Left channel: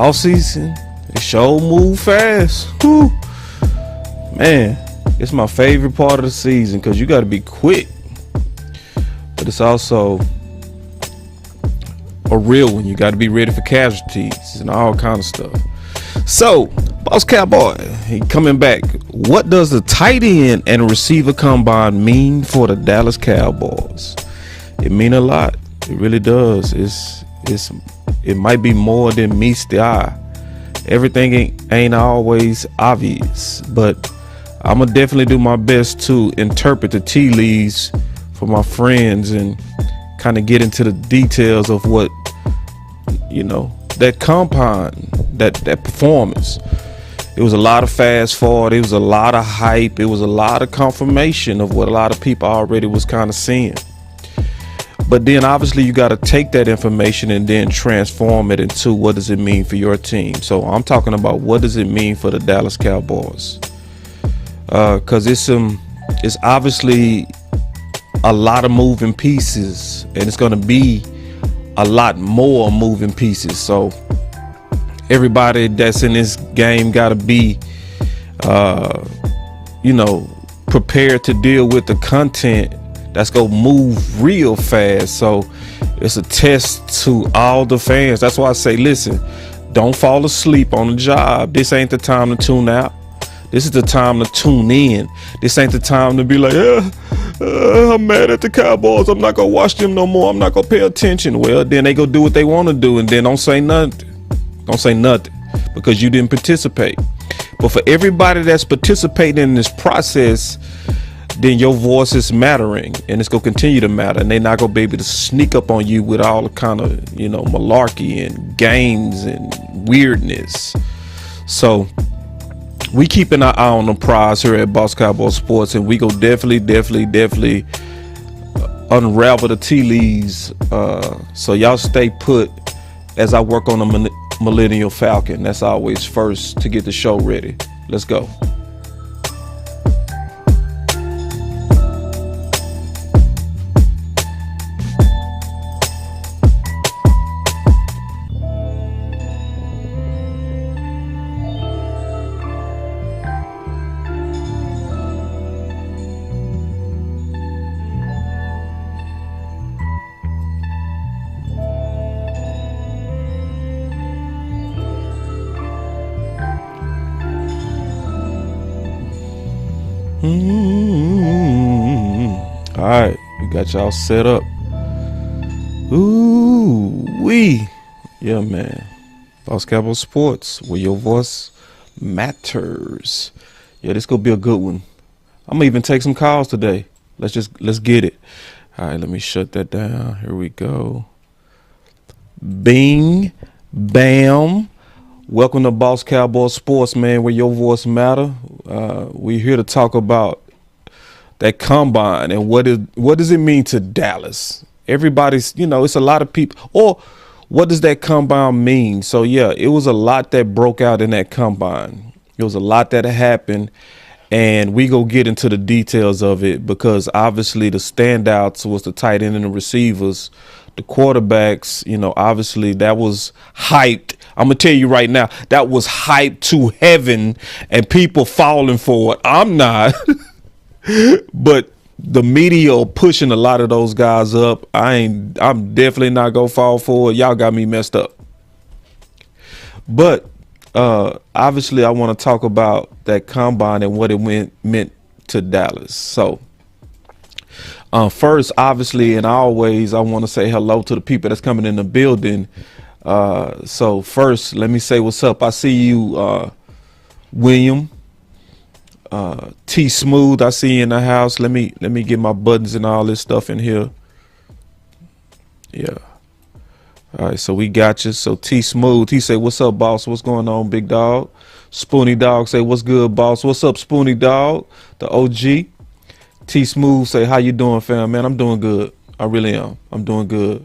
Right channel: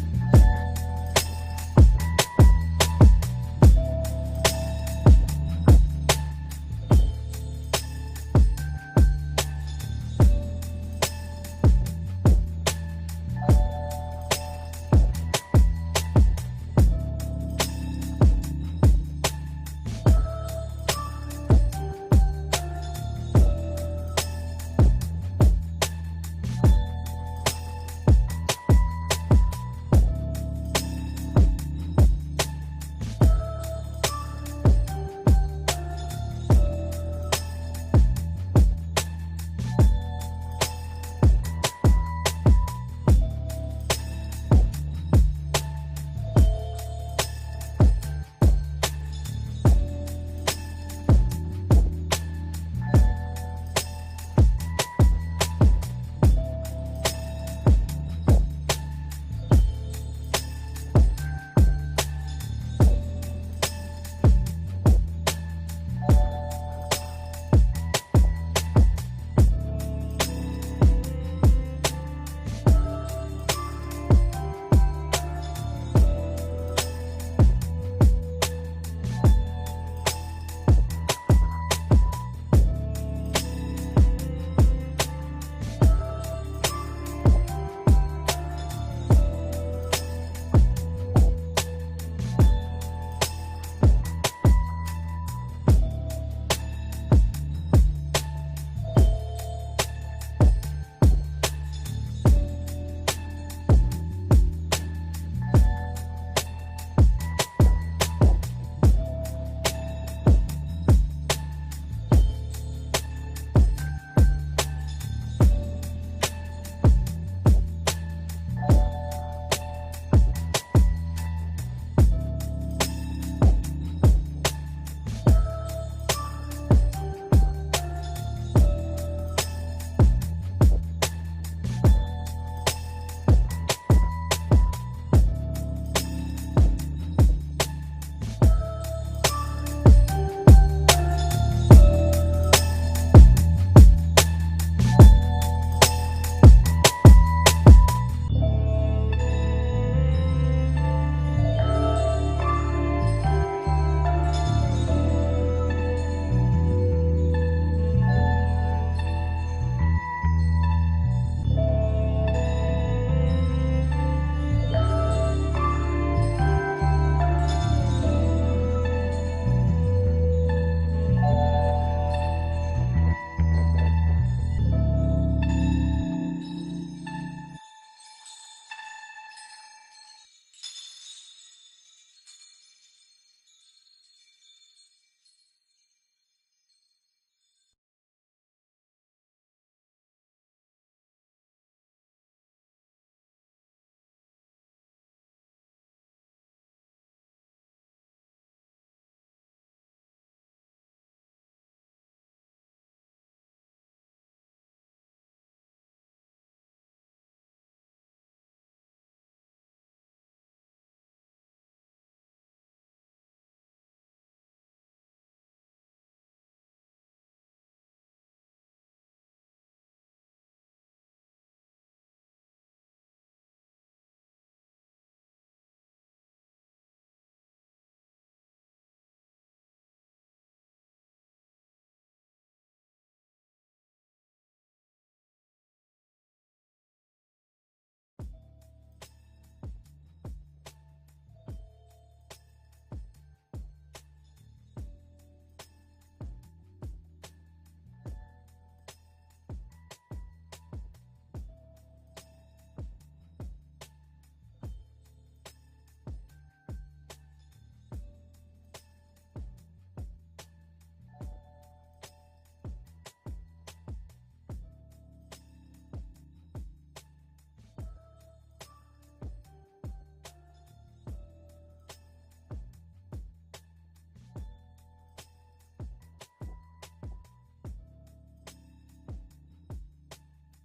off season, it sure move fast. Whew. Man, it's my favorite part of the season because you got to be quick, but it's also a real one. You got to be ready for casualties and all kind of stuff. So, Boss Cowboy, he coming back. What does the tight end and receiver combine mean for the Dallas Cowboys? It mean a lot. It really does. It might be more than meets the eye. Everything ain't always obvious, but I'm gonna definitely do my best to interpret the tea leaves for my friends and kind of get into the details of what, that compound, that performance. It was a lot of fast forward. It was a lot of hype. It was a lot of confirmation of what a lot of people already was kind of seeing. But then obviously you got to take that information and then transform it into what does it mean for your team. So I'm talking about what does it mean for the Dallas Cowboys? Because it's obviously a lot of moving pieces, and it's going to be a lot more moving pieces. So everybody that's in this game got to be, prepared to deal with the content that's going to move real fast. So it's a test to all the fans. That's why I say, listen, don't fall asleep on the job. This ain't the time to tune out. This is the time to tune in. This ain't the time to be like, I'm mad at the Cowboys. I'm not going to watch them no more. I'm not going to pay attention. Well, then they go do what they want to do, and then don't say nothing. Don't say nothing because you didn't participate. But for everybody that's participating in this process, then your voice is mattering, and it's going to continue to matter. And they're not going to be able to sneak up on you with all the kind of, malarkey and games and weirdness. So we keeping our eye on the prize here at Boss Cowboy Sports, and we go definitely unravel the tea leaves. So y'all stay put as I work on the Millennial Falcon. That's always first to get the show ready. Let's go. All right, we got y'all set up. Yeah, man. Boss Cowboy Sports, where your voice matters. Yeah, this gonna be a good one. I'm gonna even take some calls today. Let's get it. All right, let me shut that down. Here we go. Bing, bam. Welcome to Boss Cowboy Sports, man, where your voice matter. We're here to talk about that combine and what does it mean to Dallas? Everybody's, it's a lot of people. Or what does that combine mean? So yeah, it was a lot that broke out in that combine. It was a lot that happened, and we go get into the details of it because obviously the standouts was the tight end and the receivers, the quarterbacks. Obviously that was hyped. I'm gonna tell you right now, that was hyped to heaven, and people falling for it. I'm not. But the media are pushing a lot of those guys up. I'm definitely not gonna fall for it. Y'all got me messed up. But obviously I want to talk about that combine and what it meant to Dallas. So first, obviously, and always, I want to say hello to the people that's coming in the building. So first, let me say what's up. I see you, William. T Smooth, I see you in the house. Let me get my buttons and all this stuff in here. Yeah. All right, so we got you. So T Smooth, he say, "What's up, boss? What's going on, big dog?" Spoony Dog say, "What's good, boss? What's up, Spoony Dog?" The OG. T Smooth say, "How you doing, fam? Man, I'm doing good. I really am. I'm doing good."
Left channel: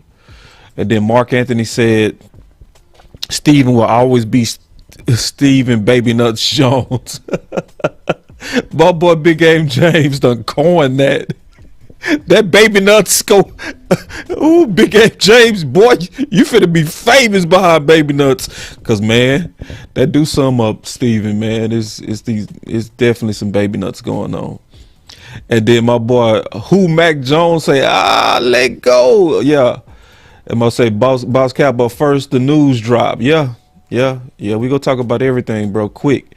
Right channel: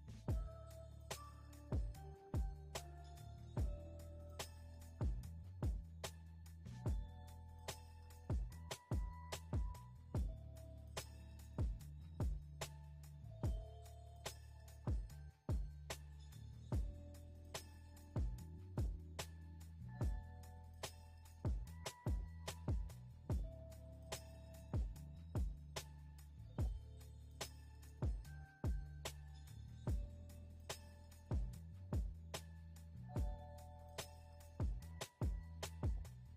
And then Mark Anthony said, "Steven will always be Steven Baby Nuts Jones." My boy Big Game James done coined that. That baby nuts go. Ooh, Big F James, boy, you finna be famous behind baby nuts. Cause man, that do sum up Steven, man. It's definitely some baby nuts going on. And then my boy, who Mac Jones say, let go. Yeah. And I say, Boss Cowboy, first the news drop. Yeah. We gonna talk about everything, bro. Quick.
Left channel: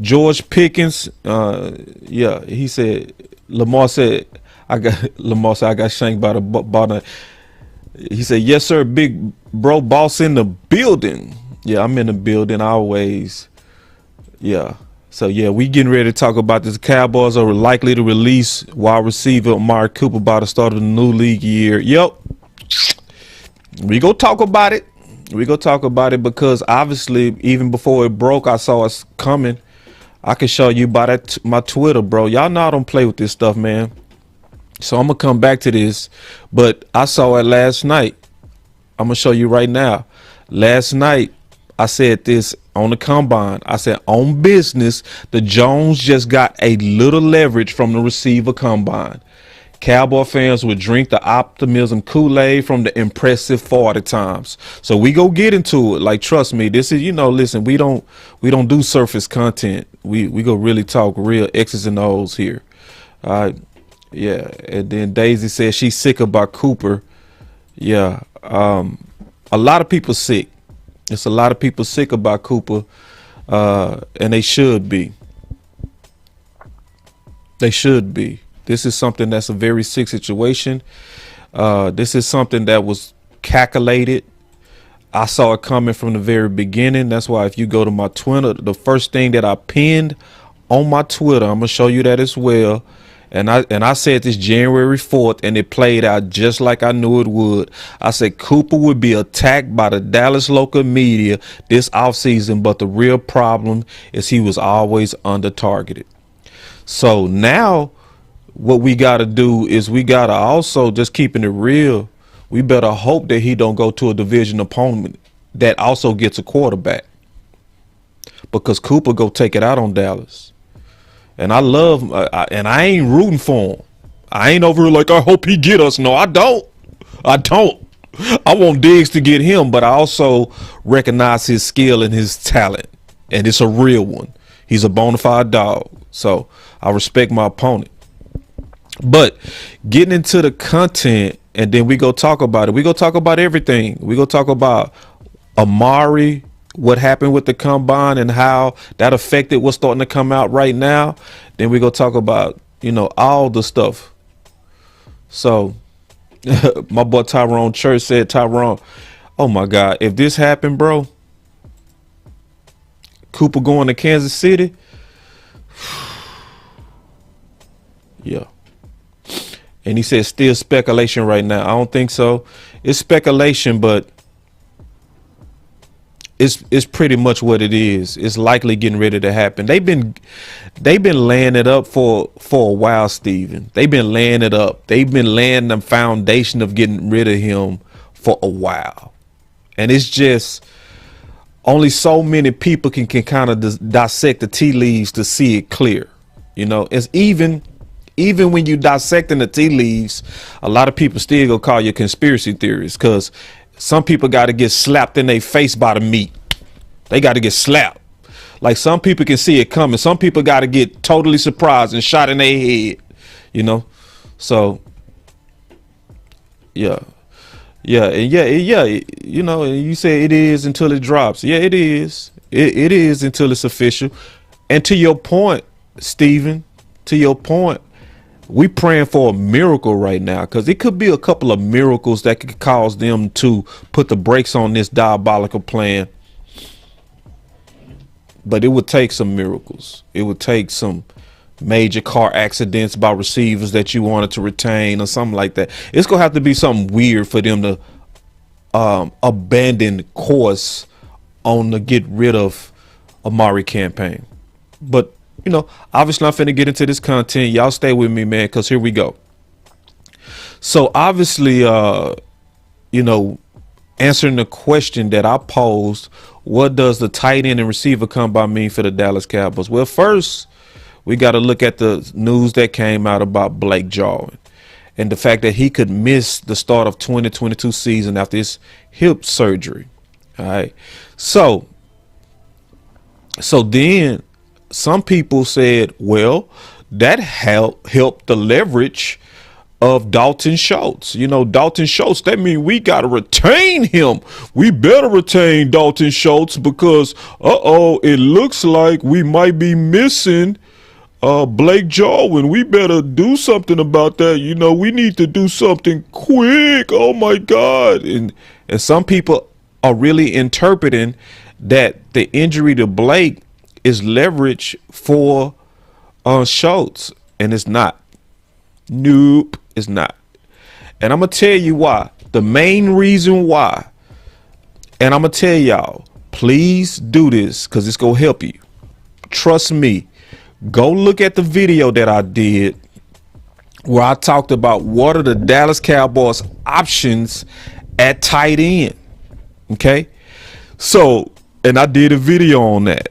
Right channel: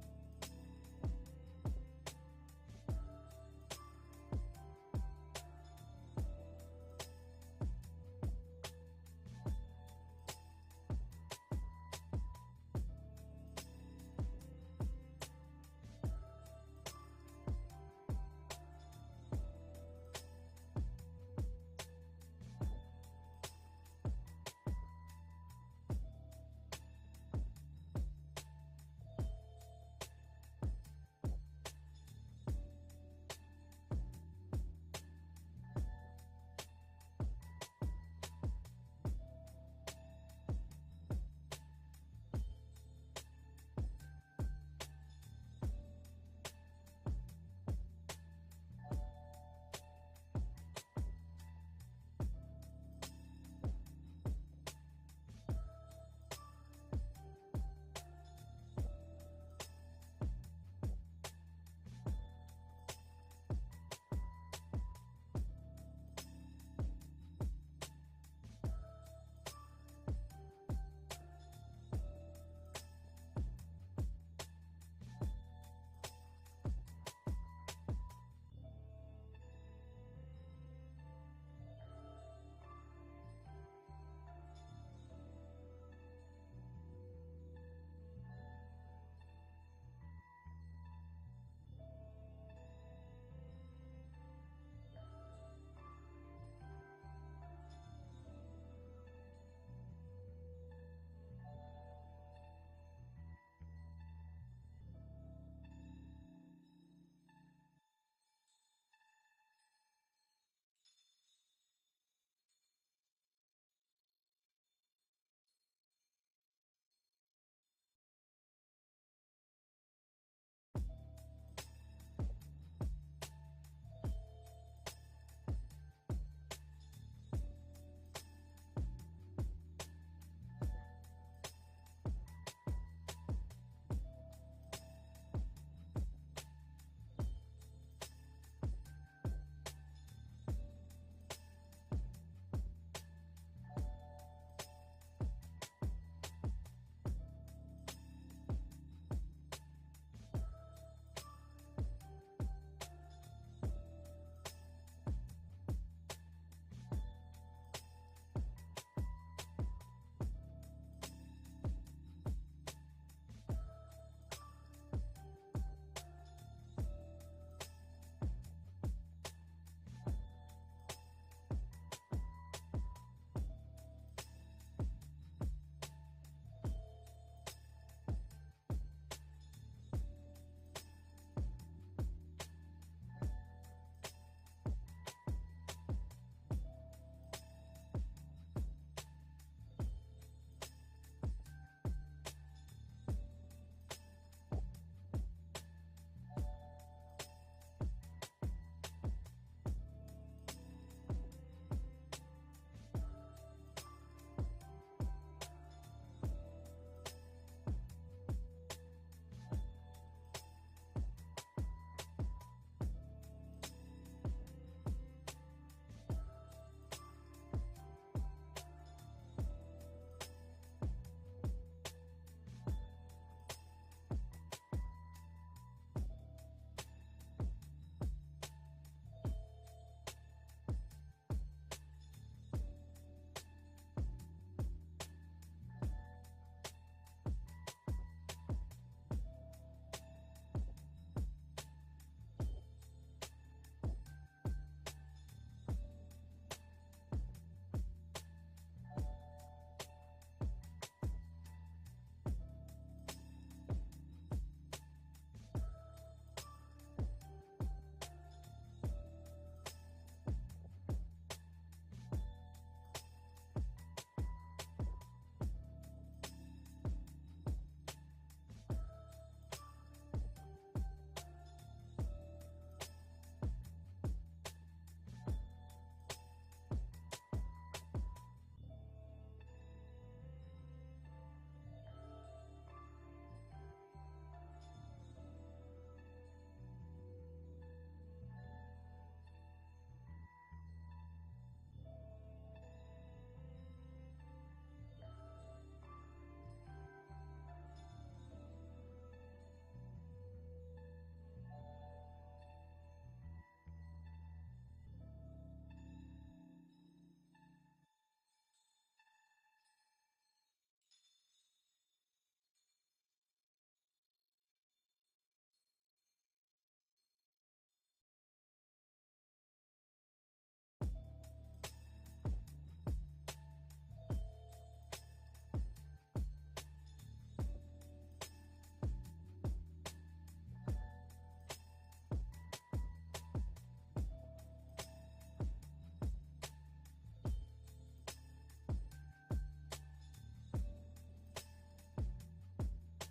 George Pickens, yeah, he said, Lamar said, I got shanked by the ball. He said, yes, sir, big bro, boss in the building. Yeah, I'm in the building always. Yeah. So, yeah, we getting ready to talk about this. Cowboys are likely to release wide receiver Amari Cooper by the start of the new league year. Yep. We go talk about it. We go talk about it because obviously even before it broke, I saw us coming. I can show you by my Twitter, bro. Y'all know I don't play with this stuff, man. So I'm going to come back to this, but I saw it last night. I'm going to show you right now. Last night, I said this on the combine. I said, on business, the Jones just got a little leverage from the receiver combine. Cowboy fans would drink the optimism Kool-Aid from the impressive 40 times. So we go get into it. Like, trust me, this is, listen, we don't do surface content. We go really talk real X's and O's here. All right. Yeah, and then Daisy says she's sick about Cooper. Yeah, a lot of people sick. It's a lot of people sick about Cooper, and they should be. They should be. This is something that's a very sick situation. This is something that was calculated. I saw it coming from the very beginning. That's why if you go to my Twitter, the first thing that I pinned on my Twitter, I'm gonna show you that as well. And I said this January 4th, and it played out just like I knew it would. I said Cooper would be attacked by the Dallas local media this offseason, but the real problem is he was always under targeted. So now what we got to do is we got to also, just keeping it real, we better hope that he don't go to a division opponent that also gets a quarterback, because Cooper go take it out on Dallas. And I love, and I ain't rooting for him. I ain't over here like, I hope he get us. No, I don't. I want Diggs to get him, but I also recognize his skill and his talent. And it's a real one. He's a bona fide dog. So I respect my opponent. But getting into the content, and then we go talk about it. We go talk about everything. We go talk about Amari, what happened with the combine and how that affected what's starting to come out right now. Then we go talk about, all the stuff. So my boy Tyrone Church said, Tyrone, oh my God, if this happened, bro, Cooper going to Kansas City. Yeah. And he said still speculation right now. I don't think so. It's speculation, but it's pretty much what it is. It's likely getting ready to happen. They've been laying it up for a while, Steven. They've been laying it up. They've been laying the foundation of getting rid of him for a while. And it's just only so many people can kind of dissect the tea leaves to see it clear. It's even when you dissecting the tea leaves, a lot of people still gonna call you conspiracy theories, because some people got to get slapped in their face by the meat. They got to get slapped. Like, some people can see it coming. Some people got to get totally surprised and shot in their head, So, yeah. And you say it is until it drops. Yeah, it is. It is until it's official. And to your point, Steven, we praying for a miracle right now, because it could be a couple of miracles that could cause them to put the brakes on this diabolical plan. But it would take some miracles. It would take some major car accidents by receivers that you wanted to retain or something like that. It's going to have to be something weird for them to abandon course on the get rid of Amari campaign. But obviously I'm finna get into this content. Y'all stay with me, man, because here we go. So obviously, answering the question that I posed, what does the tight end and receiver combine mean for the Dallas Cowboys? Well, first, we got to look at the news that came out about Blake Jarwin. and the fact that he could miss the start of 2022 season after his hip surgery. All right. So then some people said, well, that helped the leverage of Dalton Schultz. You know, Dalton Schultz, that means we got to retain him. We better retain Dalton Schultz because, it looks like we might be missing Blake Jarwin. We better do something about that. You know, we need to do something quick. Oh my God. And some people are really interpreting that the injury to Blake is leverage for Schultz, and it's not. Nope, it's not. And I'm gonna tell you why. The main reason why, and I'm gonna tell y'all, please do this because it's gonna help you. Trust me. Go look at the video that I did where I talked about what are the Dallas Cowboys options at tight end. Okay, so, and I did a video on that.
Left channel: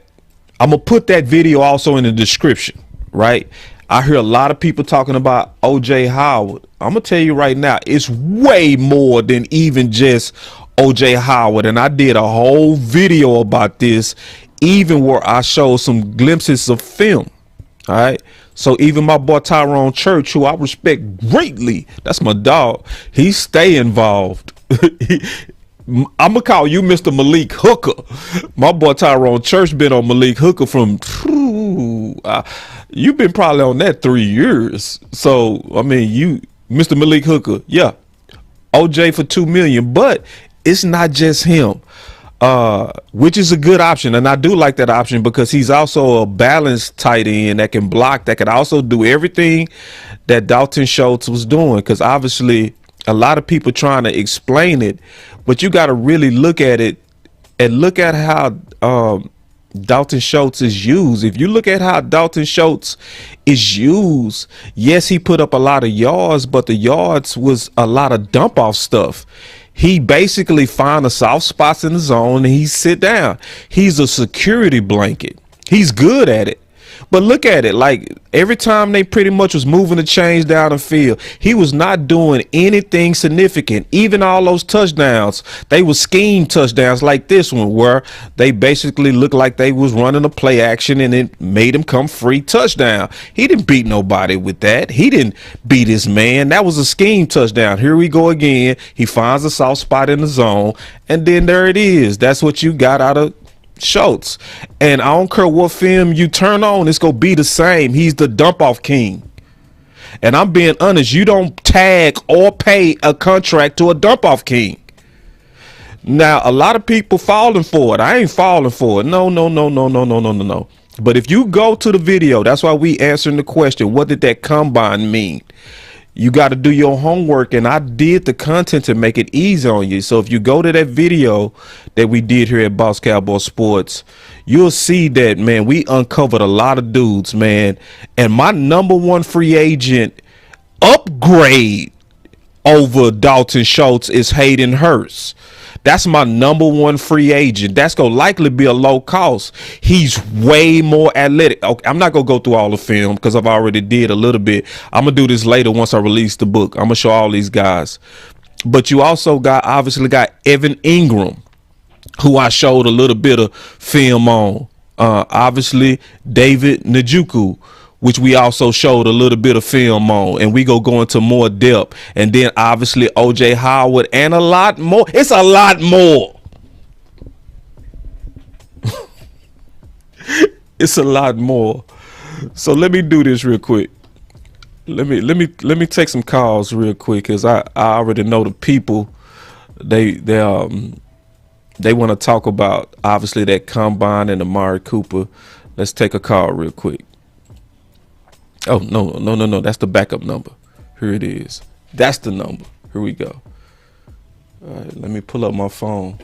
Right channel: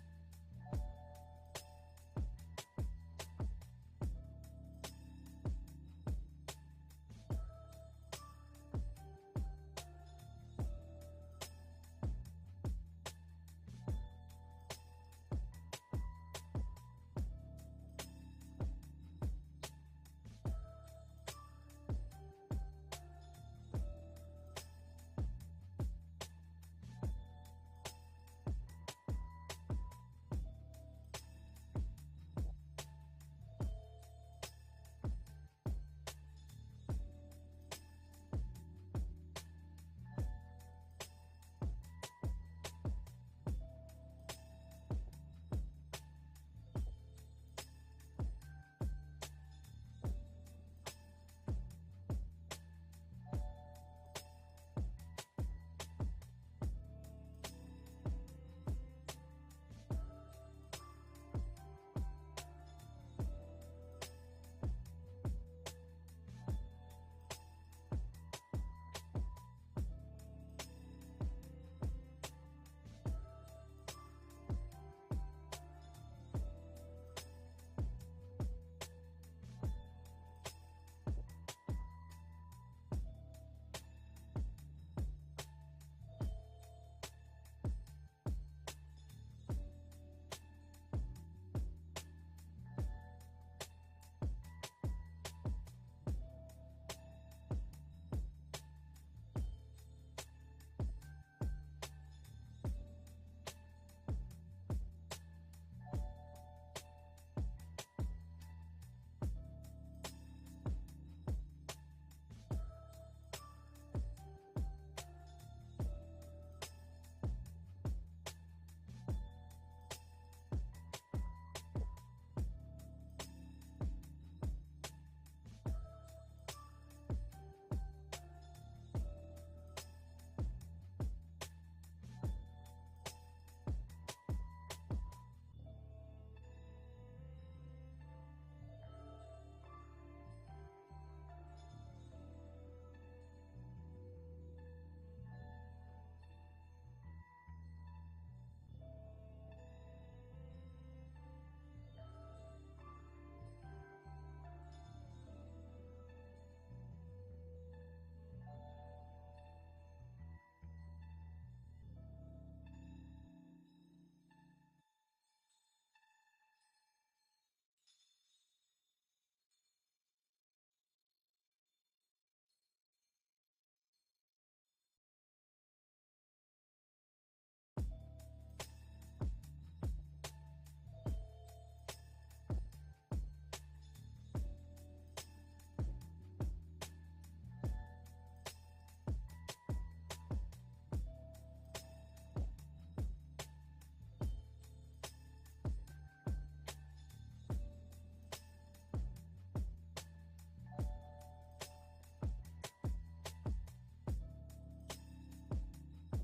I'm gonna put that video also in the description, right? I hear a lot of people talking about OJ Howard. I'm gonna tell you right now, it's way more than even just OJ Howard. And I did a whole video about this, even where I showed some glimpses of film. All right. So even my boy Tyrone Church, who I respect greatly, that's my dog, he stay involved. I'm gonna call you Mr. Malik Hooker. My boy Tyrone Church been on Malik Hooker from you've been probably on that 3 years. So I mean, you Mr. Malik Hooker, yeah, OJ for $2 million, but it's not just him, which is a good option, and I do like that option because he's also a balanced tight end that can block, that can also do everything that Dalton Schultz was doing. Because obviously, a lot of people trying to explain it, but you got to really look at it and look at how Dalton Schultz is used. If you look at how Dalton Schultz is used, yes, he put up a lot of yards, but the yards was a lot of dump off stuff. He basically find the soft spots in the zone and he sit down. He's a security blanket. He's good at it. But look at it, like every time they pretty much was moving the chains down the field, he was not doing anything significant. Even all those touchdowns, they were scheme touchdowns like this one, where they basically looked like they was running a play action and it made him come free touchdown. He didn't beat nobody with that. He didn't beat his man. That was a scheme touchdown. Here we go again. He finds a soft spot in the zone, and then there it is. That's what you got out of Schultz. And I don't care what film you turn on, it's gonna be the same. He's the dump off king. And I'm being honest, you don't tag or pay a contract to a dump off king. Now a lot of people falling for it. I ain't falling for it. No. But if you go to the video, that's why we answering the question, what did that combine mean? You got to do your homework, and I did the content to make it easy on you. So if you go to that video that we did here at Boss Cowboy Sports, you'll see that, man, we uncovered a lot of dudes, man. And my number one free agent upgrade over Dalton Schultz is Hayden Hurst. That's my number one free agent. That's going to likely be a low cost. He's way more athletic. Okay, I'm not going to go through all the film because I've already did a little bit. I'm going to do this later once I release the book. I'm going to show all these guys. But you also obviously got Evan Ingram, who I showed a little bit of film on. Obviously, David Njoku, which we also showed a little bit of film on, and we go into more depth. And then obviously OJ Howard and a lot more. It's a lot more. It's a lot more. So let me do this real quick. Let me take some calls real quick, because I already know the people. They want to talk about obviously that combine and Amari Cooper. Let's take a call real quick. Oh, no. That's the backup number. Here it is. That's the number. Here we go. All right, let me pull up my phone.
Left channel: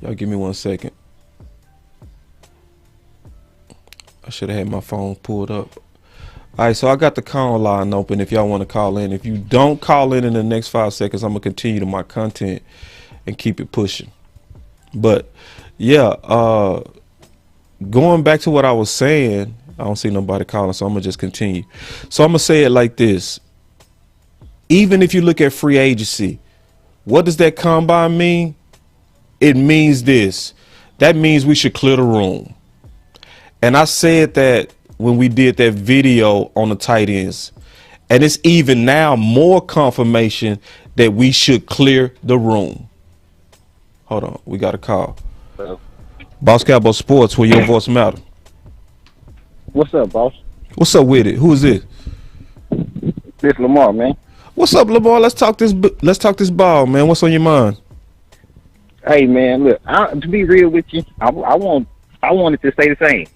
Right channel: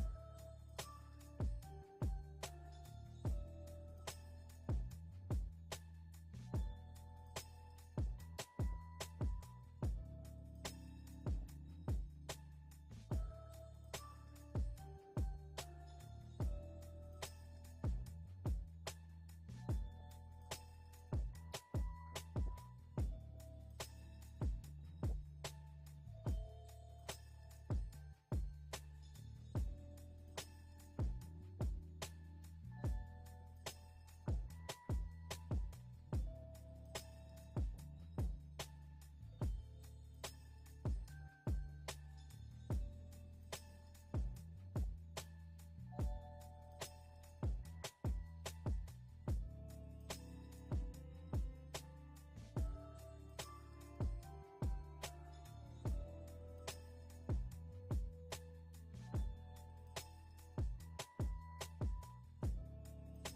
Y'all give me 1 second. I should have had my phone pulled up. All right, so I got the call line open if y'all want to call in. If you don't call in the next 5 seconds, I'm going to continue to my content and keep it pushing. But, yeah, going back to what I was saying, I don't see nobody calling, so I'm going to just continue. So I'm going to say it like this. even if you look at free agency, what does that combine mean? It means this. That means we should clear the room. And I said that when we did that video on the tight ends. And it's even now more confirmation that we should clear the room. Hold on. We got a call. Hello. Boss Cowboy Sports, where your voice matter. What's up, boss? What's up with it? Who is this? This Lamar, man. What's up, Lamar? Let's talk this ball, man. What's on your mind? Hey, man, look. To be real with you, I want it to stay the same.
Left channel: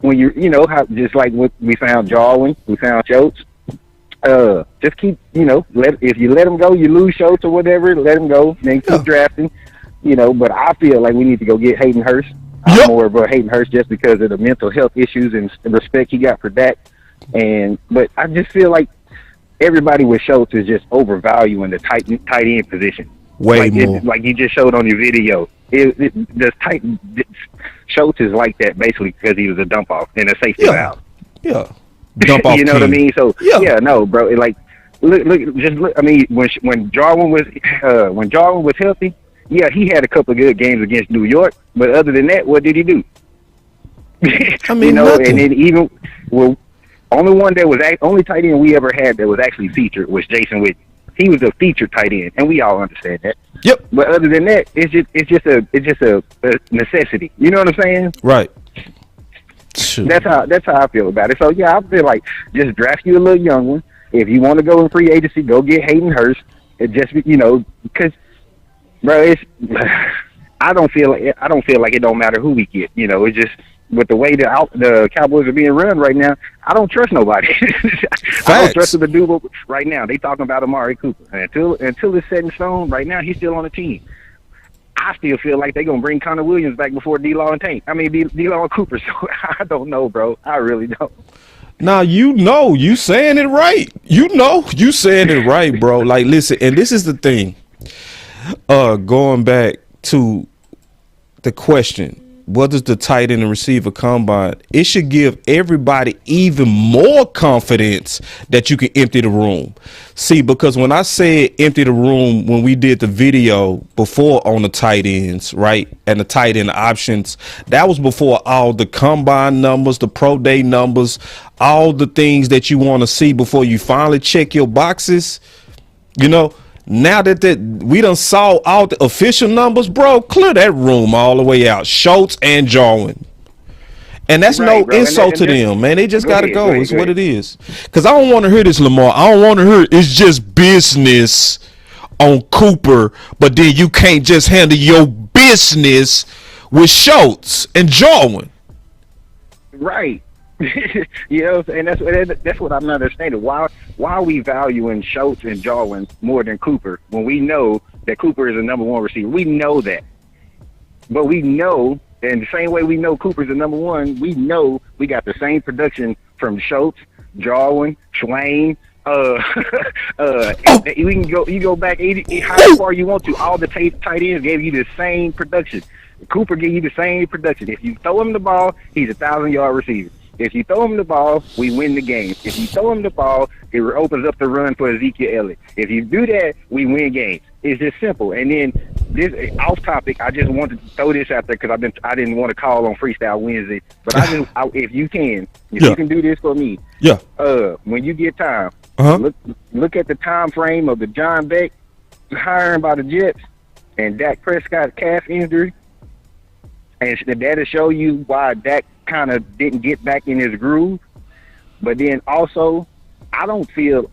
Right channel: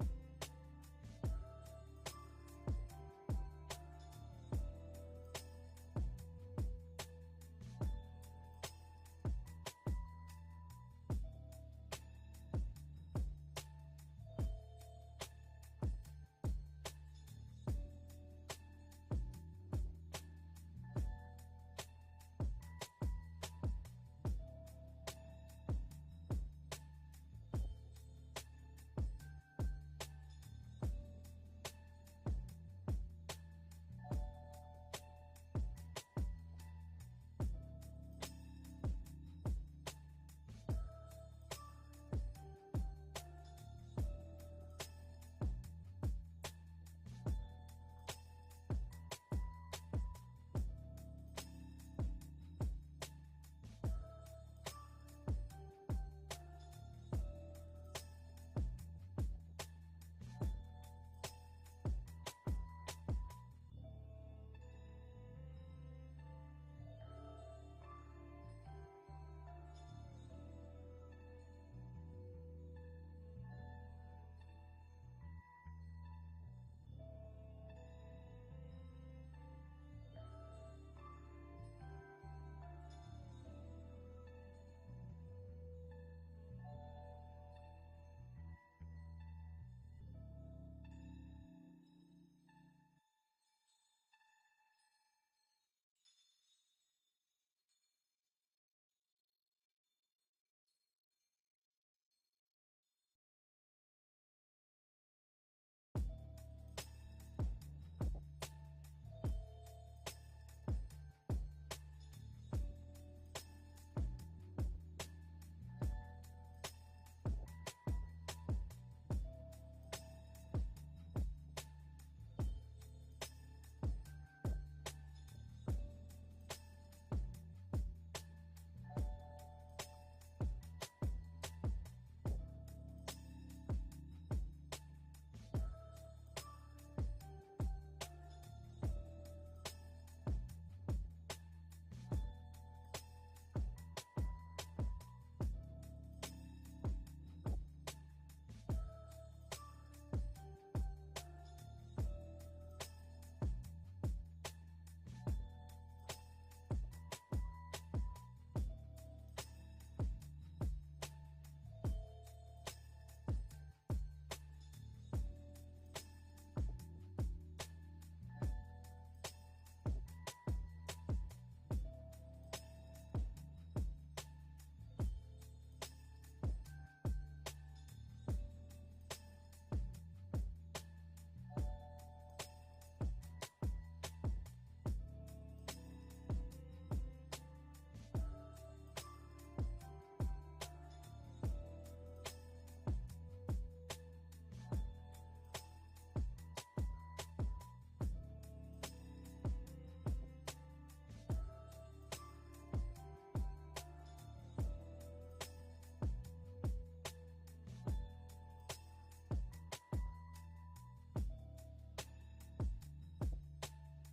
When you know how, just like what we found Jarwin, we found Schultz. Just keep, if you let them go, you lose Schultz or whatever. Let them go, then keep drafting. But I feel like we need to go get Hayden Hurst. I'm more of a Hayden Hurst just because of the mental health issues and respect he got for Dak. But I just feel like everybody with Schultz is just overvaluing the tight end position. Way more. Like you just showed on your video. Schultz is like that basically because he was a dump off and a safety valve. Yeah. Dump off. You know what I mean? So no, bro. Look. I mean, when Jarwin was healthy, yeah, he had a couple of good games against New York. But other than that, what did he do? I mean, nothing. And then only tight end we ever had that was actually featured was Jason Whitney. He was a featured tight end, and we all understand that. Yep. But other than that, it's just a necessity. You know what I'm saying? Right. Sure. That's how I feel about it. So yeah, I feel like just draft you a little young one. If you want to go in free agency, go get Hayden Hurst. It just because, bro, I don't feel like it don't matter who we get. It's just with the way the Cowboys are being run right now, I don't trust nobody. I don't trust the dude right now. They talking about Amari Cooper. And until it's set in stone, right now he's still on the team. I still feel like they're going to bring Connor Williams back before D-Law and D-Law and Cooper. So I don't know, bro. I really don't. Now, you saying it right. You saying it right, bro. Like, listen, and this is the thing. Going back to the question, what does the tight end and receiver combine? It should give everybody even more confidence that you can empty the room. See, because when I said empty the room, when we did the video before on the tight ends, right, and the tight end options, that was before all the combine numbers, the pro day numbers, all the things that you want to see before you finally check your boxes. Now that we done saw all the official numbers, bro, clear that room all the way out. Schultz and Jarwin. And that's no insult to them, man. They just got to go. It's what it is. Because I don't want to hear this, Lamar. I don't want to hear it's just business on Cooper, but then you can't just handle your business with Schultz and Jarwin. Right. And that's what I'm not understanding. Why are we valuing Schultz and Jarwin more than Cooper when we know that Cooper is the number one receiver? We know that. But we know, and the same way we know Cooper's the number one, we know we got the same production from Schultz, Jarwin, Swain. We can go back how far you want to. All the tight ends gave you the same production. Cooper gave you the same production. If you throw him the ball, he's a 1,000-yard receiver. If you throw him the ball, we win the game. If you throw him the ball, it opens up the run for Ezekiel Elliott. If you do that, we win games. It's just simple. And then this off topic, I just wanted to throw this out there because I didn't want to call on Freestyle Wednesday. But if you can do this for me, when you get time, look at the time frame of the John Beck hiring by the Jets and Dak Prescott's calf injury, and that'll show you why Dak kind of didn't get back in his groove. But then also, I feel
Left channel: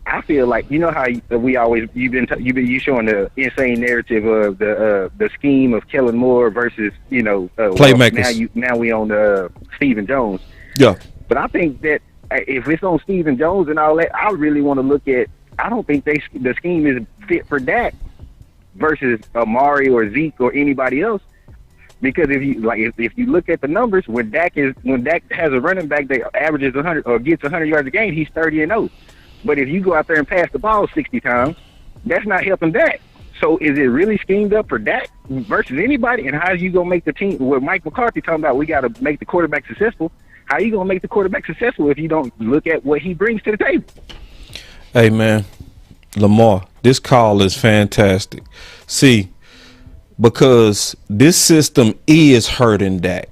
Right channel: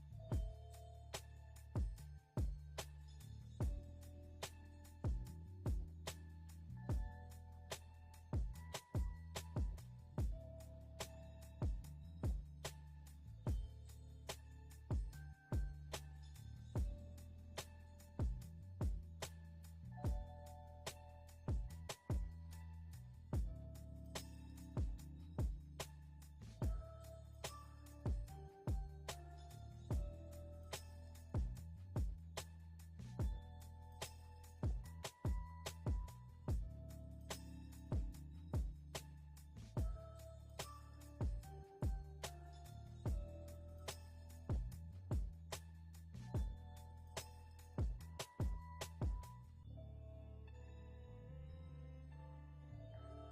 like, how we always you showing the insane narrative of the scheme of Kellen Moore versus playmakers. Now we on Stephen Jones. Yeah. But I think that if it's on Stephen Jones and all that, I really want to look at. I don't think the scheme is fit for Dak versus Amari or Zeke or anybody else. Because if you look at the numbers, when Dak has a running back that averages 100 or gets 100 yards a game, he's 30-0. But if you go out there and pass the ball 60 times, that's not helping Dak. So is it really schemed up for Dak versus anybody? And how are you gonna make the team? What Mike McCarthy talking about? We got to make the quarterback successful. How are you gonna make the quarterback successful if you don't look at what he brings to the table? Hey man, Lamar, this call is fantastic. See, because this system is hurting Dak.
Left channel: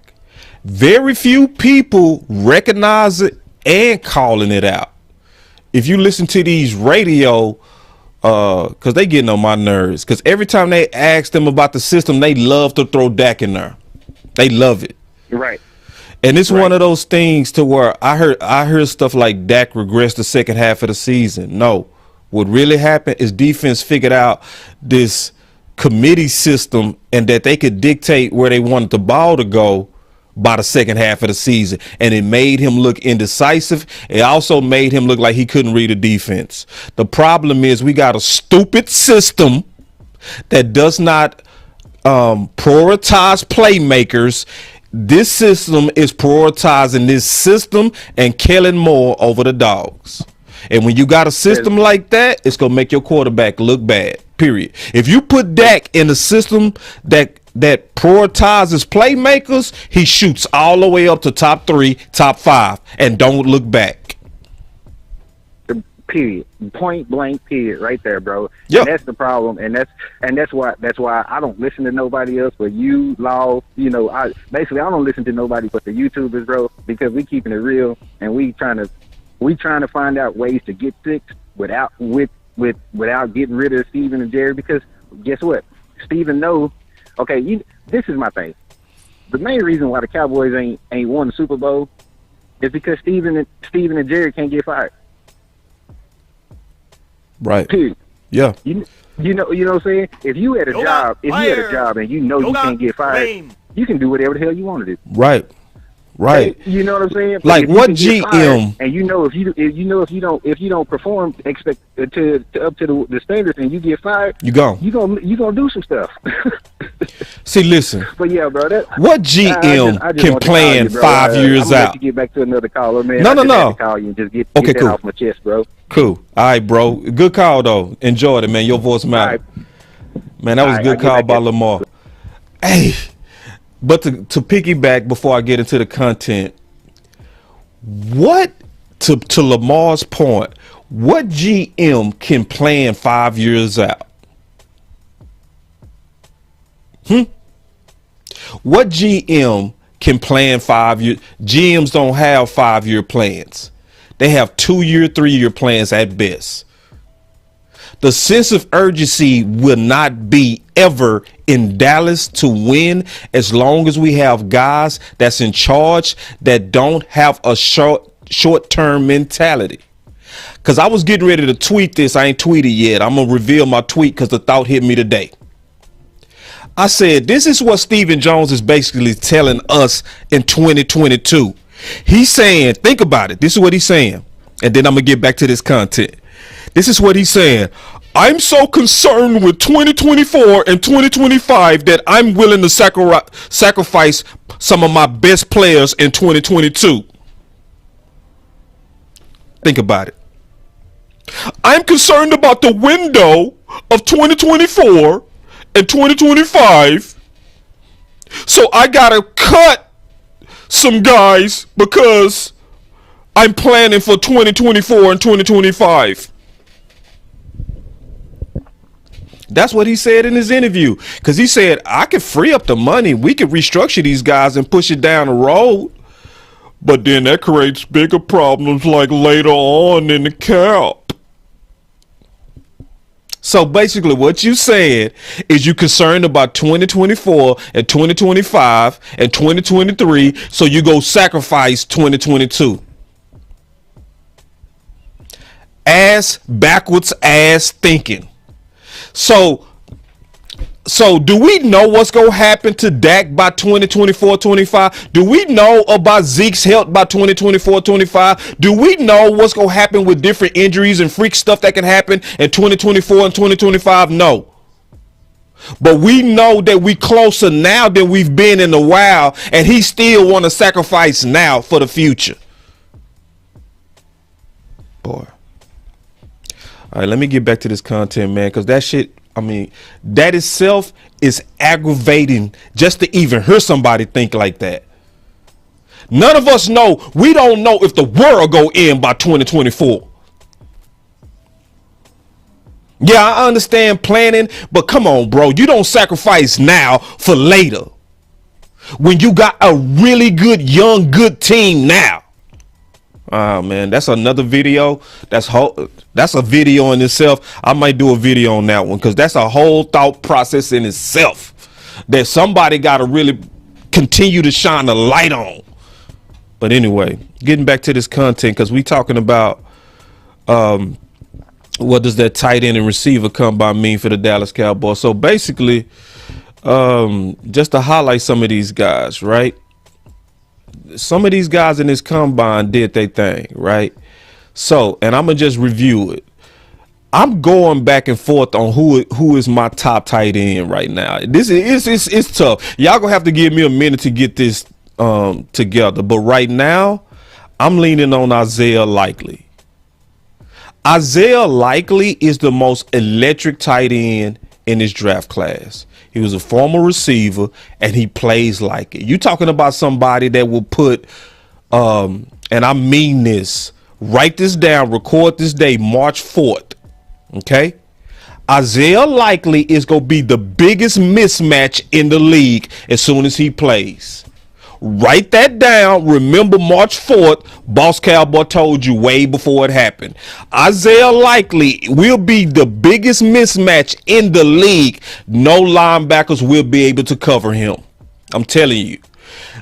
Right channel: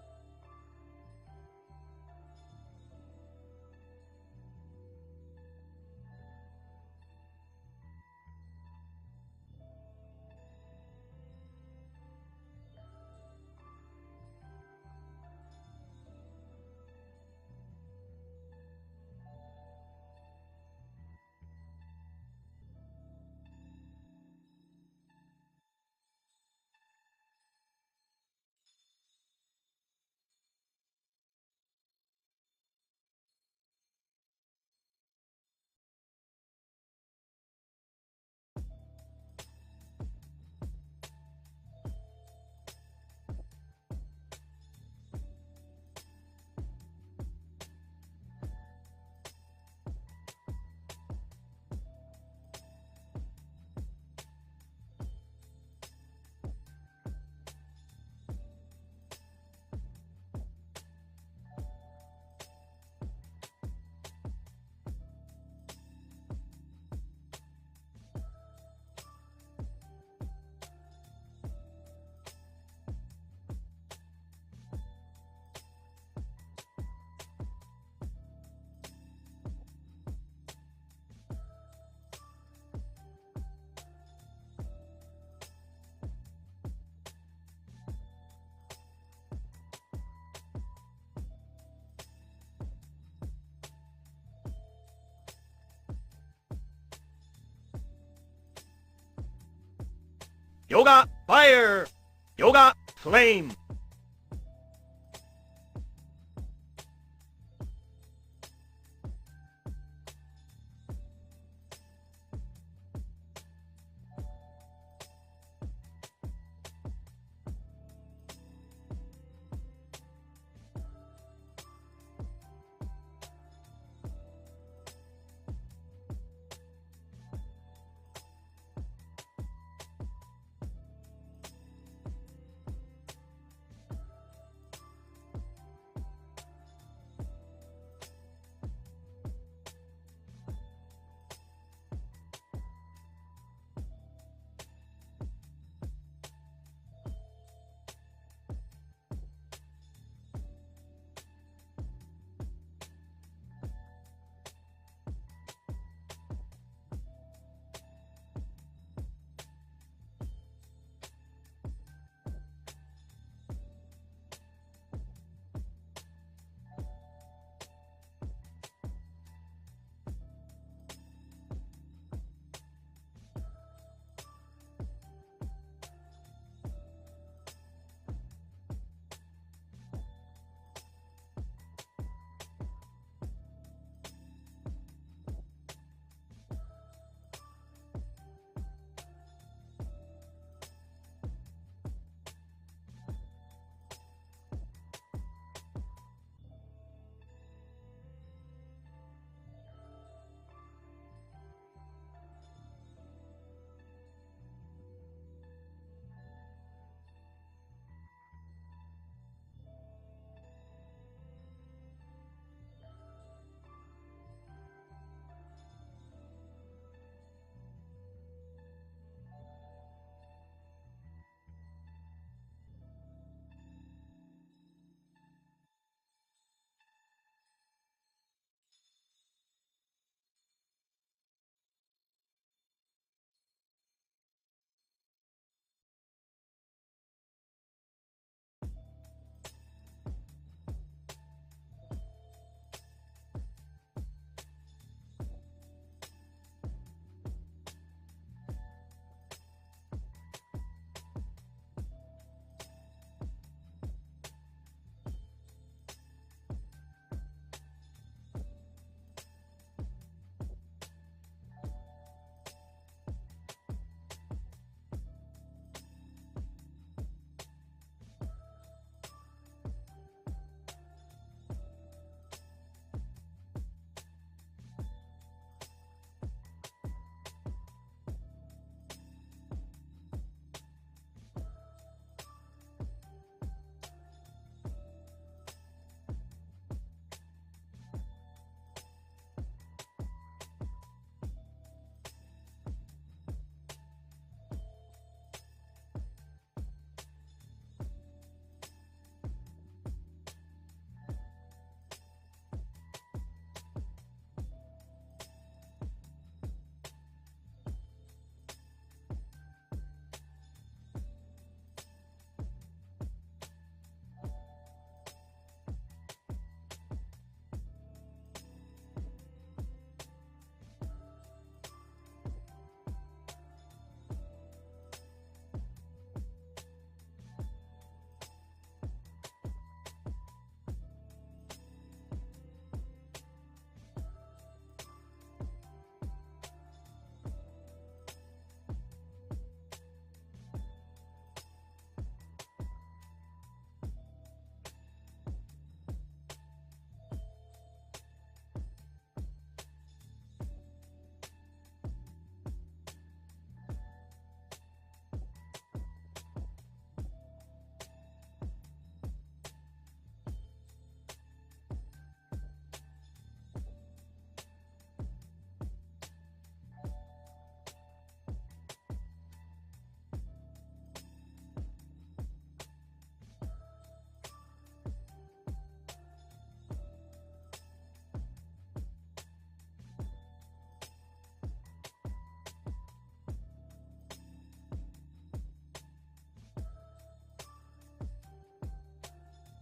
Very few people recognize it and calling it out. If you listen to these radio, because they getting on my nerves. Because every time they ask them about the system, they love to throw Dak in there. They love it. Right. And it's one of those things to where I heard stuff like Dak regressed the second half of the season. No, what really happened is defense figured out this committee system and that they could dictate where they wanted the ball to go by the second half of the season. And it made him look indecisive. It also made him look like he couldn't read a defense. The problem is we got a stupid system that does not prioritize playmakers. This system is prioritizing this system and Kellen Moore over the dogs. And when you got a system like that, it's going to make your quarterback look bad, period. If you put Dak in a system that prioritizes playmakers, he shoots all the way up to top 3, top 5, and don't look back. Period. Point blank. Period. Right there, bro. Yep. And that's the problem. And that's why I don't listen to nobody else but you, Law. You know, I don't listen to nobody but the YouTubers, bro, because we keeping it real and we trying to find out ways to get fixed without getting rid of Steven and Jerry. Because guess what? Steven knows. Okay, this is my thing. The main reason why the Cowboys ain't won the Super Bowl is because Steven and Jerry can't get fired. Right. Period. Yeah. You know what I'm saying? If you had a job and you know you can't get fired, you can do whatever the hell you want to do. Right. Right. You know what I'm saying? Like what GM? GM? And if you don't perform up to the standards and you get fired, you gonna do some stuff. See, listen. But yeah, bro. What GM can plan 5 years out? Let you get back to another caller, man. No. To call you and just get that cool. off my chest, bro. Cool. All right, bro. Good call though. Enjoyed it, man. Your voice mattered. Right. Man, that was a good call by Lamar. Hey. But to piggyback before I get into the content, what to Lamar's point, what GM can plan 5 years out? What GM can plan 5 years? GMs don't have 5-year plans. They have 2-year, 3-year plans at best. The sense of urgency will not be ever in Dallas to win as long as we have guys that's in charge that don't have a short-term mentality. Because I was getting ready to tweet this. I ain't tweeted yet. I'm going to reveal my tweet because the thought hit me today. I said, this is what Stephen Jones is basically telling us in 2022. He's saying, think about it. This is what he's saying. And then I'm going to get back to this content. This is what he's saying. I'm so concerned with 2024 and 2025 that I'm willing to sacrifice some of my best players in 2022. Think about it. I'm concerned about the window of 2024 and 2025. So I got to cut some guys because I'm planning for 2024 and 2025. That's what he said in his interview. Because he said, I could free up the money. We could restructure these guys and push it down the road. But then that creates bigger problems like later on in the cap. So basically what you said is you concerned about 2024 and 2025 and 2023. So you go sacrifice 2022. Backwards ass thinking. So do we know what's going to happen to Dak by 2024-25? Do we know about Zeke's health by 2024-25? Do we know what's going to happen with different injuries and freak stuff that can happen in 2024 and 2025? No. But we know that we closer now than we've been in a while, and he still want to sacrifice now for the future. Boy. All right, let me get back to this content, man, because that shit, I mean, that itself is aggravating just to even hear somebody think like that. None of us know. We don't know if the world go in by 2024. Yeah, I understand planning, but come on, bro. You don't sacrifice now for later. When you got a really good, young, good team now. Oh man, that's another video. That's a video in itself. I might do a video on that one because that's a whole thought process in itself that somebody got to really continue to shine a light on. But anyway, getting back to this content, because we talking about what does that tight end and receiver combine mean for the Dallas Cowboys. So basically, just to highlight some of these guys, right? Some of these guys in this combine did their thing, right? So, and I'm gonna just review it. I'm going back and forth on who is my top tight end right now. This is it's tough. Y'all gonna have to give me a minute to get this together. But right now, I'm leaning on Isaiah Likely. Isaiah Likely is the most electric tight end in this draft class. He was a former receiver, and he plays like it. You talking about somebody that will put, and I mean this, write this down, record this day, March 4th, okay? Isaiah Likely is going to be the biggest mismatch in the league as soon as he plays. Write that down. Remember March 4th, Boss Cowboy told you way before it happened. Isaiah Likely will be the biggest mismatch in the league. No linebackers will be able to cover him. I'm telling you.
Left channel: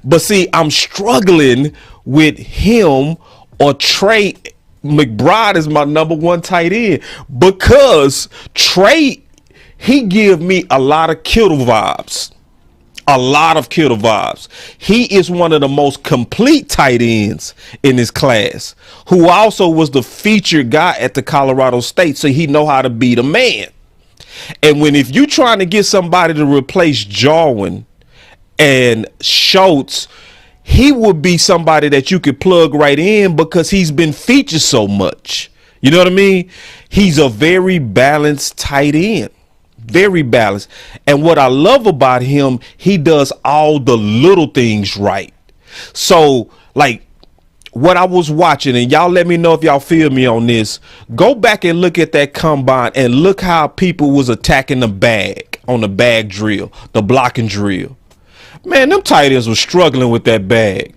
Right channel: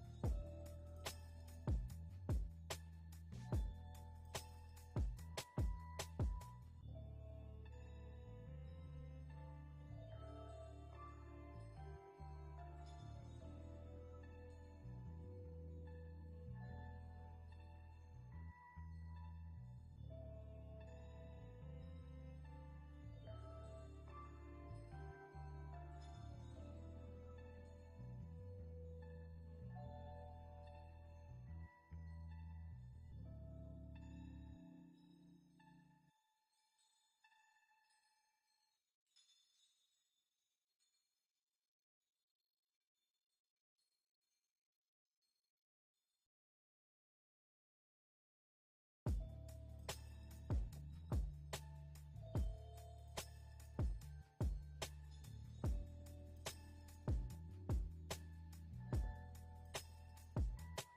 But see, I'm struggling with him or Trey McBride is my number one tight end because Trey, he give me a lot of Kittle vibes. A lot of Kittle vibes. He is one of the most complete tight ends in this class, who also was the featured guy at the Colorado State, so he know how to beat a man. And if you trying to get somebody to replace Jarwin and Schultz, he would be somebody that you could plug right in because he's been featured so much. You know what I mean? He's a very balanced tight end. Very balanced. And what I love about him, he does all the little things right. So, like, what I was watching, and y'all let me know if y'all feel me on this, go back and look at that combine and look how people was attacking the bag on the bag drill, the blocking drill. Man, them tight ends were struggling with that bag.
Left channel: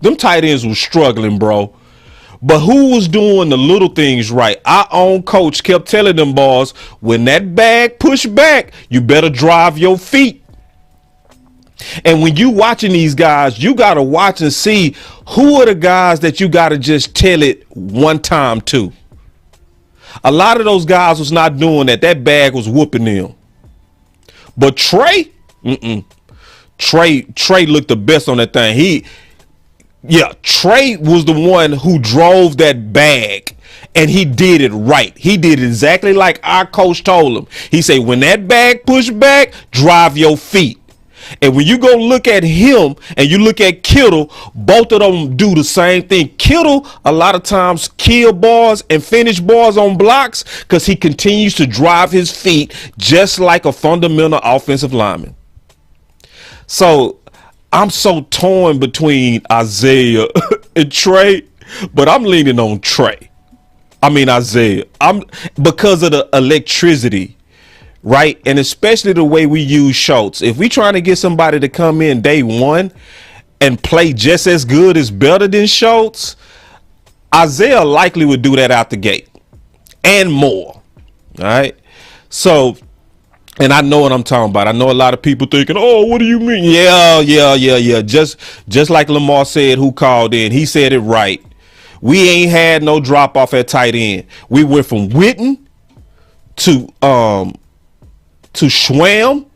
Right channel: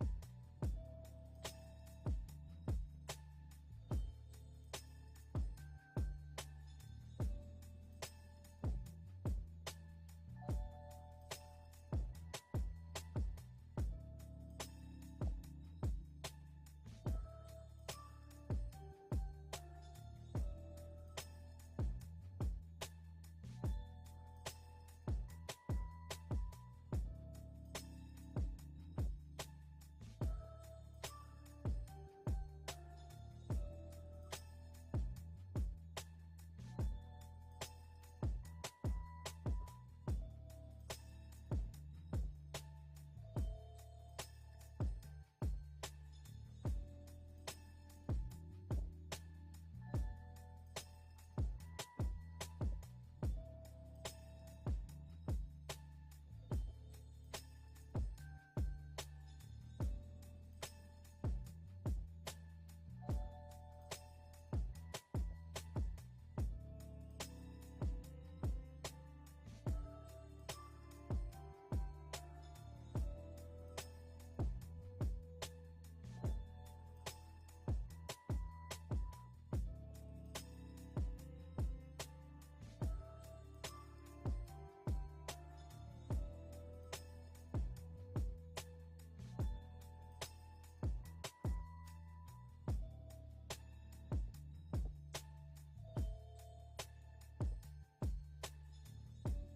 Them tight ends were struggling, bro. But who was doing the little things right? Our own coach kept telling them boys, when that bag push back, you better drive your feet. And when you watching these guys, you got to watch and see who are the guys that you got to just tell it one time to. A lot of those guys was not doing that. That bag was whooping them. But Trey, Trey looked the best on that thing. Trey was the one who drove that bag, and he did it right. He did exactly like our coach told him. He said, when that bag push back, drive your feet. And when you go look at him and you look at Kittle, both of them do the same thing. Kittle, a lot of times, kill bars and finish bars on blocks because he continues to drive his feet just like a fundamental offensive lineman. So I'm so torn between Isaiah and Trey, but I'm leaning on Trey. I mean Isaiah. I'm because of the electricity, right? And especially the way we use Schultz. If we trying to get somebody to come in day one and play just as good as better than Schultz, Isaiah likely would do that out the gate and more. All right. So, and I know what I'm talking about. I know a lot of people thinking, oh, what do you mean? Yeah. Just like Lamar said, who called in, he said it right. We ain't had no drop off at tight end. We went from Witten to Schwam,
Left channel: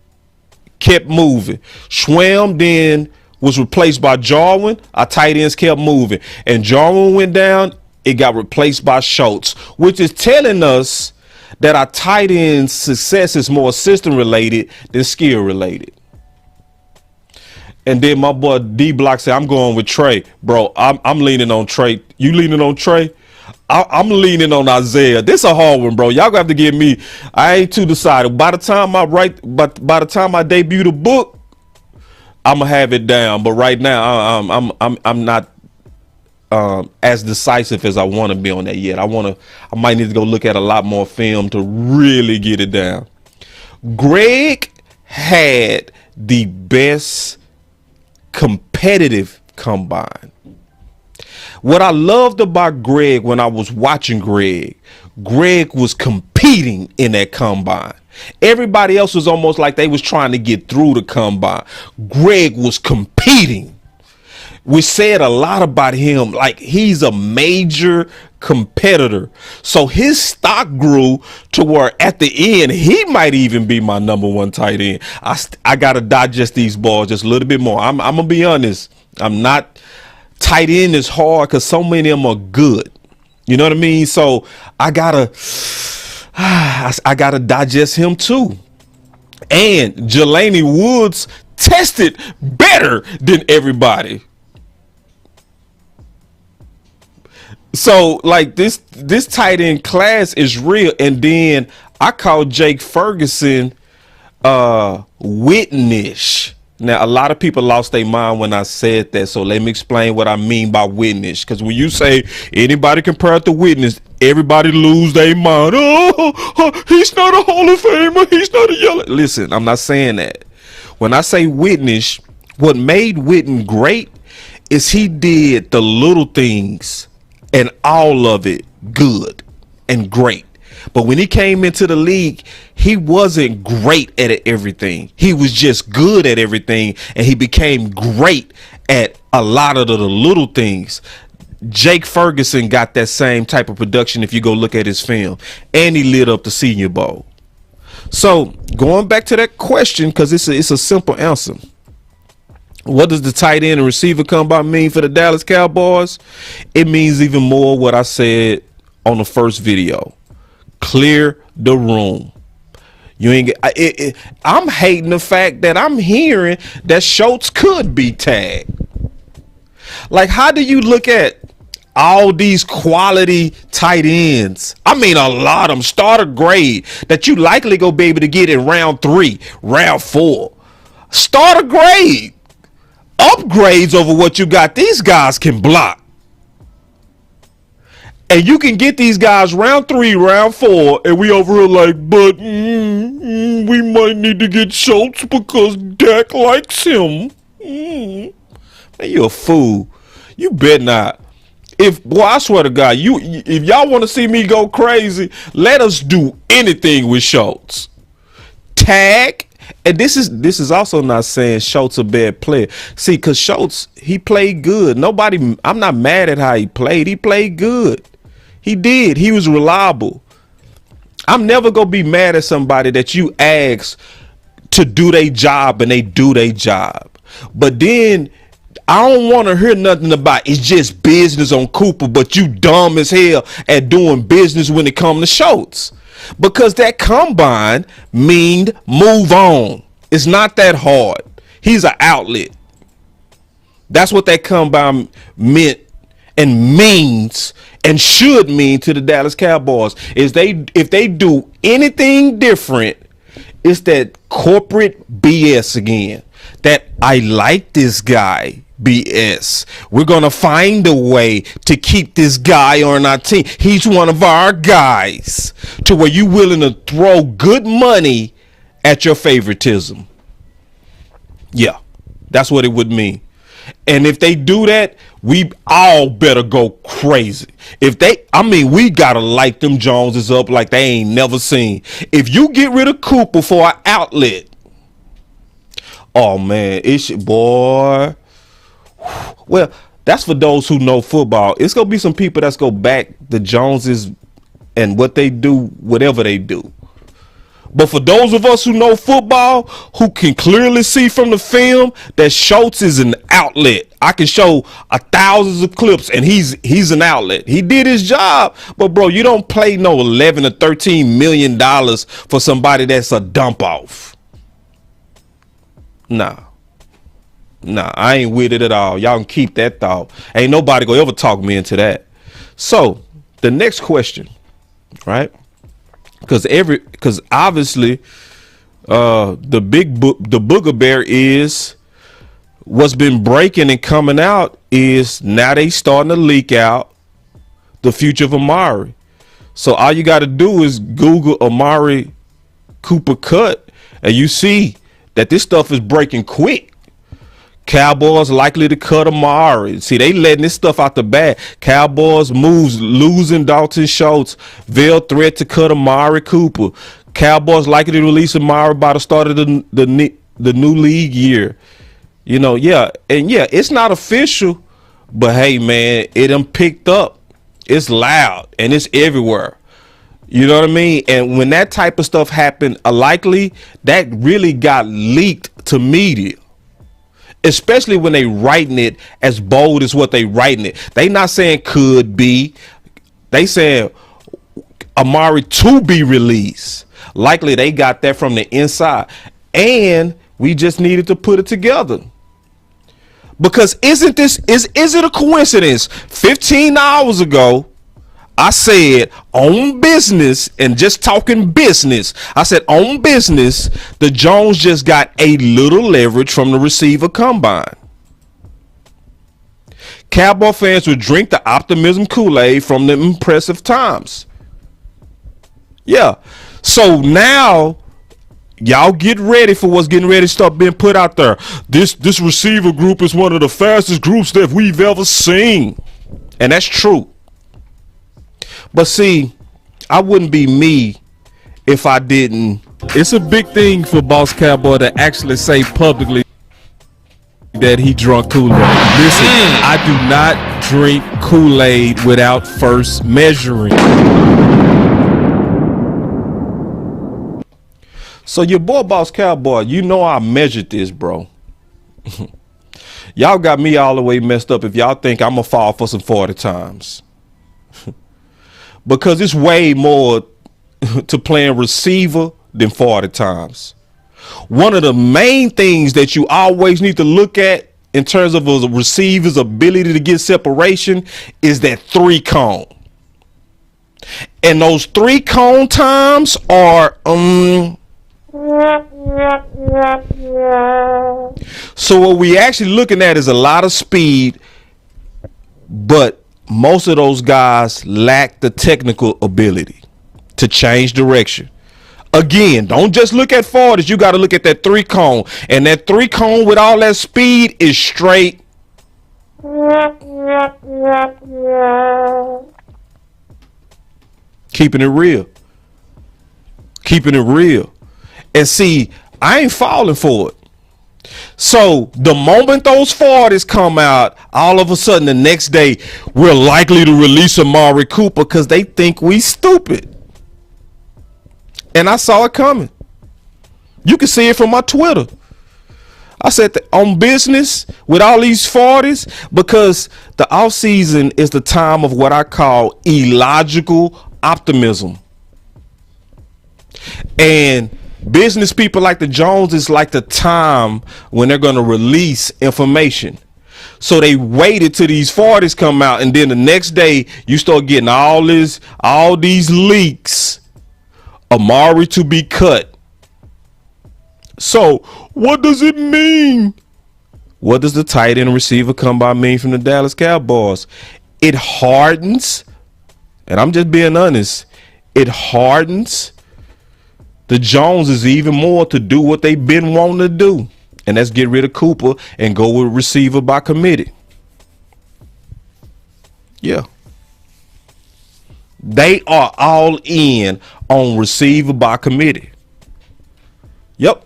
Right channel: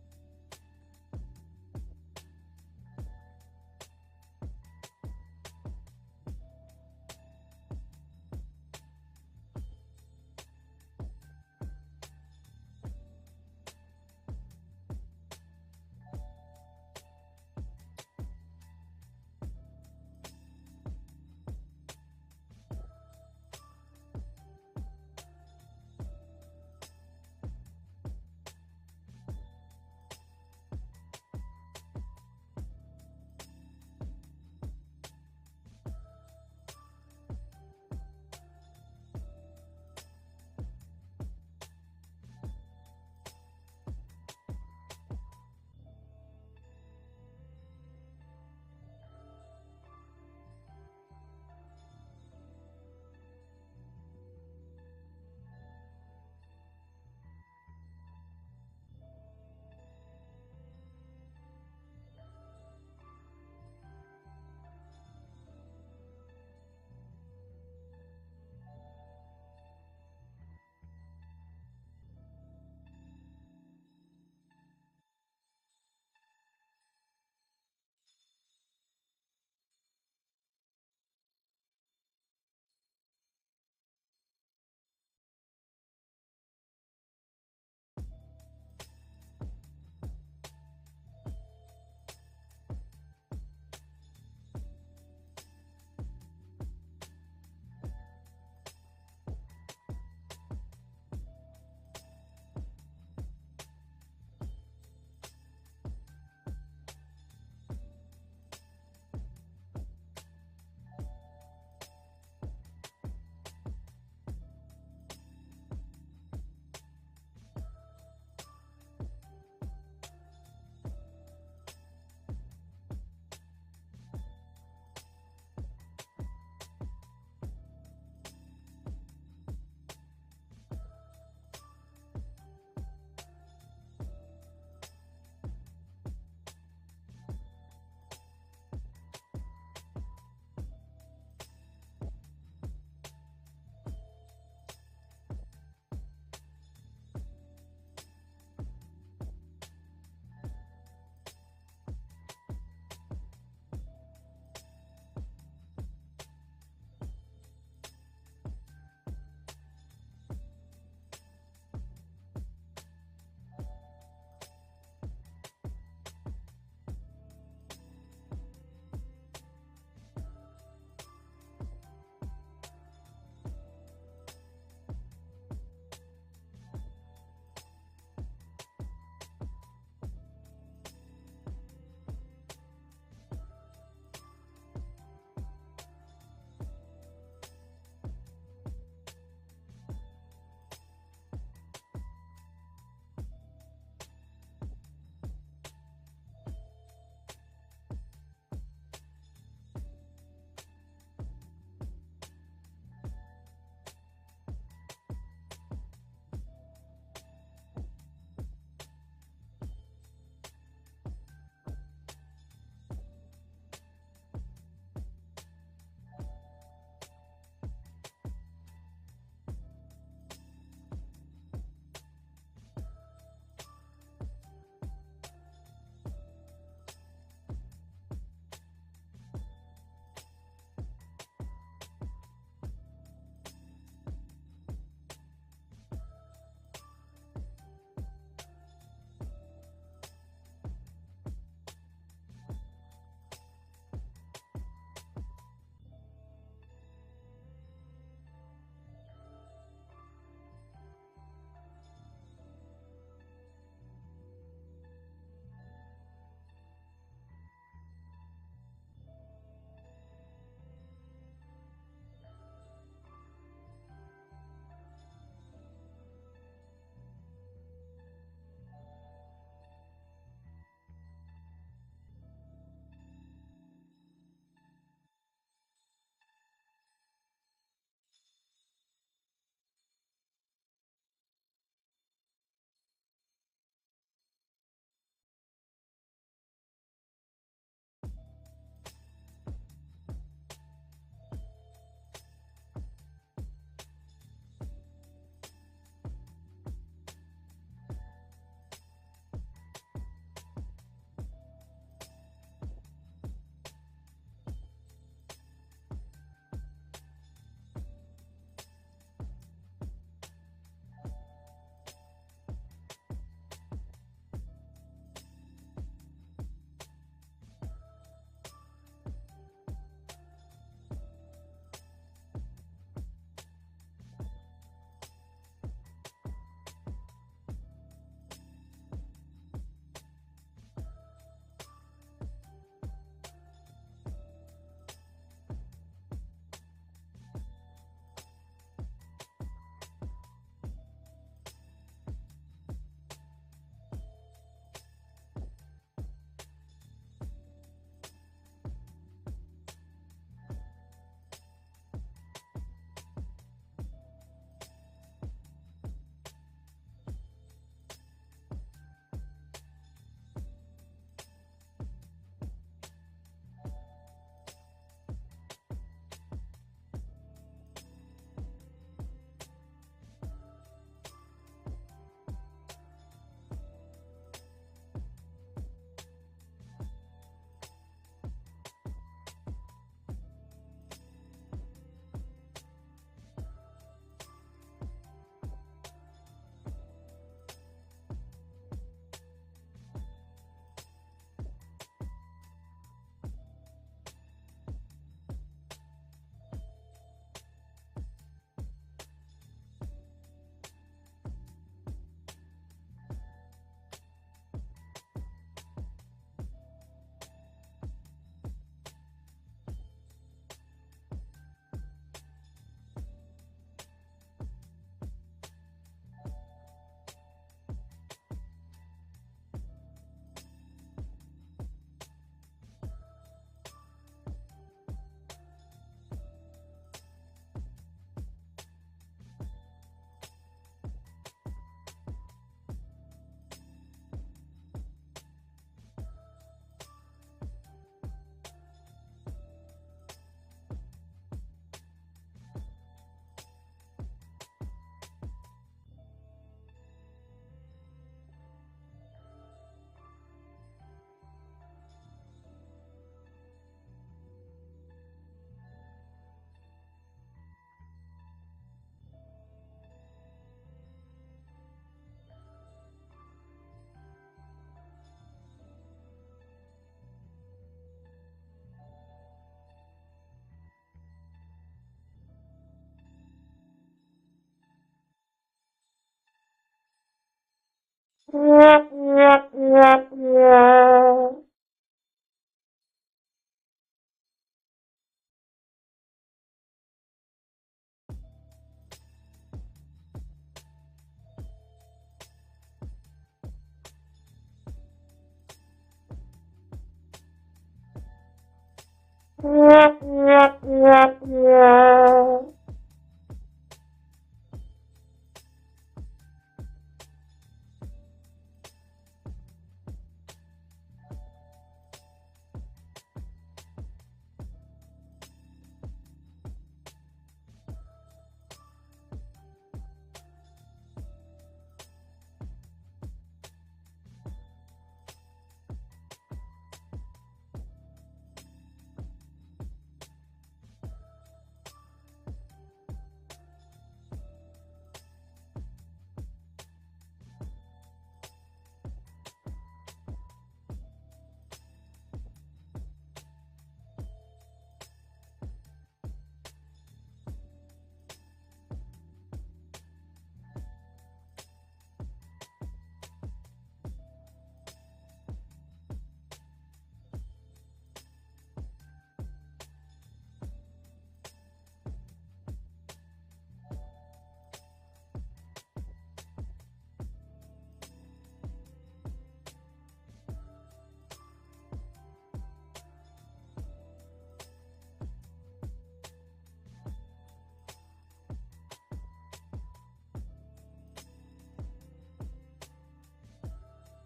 kept moving. Schwam then was replaced by Jarwin. Our tight ends kept moving. And Jarwin went down, it got replaced by Schultz, which is telling us that our tight end success is more system related than skill related. And then my boy D Block said, I'm going with Trey. Bro, I'm leaning on Trey. You leaning on Trey? I'm leaning on Isaiah. This a hard one, bro. Y'all gonna have to give me, I ain't too decided. By the time I debut the book, I'm gonna have it down. But right now, I'm not as decisive as I want to be on that yet. I might need to go look at a lot more film to really get it down. Greg had the best competitive combine. What I loved about Greg when I was watching Greg was competing in that combine. Everybody else was almost like they was trying to get through the combine. Greg was competing. We said a lot about him, like he's a major competitor. So his stock grew to where at the end, he might even be my number one tight end. I got to digest these balls just a little bit more. I'm going to be honest. I'm not tight end is hard because so many of them are good. You know what I mean? So I gotta digest him too. And Jelani Woods tested better than everybody. So like this tight end class is real. And then I call Jake Ferguson Whitnish. Now, a lot of people lost their mind when I said that, so let me explain what I mean by witness. Because when you say anybody compared to witness, everybody lose their mind. Oh, he's not a Hall of Famer. He's not a yellow. Listen, I'm not saying that. When I say witness, what made Witten great is he did the little things and all of it good and great. But when he came into the league, he wasn't great at everything. He was just good at everything, and he became great at a lot of the little things. Jake Ferguson got that same type of production if you go look at his film, and he lit up the Senior Bowl. So going back to that question, because it's a simple answer. What does the tight end and receiver combine mean for the Dallas Cowboys? It means even more what I said on the first video. Clear the room. You ain't get. I'm hating the fact that I'm hearing that Schultz could be tagged. Like, how do you look at all these quality tight ends? I mean, a lot of them starter grade that you likely go be able to get in round 3, round 4. Starter grade, upgrades over what you got. These guys can block. And you can get these guys round 3, round 4, and we over here like, but we might need to get Schultz because Dak likes him. Man, you a fool. You bet not. Boy, I swear to God, if y'all want to see me go crazy, let us do anything with Schultz. Tag. And this is also not saying Schultz a bad player. See, because Schultz, he played good. I'm not mad at how he played. He played good. He did. He was reliable. I'm never going to be mad at somebody that you ask to do their job and they do their job. But then I don't want to hear nothing about it's just business on Cooper, but you dumb as hell at doing business when it comes to Schultz. Because that combine mean move on. It's not that hard. He's an outlet. That's what that combine meant and means and should mean to the Dallas Cowboys. If they do anything different, it's that corporate BS again. That I like this guy BS. We're going to find a way to keep this guy on our team. He's one of our guys. To where you willing to throw good money at your favoritism. Yeah, that's what it would mean. And if they do that, we all better go crazy. We got to light them Joneses up like they ain't never seen. If you get rid of Cooper for an outlet, oh man, boy. Well, that's for those who know football. It's going to be some people that's going to back the Joneses and what they do, whatever they do. But for those of us who know football, who can clearly see from the film that Schultz is an outlet. I can show thousands of clips and he's an outlet. He did his job. But bro, you don't play no $11 or $13 million for somebody that's a dump off. Nah, I ain't with it at all. Y'all can keep that thought. Ain't nobody gonna ever talk me into that. So the next question, right? Because obviously the booger bear is what's been breaking and coming out is now they starting to leak out the future of Amari. So all you got to do is Google Amari Cooper cut, and you see that this stuff is breaking quick. Cowboys likely to cut Amari. See, they letting this stuff out the bag. Cowboys moves losing Dalton Schultz. Veil threat to cut Amari Cooper. Cowboys likely to release Amari by the start of the new league year. You know, yeah, and yeah, it's not official, but hey, man, it done picked up. It's loud and it's everywhere. You know what I mean? And when that type of stuff happened, likely that really got leaked to media. Especially when they writing it as bold as what they writing it. They not saying could be. They saying Amari to be released. Likely they got that from the inside. And we just needed to put it together. Because is it a coincidence? 15 hours ago, I said on business, and just talking business, I said on business, the Jones just got a little leverage from the receiver combine. Cowboy fans would drink the optimism Kool-Aid from the impressive times. Yeah. So now y'all get ready for what's getting ready to start being put out there. This receiver group is one of the fastest groups that we've ever seen. And that's true. But see, I wouldn't be me if I didn't. It's a big thing for Boss Cowboy to actually say publicly that he drunk Kool-Aid. Listen, I do not drink Kool-Aid without first measuring. So your boy Boss Cowboy, you know I measured this, bro. Y'all got me all the way messed up if y'all think I'm gonna fall for some 40 times. Because it's way more to playing receiver than 40 times. One of the main things that you always need to look at in terms of a receiver's ability to get separation is that 3 cone. And those 3 cone times are so what we actually looking at is a lot of speed, but most of those guys lack the technical ability to change direction. Again, don't just look at 40s. You got to look at that 3 cone. And that 3 cone with all that speed is straight. Keeping it real. Keeping it real. And see, I ain't falling for it. So the moment those 40s come out, all of a sudden the next day, we're likely to release Amari Cooper because they think we stupid. And I saw it coming. You can see it from my Twitter. I said on business with all these 40s, because the offseason is the time of what I call illogical optimism. And business people like the Joneses like the time when they're going to release information. So they waited till these 40s come out, and then the next day you start getting all these leaks. Amari to be cut. So what does it mean? What does the tight end receiver combine mean from the Dallas Cowboys? It hardens, and I'm just being honest, it hardens the Joneses even more to do what they've been wanting to do, and that's get rid of Cooper and go with receiver by committee. Yeah. They are all in on receiver by committee. Yep.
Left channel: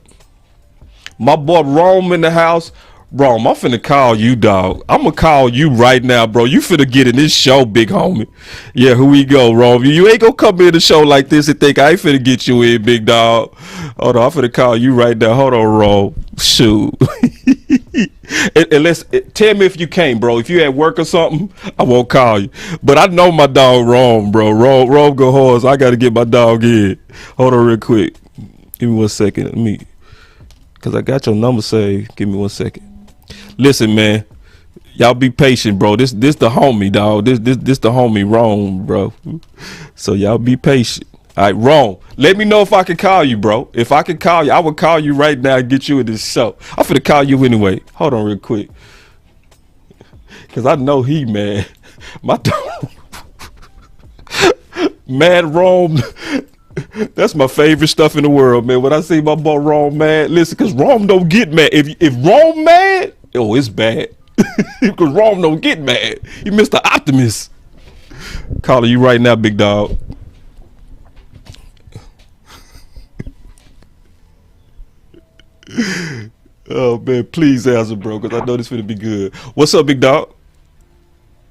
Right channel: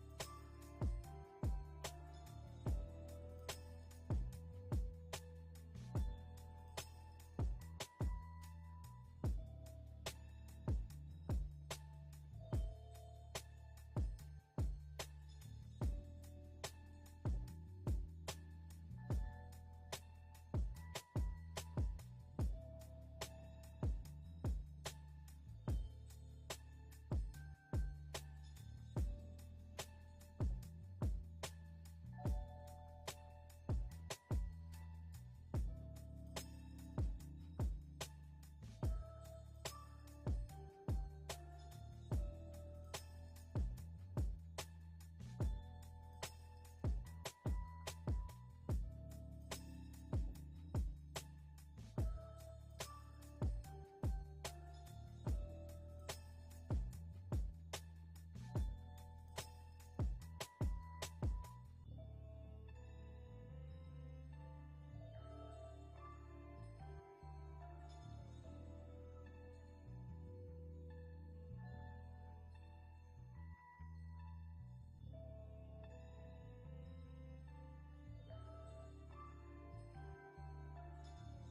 My boy Rome in the house. Rome, I'm finna call you, dog. I'm gonna call you right now, bro. You finna get in this show, big homie. Yeah, here we go, Rome. You ain't gonna come in the show like this and think I ain't finna get you in, big dog. Hold on, I'm finna call you right now. Hold on, Rome. Shoot. and let's tell me if you can't, bro. If you at work or something, I won't call you. But I know my dog Rome, bro. Rome go hard, so I gotta get my dog in. Hold on real quick. Give me 1 second. Let me, cause I got your number saved. Give me 1 second. Listen, man, y'all be patient, bro. This the homie, dog. This the homie Rome, bro. So y'all be patient. All right, Rome. Let me know if I can call you, bro. If I can call you, I would call you right now and get you in this show. I'm finna call you anyway. Hold on real quick. Cause I know he mad. My dog. Mad Rome. That's my favorite stuff in the world, man. When I see my boy Rome mad, listen, cause Rome don't get mad. If Rome mad, oh, it's bad. Cause Rome don't get mad. He Mr. Optimist. Calling you right now, big dog. Oh man, please answer, bro, because I know this finna be good. What's up, big dog?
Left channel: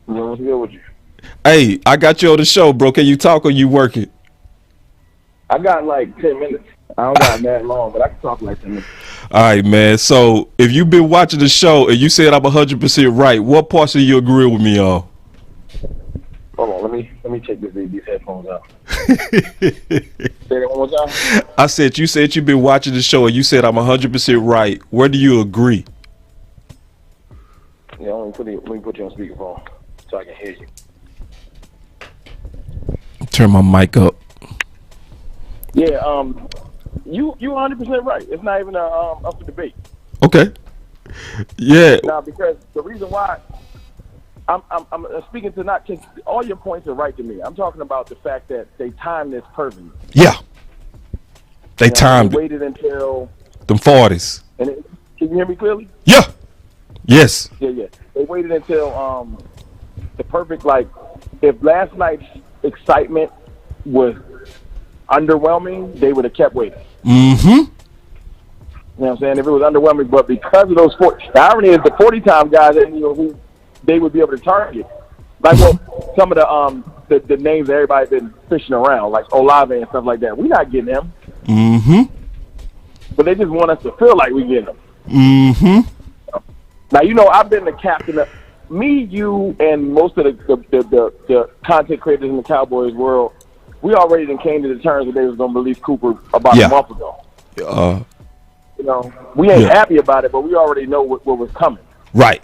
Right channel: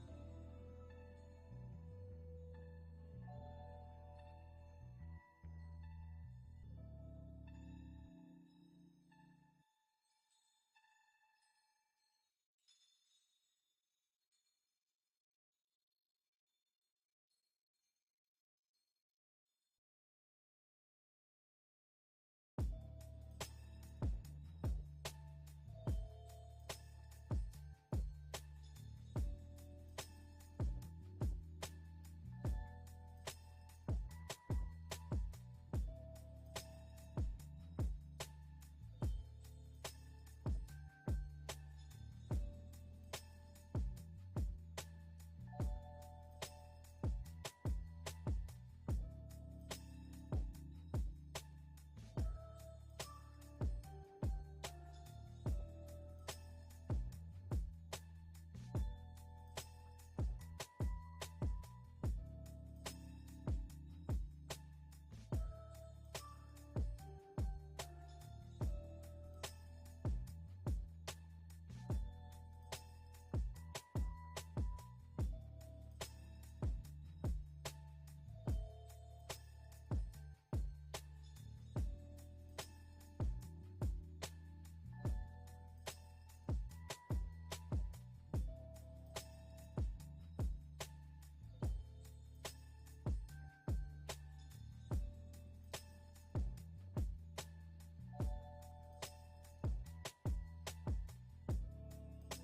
What's good with you? Hey, I got you on the show, bro. Can you talk or you working? I got like 10 minutes. I don't got that long, but I can talk like 10 minutes. All right, man. So if you've been watching the show and you said I'm 100% right, what parts of you agree with me on? Hold on, let me check these headphones out. Say that one more time. I said you said you've been watching the show and you said I'm 100% right. Where do you agree? Yeah, let me put you on speakerphone so I can hear you. Turn my mic up. Yeah, you 100% right. It's not even up for debate. Okay. Yeah. Now, because the reason why I'm speaking to not just all your points are right to me. I'm talking about the fact that they timed this perfectly. Yeah. They timed They waited until them 40s. And can you hear me clearly? Yeah. Yes. Yeah. They waited until the perfect, like, if last night's excitement was underwhelming, they would have kept waiting. Mm-hmm. You know what I'm saying? If it was underwhelming, but because of those 40, the irony is the 40-time guys that who they would be able to target, like some of the names that everybody's been fishing around, like Olave and stuff like that. We're not getting them. Mm-hmm. But they just want us to feel like we getting them. Mm-hmm. Now, I've been the captain of me, you, and most of the content creators in the Cowboys world. We already came to the terms that they was going to release Cooper about a month ago. We ain't happy about it, but we already know what was coming. Right.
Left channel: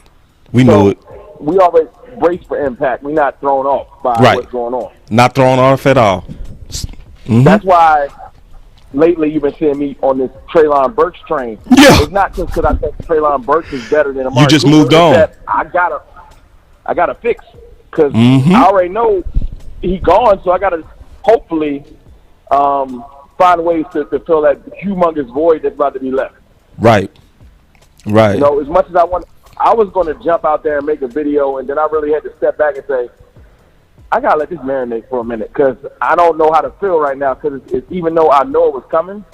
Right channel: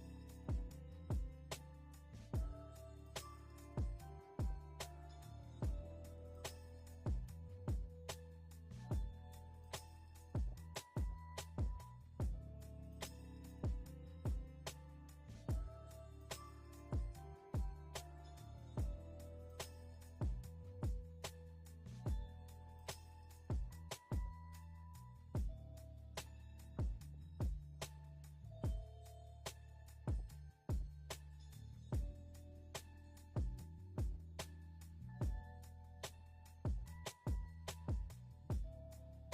We know it. We always brace for impact. We're not thrown off by what's going on. Not thrown off at all. Mm-hmm. That's why lately you've been seeing me on this Treylon Burks train. Yeah. It's not just because I think Treylon Burks is better than Amari You just Cooper. moved on. That I gotta fix because I already know he gone, so I gotta hopefully find ways to fill that humongous void that's about to be left. Right. As much as I was going to jump out there and make a video, and then I really had to step back and say, I got to let this marinate for a minute because I don't know how to feel right now because even though I know it was coming,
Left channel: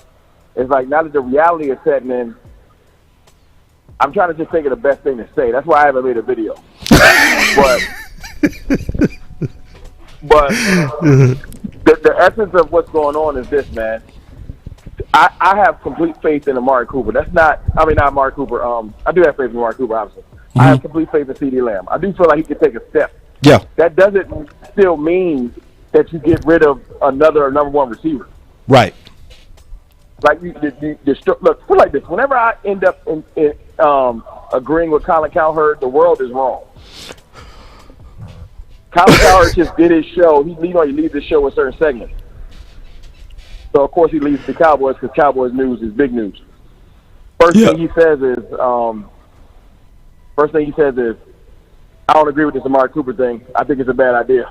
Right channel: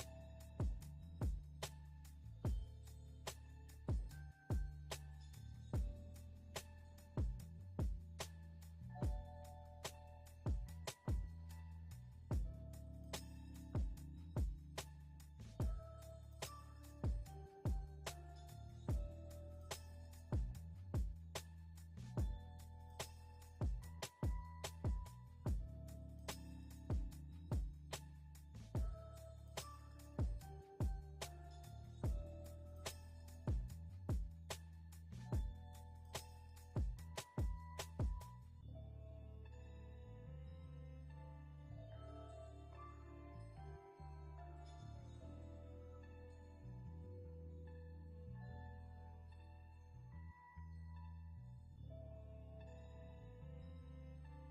it's like now that the reality is setting in, I'm trying to just think of the best thing to say. That's why I haven't made a video. but the essence of what's going on is this, man. I have complete faith in Amari Cooper. Not Amari Cooper. I do have faith in Amari Cooper, obviously. Mm-hmm. I have complete faith in CeeDee Lamb. I do feel like he can take a step. Yeah. That doesn't still mean that you get rid of another number one receiver. Right. Like look, put it like this. Whenever I end up in agreeing with Colin Cowherd, the world is wrong. Colin Cowherd just did his show. He leaves his show with certain segments. So, of course, he leads the Cowboys because Cowboys news is big news. First thing he says is, I don't agree with this Amari Cooper thing. I think it's a bad idea.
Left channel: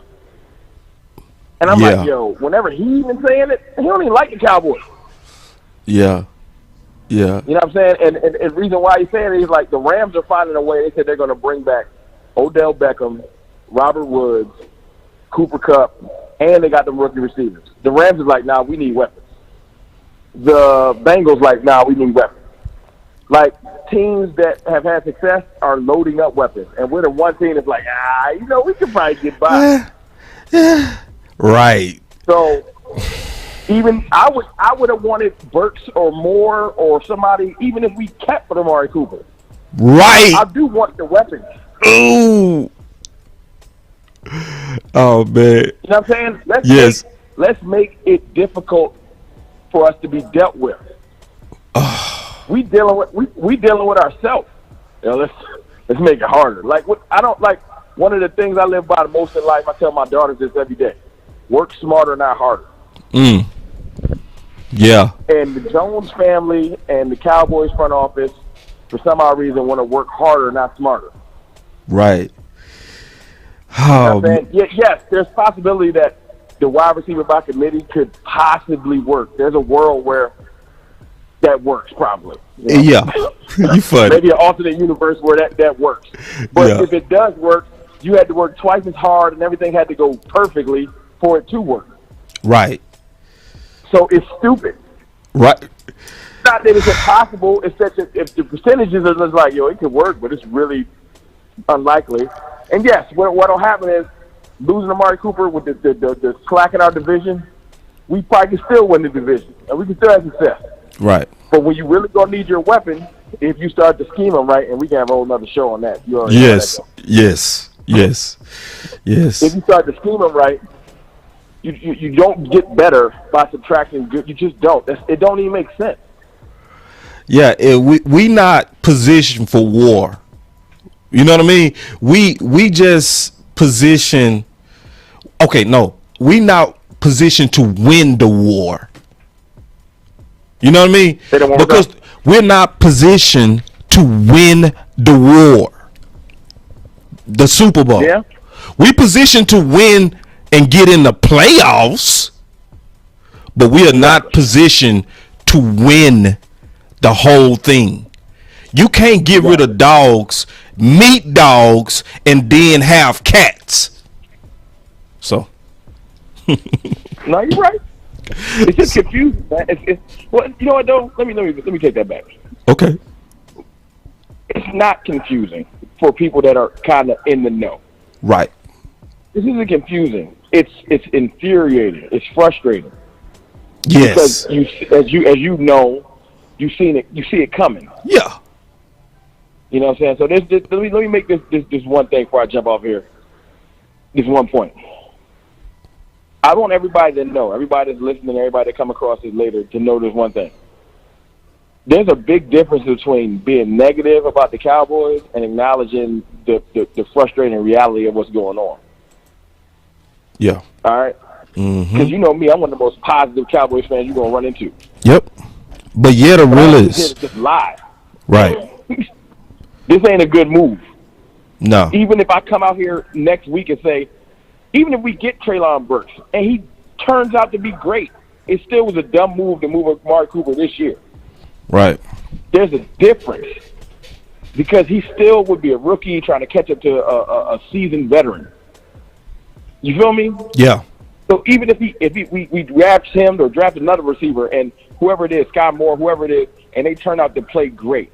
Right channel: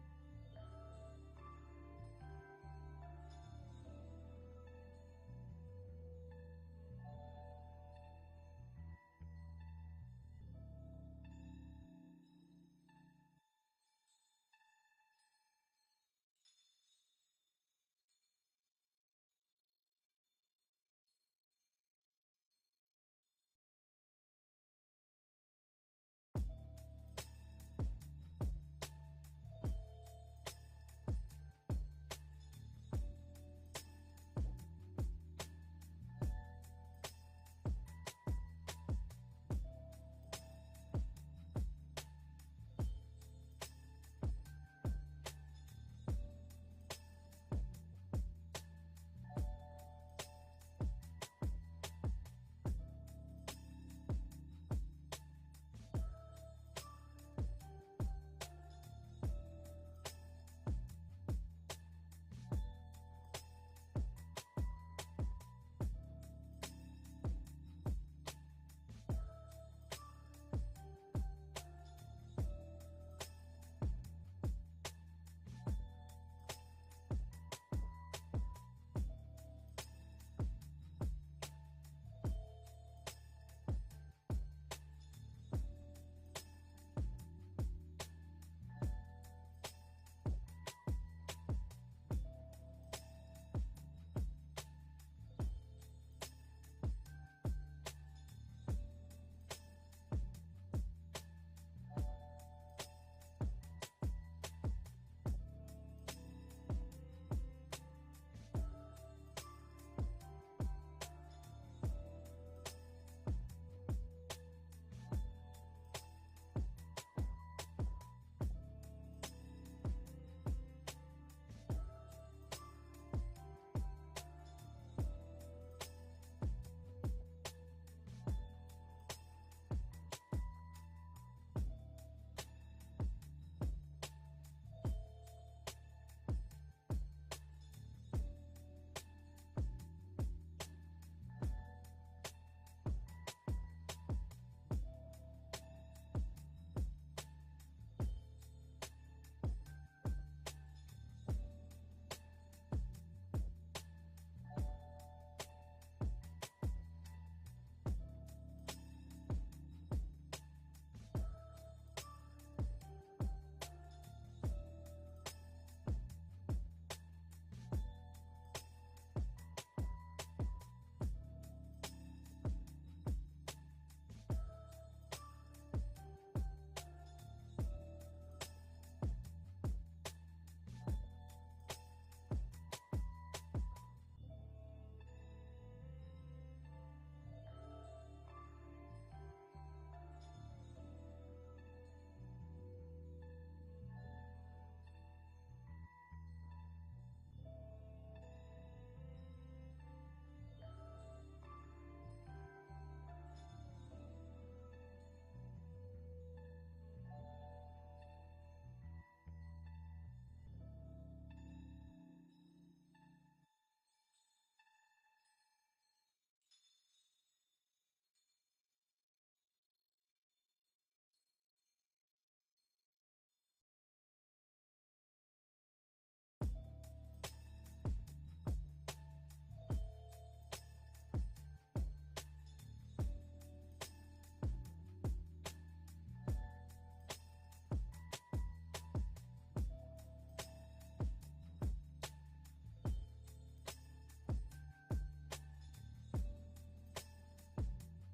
And I'm like, whenever he even saying it, he don't even like the Cowboys. Yeah. Yeah. You know what I'm saying? And the reason why he's saying it is like the Rams are finding a way. They said they're going to bring back Odell Beckham, Robert Woods, Cooper Kupp, and they got them rookie receivers. The Rams is like, nah, we need weapons. The Bengals like, nah, we need weapons. Like, teams that have had success are loading up weapons. And we're the one team that's like, we can probably get by. Right. So, even I would have wanted Burks or Moore or somebody, even if we kept Amari Cooper. Right. I do want the weapons. Ooh. Oh, man. You know what I'm saying? Let's make it difficult for us to be dealt with. We dealing with ourselves. Let's make it harder. Like one of the things I live by the most in life. I tell my daughters this every day: work smarter, not harder. Yeah. And the Jones family and the Cowboys front office, for some odd reason, want to work harder, not smarter. Right. You know Oh, what I'm saying? Yes, there's possibility that the wide receiver by committee could possibly work. There's a world where that works, probably. You know? yeah. You funny. Maybe an alternate universe where that works. But Yeah. if it does work, you had to work twice as hard and everything had to go perfectly for it to work. Right. So it's stupid. Right. It's not that it's impossible. It's that if the percentages are just like, yo, it could work, but it's really unlikely. And yes, what'll happen is losing Amari Cooper with the slack in our division, we probably can still win the division, and we can still have success. Right. But when you really gonna need your weapon, if you start to scheme them right, and we can have a whole nother show on that. You already know Yes. that, Yes. Yes. Yes. if you start to scheme them right, you don't get better by subtracting good. You just don't. It don't even make sense. Yeah. We not positioned for war. You know what I mean? We just position. Okay, no, we not positioned to win the war. You know what I mean? Say that one more Because time. we're not positioned to win the war, the Super Bowl. Yeah. We positioned to win and get in the playoffs, but we are not positioned to win the whole thing. You can't get rid of dogs, meat dogs, and then have cats. So, No, you're right. It's just confusing, man. Well, you know what though? Let me take that back. okay. It's not confusing for people that are kind of in the know. Right. This isn't confusing. It's infuriating. It's frustrating Yes. because as you know, you see it coming. Yeah. You know what I'm saying? So let me make this one thing before I jump off here. This one point. I want everybody to know, everybody that's listening, everybody that come across this later, to know this one thing. There's a big difference between being negative about the Cowboys and acknowledging the frustrating reality of what's going on. Yeah. All right? Because you know me, I'm one of the most positive Cowboys fans you're going to run into. Yep. But yeah, the But real I'm just here is to just lie. right. This ain't a good move. No. Even if I come out here next week and say, even if we get Treylon Burks and he turns out to be great, it still was a dumb move to move Amari Cooper this year. Right. There's a difference because he still would be a rookie trying to catch up to a seasoned veteran. You feel me? Yeah. So even if we draft him or draft another receiver and whoever it is, Sky Moore, whoever it is, and they turn out to play great,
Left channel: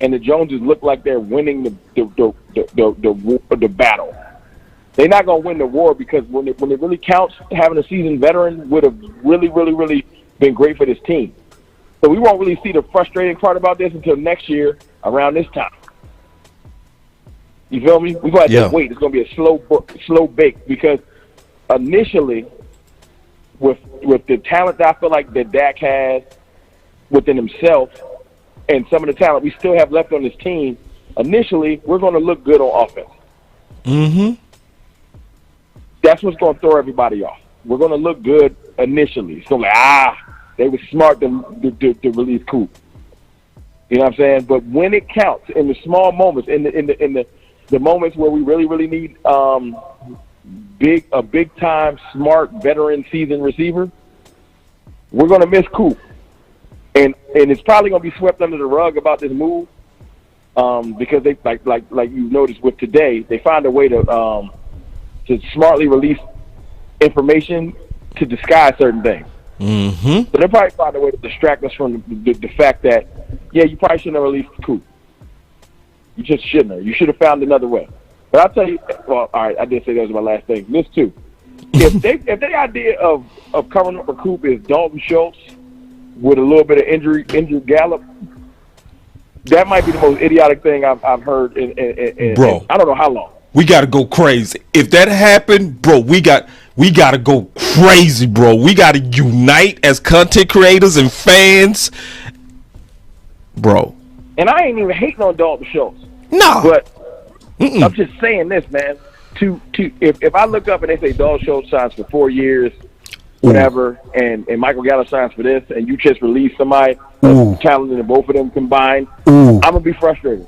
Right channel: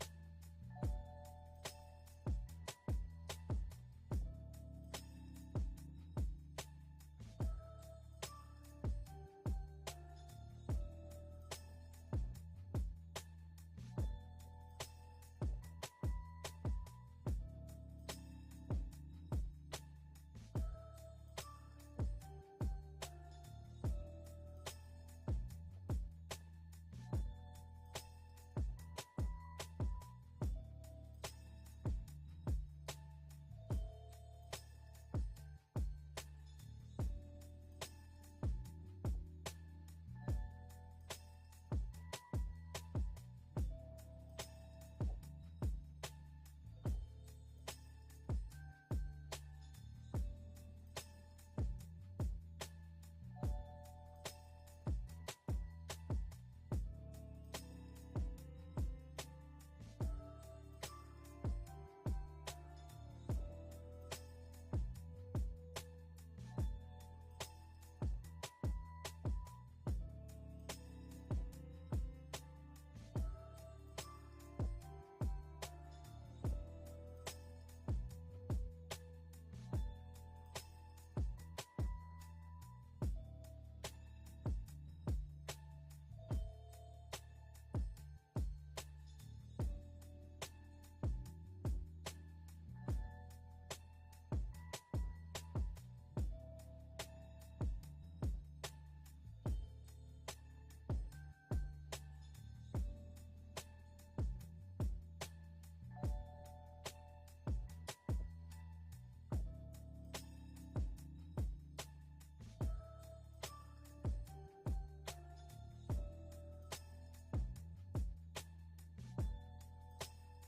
and the Joneses look like they're winning the battle. They're not going to win the war because when it really counts, having a seasoned veteran would have really, really, really been great for this team. So we won't really see the frustrating part about this until next year around this time. You feel me? We're going to have to wait. It's going to be a slow bake because initially, with the talent that I feel like that Dak has within himself and some of the talent we still have left on this team, initially, we're going to look good on offense. Mm-hmm. That's what's going to throw everybody off. We're going to look good initially. So they were smart to release Coop. You know what I'm saying? But when it counts, in the small moments, in the moments where we really, really need a big time, smart, veteran, seasoned receiver, we're going to miss Coop. And it's probably going to be swept under the rug about this move because they like you noticed with today, they find a way to smartly release information to disguise certain things. Mm-hmm. So they'll probably find a way to distract us from the fact that, yeah, you probably shouldn't have released Coop. You just shouldn't have. You should have found another way. But I'll tell you, well, all right, I did say that was my last thing. This too. If the idea of covering up for Coop is Dalton Schultz with a little bit of injured Gallup, that might be the most idiotic thing I've heard in Bro. I don't know how long. We got to go crazy. If that happened, bro, we got to go crazy, bro. We got to unite as content creators and fans, bro. And I ain't even hating on Dalton Schultz. No. But I'm just saying this, man. If I look up and they say Dalton Schultz signs for 4 years, whatever, and Michael Gallup signs for this, and you just release somebody talented and both of them combined, I'm gonna be frustrated.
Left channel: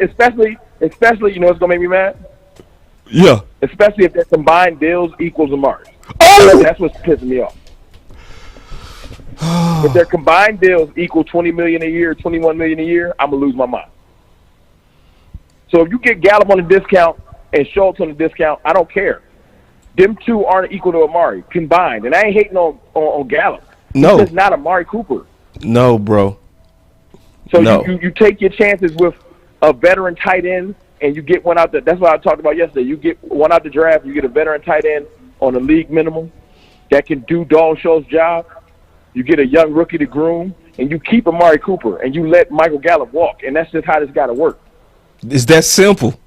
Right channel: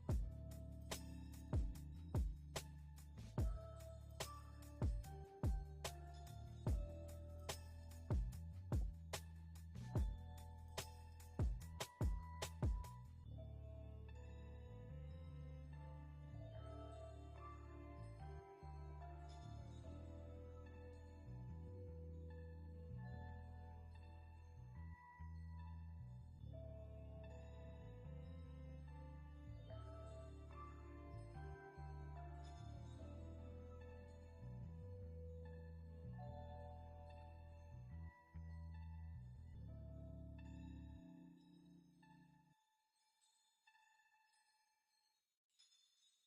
Especially, you know what's gonna make me mad? Yeah. Especially if their combined deals equals Amari. That's what's pissing me off. If their combined deals equal $20 million a year, $21 million a year, I'm gonna lose my mind. So if you get Gallup on a discount and Schultz on a discount, I don't care. Them two aren't equal to Amari combined, and I ain't hating on Gallup. No, he's just not Amari Cooper. No, bro. So no. you take your chances with a veteran tight end, and you get one out. That's what I talked about yesterday. You get one out the draft. You get a veteran tight end on a league minimum that can do Dalton Schultz's job. You get a young rookie to groom, and you keep Amari Cooper, and you let Michael Gallup walk, and that's just how this got to work. It's that simple.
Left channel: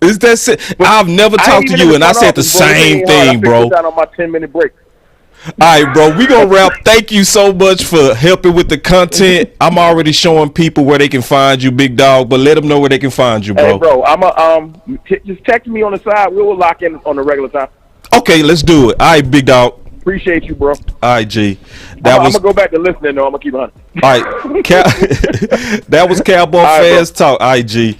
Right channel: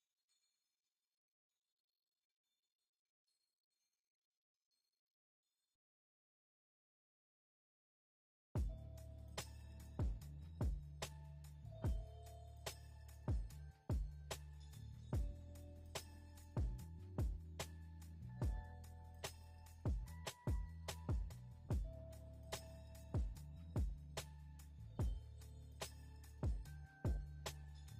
It's that simple. I've never talked to you, and I said the same thing, bro. I on my 10-minute break. All right, bro, we gonna wrap. Thank you so much for helping with the content. I'm already showing people where they can find you, big dog, but let them know where they can find you, bro. Hey, bro, just text me on the side. We'll lock in on the regular time. Okay, let's do it. All right, big dog. Appreciate you, bro. All right, G. I'm gonna go back to listening, though. I'm gonna keep on. All right, that was Cowboy Fans Talk. All right, G.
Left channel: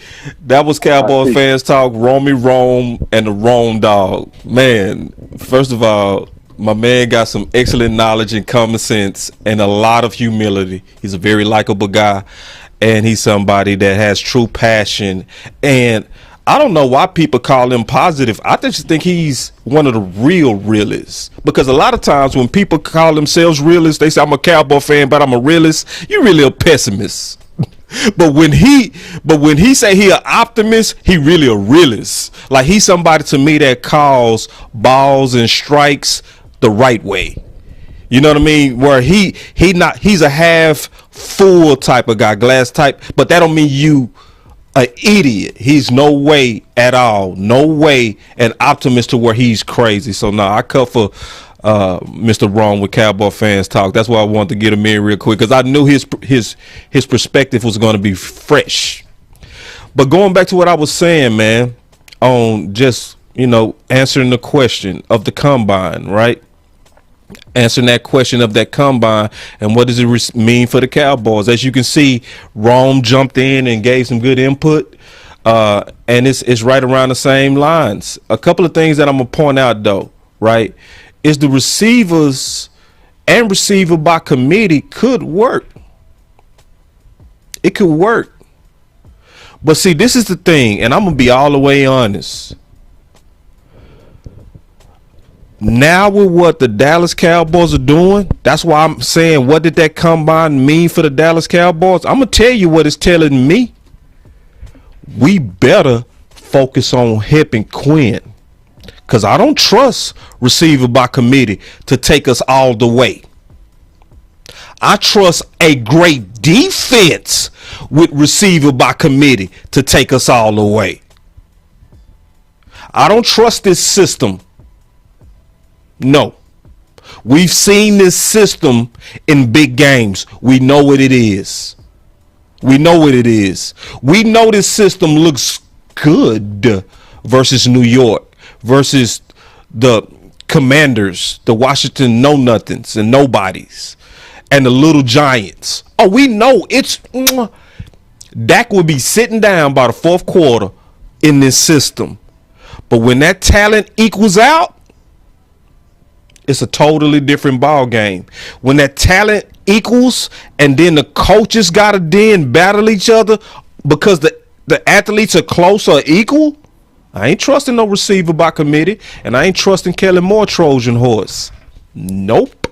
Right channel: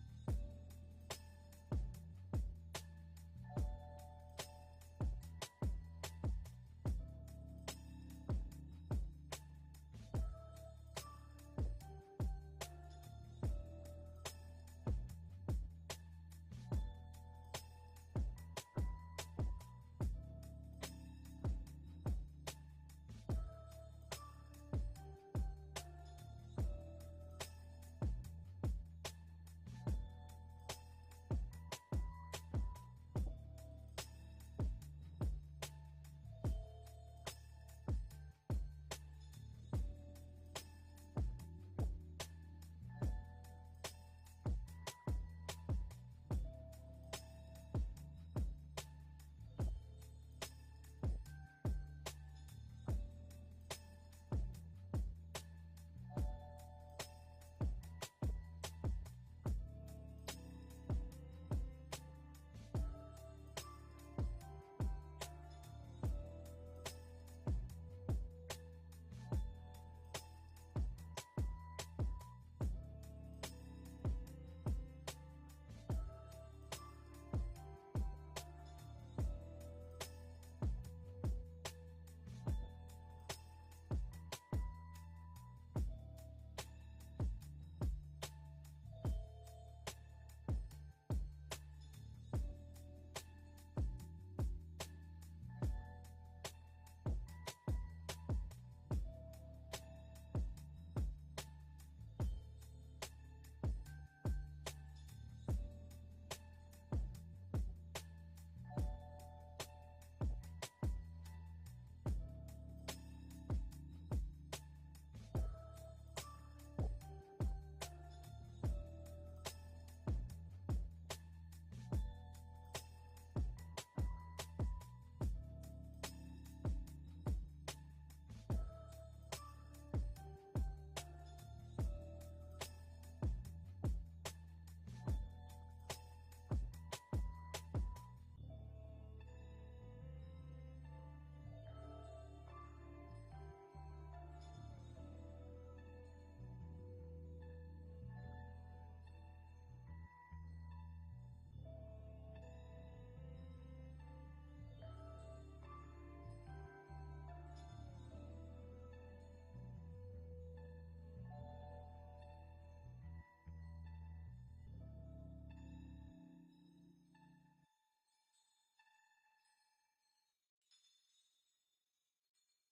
That was Cowboy Fans Talk. Romy Rome and the Rome Dog. Man, first of all, my man got some excellent knowledge and common sense and a lot of humility. He's a very likable guy, and he's somebody that has true passion. And I don't know why people call him positive. I just think he's one of the real realists, because a lot of times when people call themselves realists, they say, I'm a Cowboy fan, but I'm a realist. You're really a pessimist. But when he say he an optimist, he really a realist. Like, he's somebody to me that calls balls and strikes the right way. You know what I mean? Where he's a half full type of guy, glass type, but that don't mean you an idiot. He's no way at all, no way an optimist to where he's crazy. So now I cut for Mr. Wrong with Cowboy Fans Talk. That's why I wanted to get him in real quick, because I knew his perspective was going to be fresh. But going back to what I was saying, man, on just, answering the question of the combine, right? Answering that question of that combine and what does it mean for the Cowboys. As you can see, Rome jumped in and gave some good input, and it's right around the same lines. A couple of things that I'm gonna point out, though, right, is the receivers and receiver by committee could work. It could work. But see, this is the thing, and I'm gonna be all the way honest. Now with what the Dallas Cowboys are doing, that's why I'm saying, what did that combine mean for the Dallas Cowboys? I'm going to tell you what it's telling me. We better focus on Hip and Quinn, because I don't trust receiver by committee to take us all the way. I trust a great defense with receiver by committee to take us all the way. I don't trust this system. No, we've seen this system in big games. We know what it is. We know what it is. We know this system looks good versus New York, versus the Commanders, the Washington know-nothings and nobodies, and the little Giants. Oh, we know it's Dak will be sitting down by the fourth quarter in this system. But when that talent equals out, it's a totally different ball game. When that talent equals and then the coaches got to then battle each other because the athletes are close or equal, I ain't trusting no receiver by committee, and I ain't trusting Kellen Moore Trojan horse. Nope.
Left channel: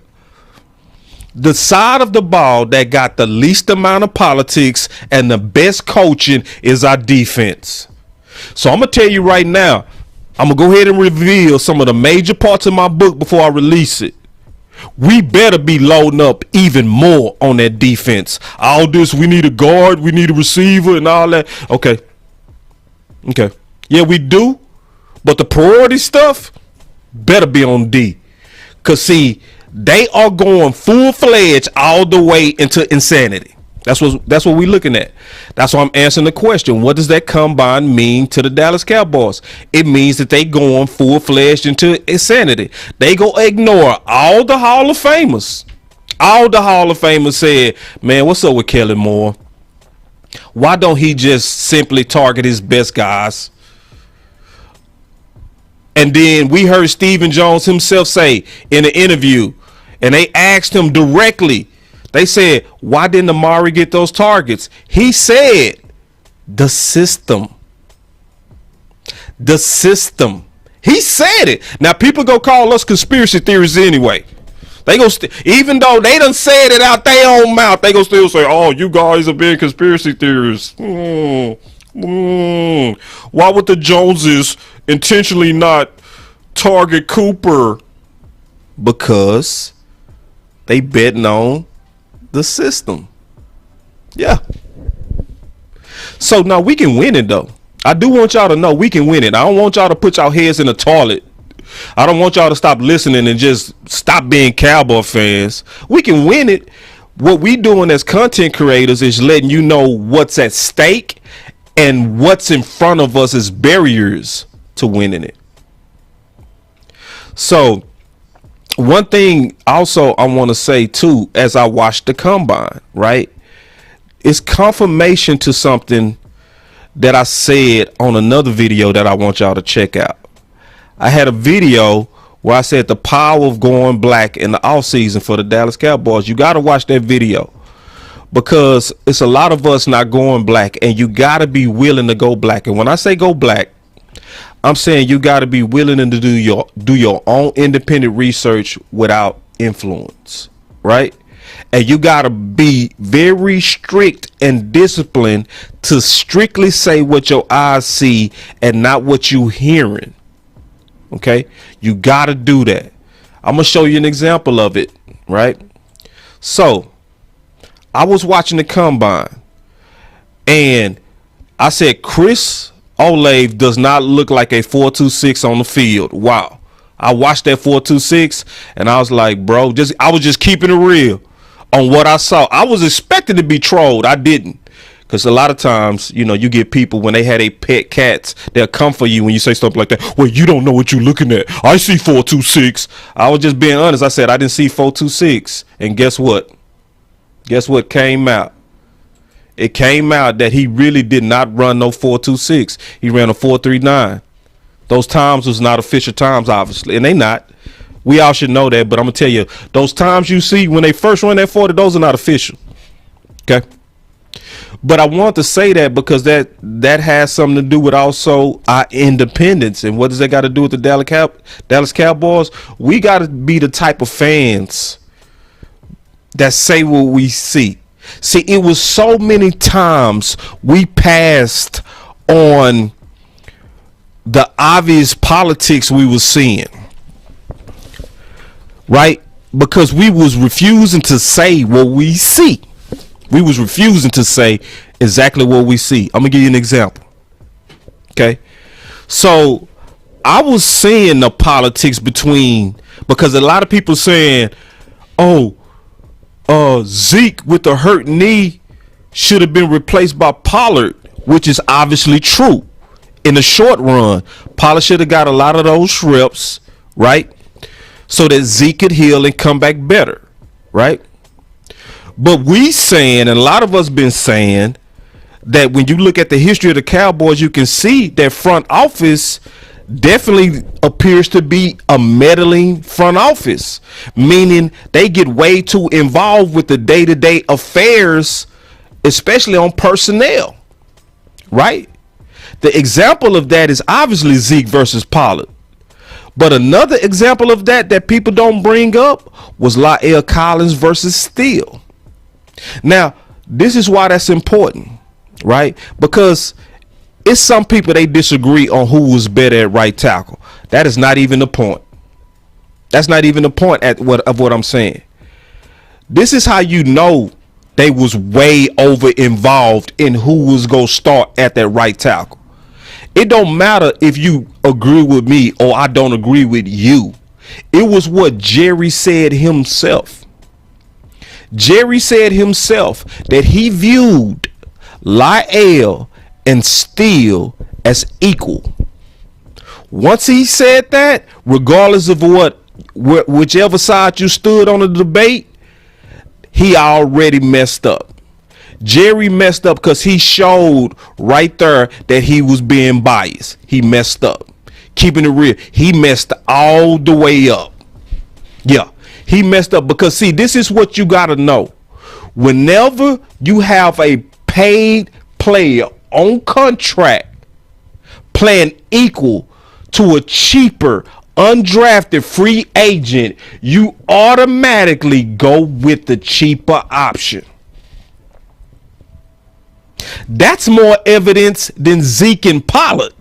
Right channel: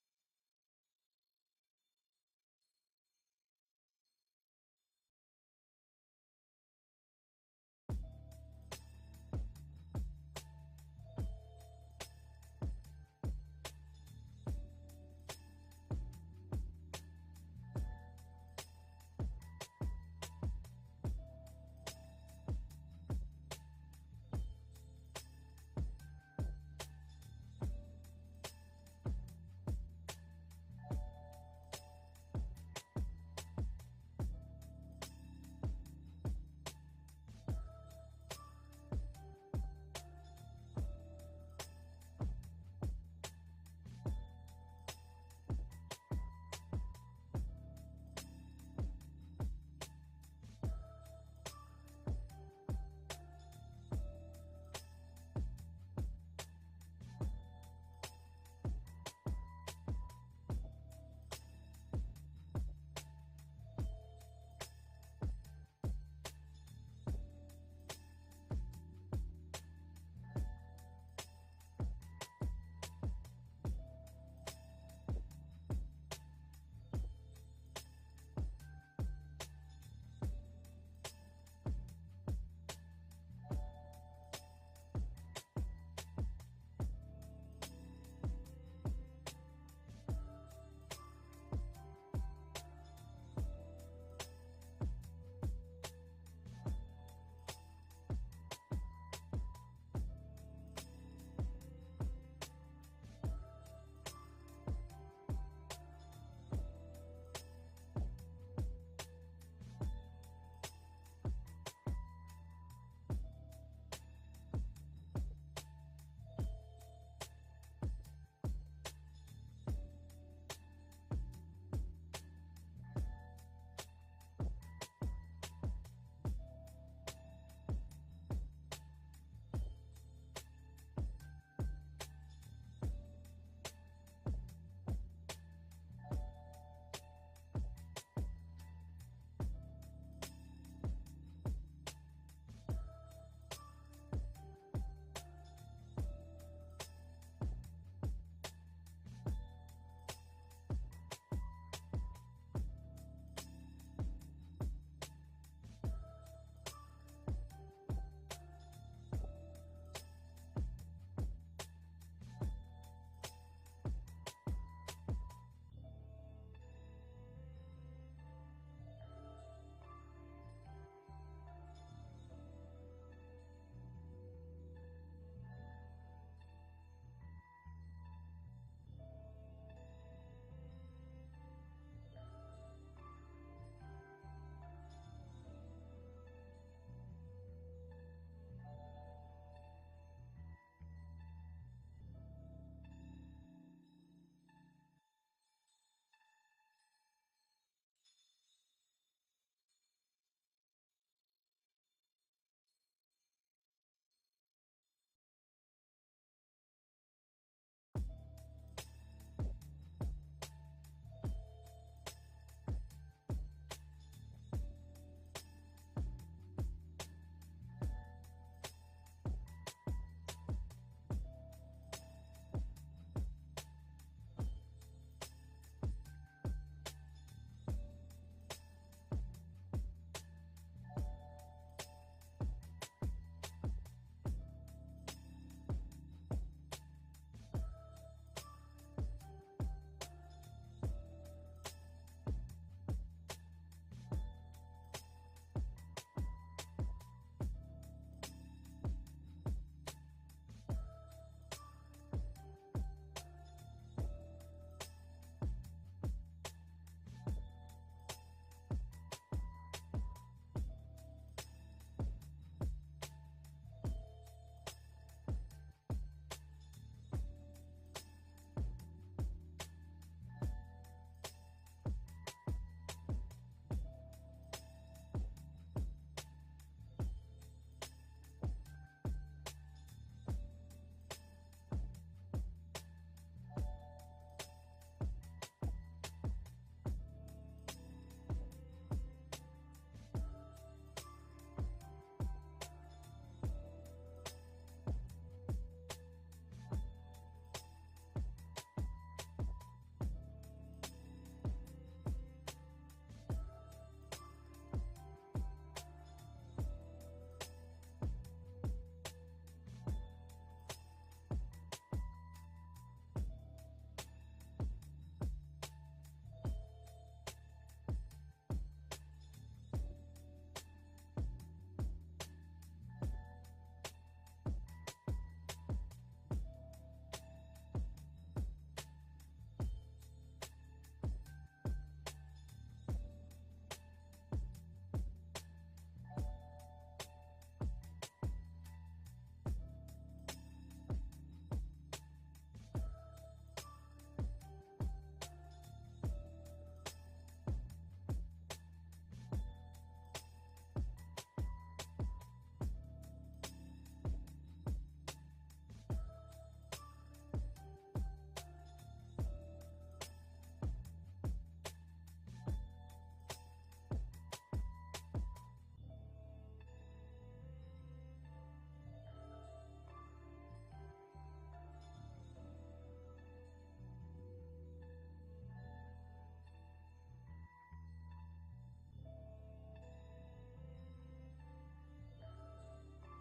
The side of the ball that got the least amount of politics and the best coaching is our defense. So I'm going to tell you right now, I'm going to go ahead and reveal some of the major parts of my book before I release it. We better be loading up even more on that defense. All this, we need a guard, we need a receiver and all that. Okay. Yeah, we do. But the priority stuff better be on D. Because, see, they are going full-fledged all the way into insanity. That's what we're looking at. That's why I'm answering the question. What does that combine mean to the Dallas Cowboys? It means that they going full-fledged into insanity. They go ignore all the Hall of Famers. All the Hall of Famers said, man, what's up with Kellen Moore? Why don't he just simply target his best guys? And then we heard Stephen Jones himself say in an interview, and they asked him directly, they said, why didn't Amari get those targets? He said, the system. The system. He said it. Now, people go call us conspiracy theories anyway. They go, even though they done said it out their own mouth, they go still say, oh, you guys are being conspiracy theorists. Why would the Joneses intentionally not target Cooper? Because they betting on the system. Yeah. So now we can win it though. I do want y'all to know we can win it. I don't want y'all to put y'all heads in the toilet. I don't want y'all to stop listening and just stop being Cowboy fans. We can win it. What we doing as content creators is letting you know what's at stake and what's in front of us as barriers to winning it. So one thing also I want to say too, as I watched the combine, right? It's confirmation to something that I said on another video that I want y'all to check out. I had a video where I said the power of going black in the offseason for the Dallas Cowboys. You got to watch that video because it's a lot of us not going black, and you got to be willing to go black. And when I say go black, I'm saying you got to be willing to do your own independent research without influence, right? And you got to be very strict and disciplined to strictly say what your eyes see and not what you hearing. Okay, you got to do that. I'm gonna show you an example of it, right? So I was watching the combine and I said Chris Olave does not look like a 4.26 on the field. Wow. I watched that 4.26 and I was like, bro, I was just keeping it real on what I saw. I was expecting to be trolled. I didn't. Because a lot of times, you know, you get people when they had a pet cats, they'll come for you when you say stuff like that. Well, you don't know what you're looking at. I see 4.26. I was just being honest. I said I didn't see 4.26. And guess what? Guess what came out? It came out that he really did not run no 4.26. He ran a 4.39. Those times was not official times, obviously. And they not. We all should know that. But I'm going to tell you, those times you see when they first run that 40, those are not official. Okay? But I want to say that because that has something to do with also our independence. And what does that got to do with the Dallas Cowboys? We got to be the type of fans that say what we see. See, it was so many times we passed on the obvious politics we were seeing, right? Because we was refusing to say what we see. We was refusing to say exactly what we see. I'm gonna give you an example. Okay. So I was seeing the politics because a lot of people saying, oh, Zeke with the hurt knee should have been replaced by Pollard, which is obviously true. In the short run, Pollard should have got a lot of those reps, right? So that Zeke could heal and come back better, right? But we saying, and a lot of us been saying, that when you look at the history of the Cowboys, you can see that front office definitely appears to be a meddling front office, meaning they get way too involved with the day-to-day affairs, especially on personnel, right? The example of that is obviously Zeke versus Pollard. But another example of that people don't bring up was La'el Collins versus Steele. Now, this is why that's important, right? Because it's some people, they disagree on who was better at right tackle. That is not even the point. That's not even the point of what I'm saying. This is how you know they was way over involved in who was going to start at that right tackle. It don't matter if you agree with me or I don't agree with you. It was what Jerry said himself. Jerry said himself that he viewed Lyle and Steele as equal. Once he said that, regardless of whichever side you stood on the debate, he already messed up. Jerry messed up because he showed right there that he was being biased. He messed up. Keeping it real, he messed all the way up. Yeah, he messed up because, see, this is what you got to know. Whenever you have a paid player on contract playing equal to a cheaper undrafted free agent, you automatically go with the cheaper option. That's more evidence than Zeke and Pollard.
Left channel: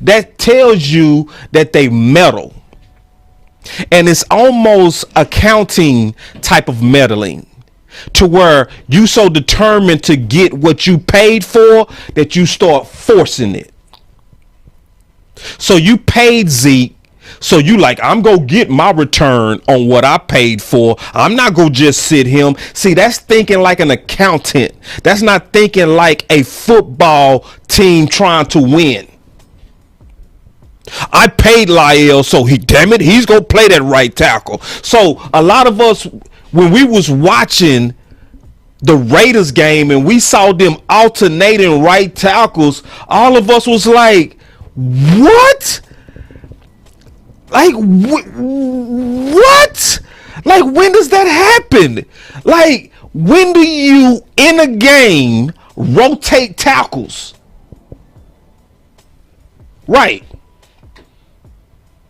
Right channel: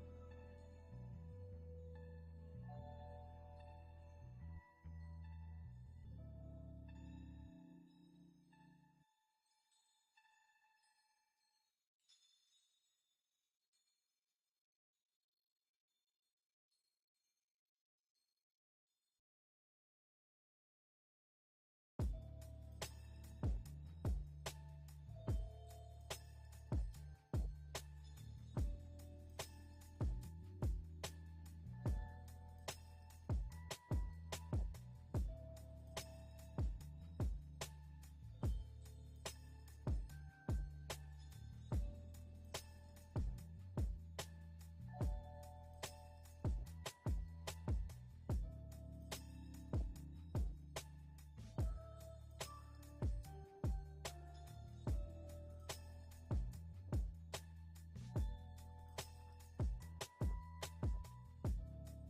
That tells you that they meddle. And it's almost accounting type of meddling, to where you so determined to get what you paid for that you start forcing it. So you paid Zeke, so you like, I'm gonna get my return on what I paid for. I'm not gonna just sit him. See, that's thinking like an accountant. That's not thinking like a football team trying to win. I paid Lyle, so he's gonna play that right tackle. So a lot of us, when we was watching the Raiders game and we saw them alternating right tackles, all of us was like, what? Like, what? Like, when does that happen? Like, when do you, in a game, rotate tackles? Right.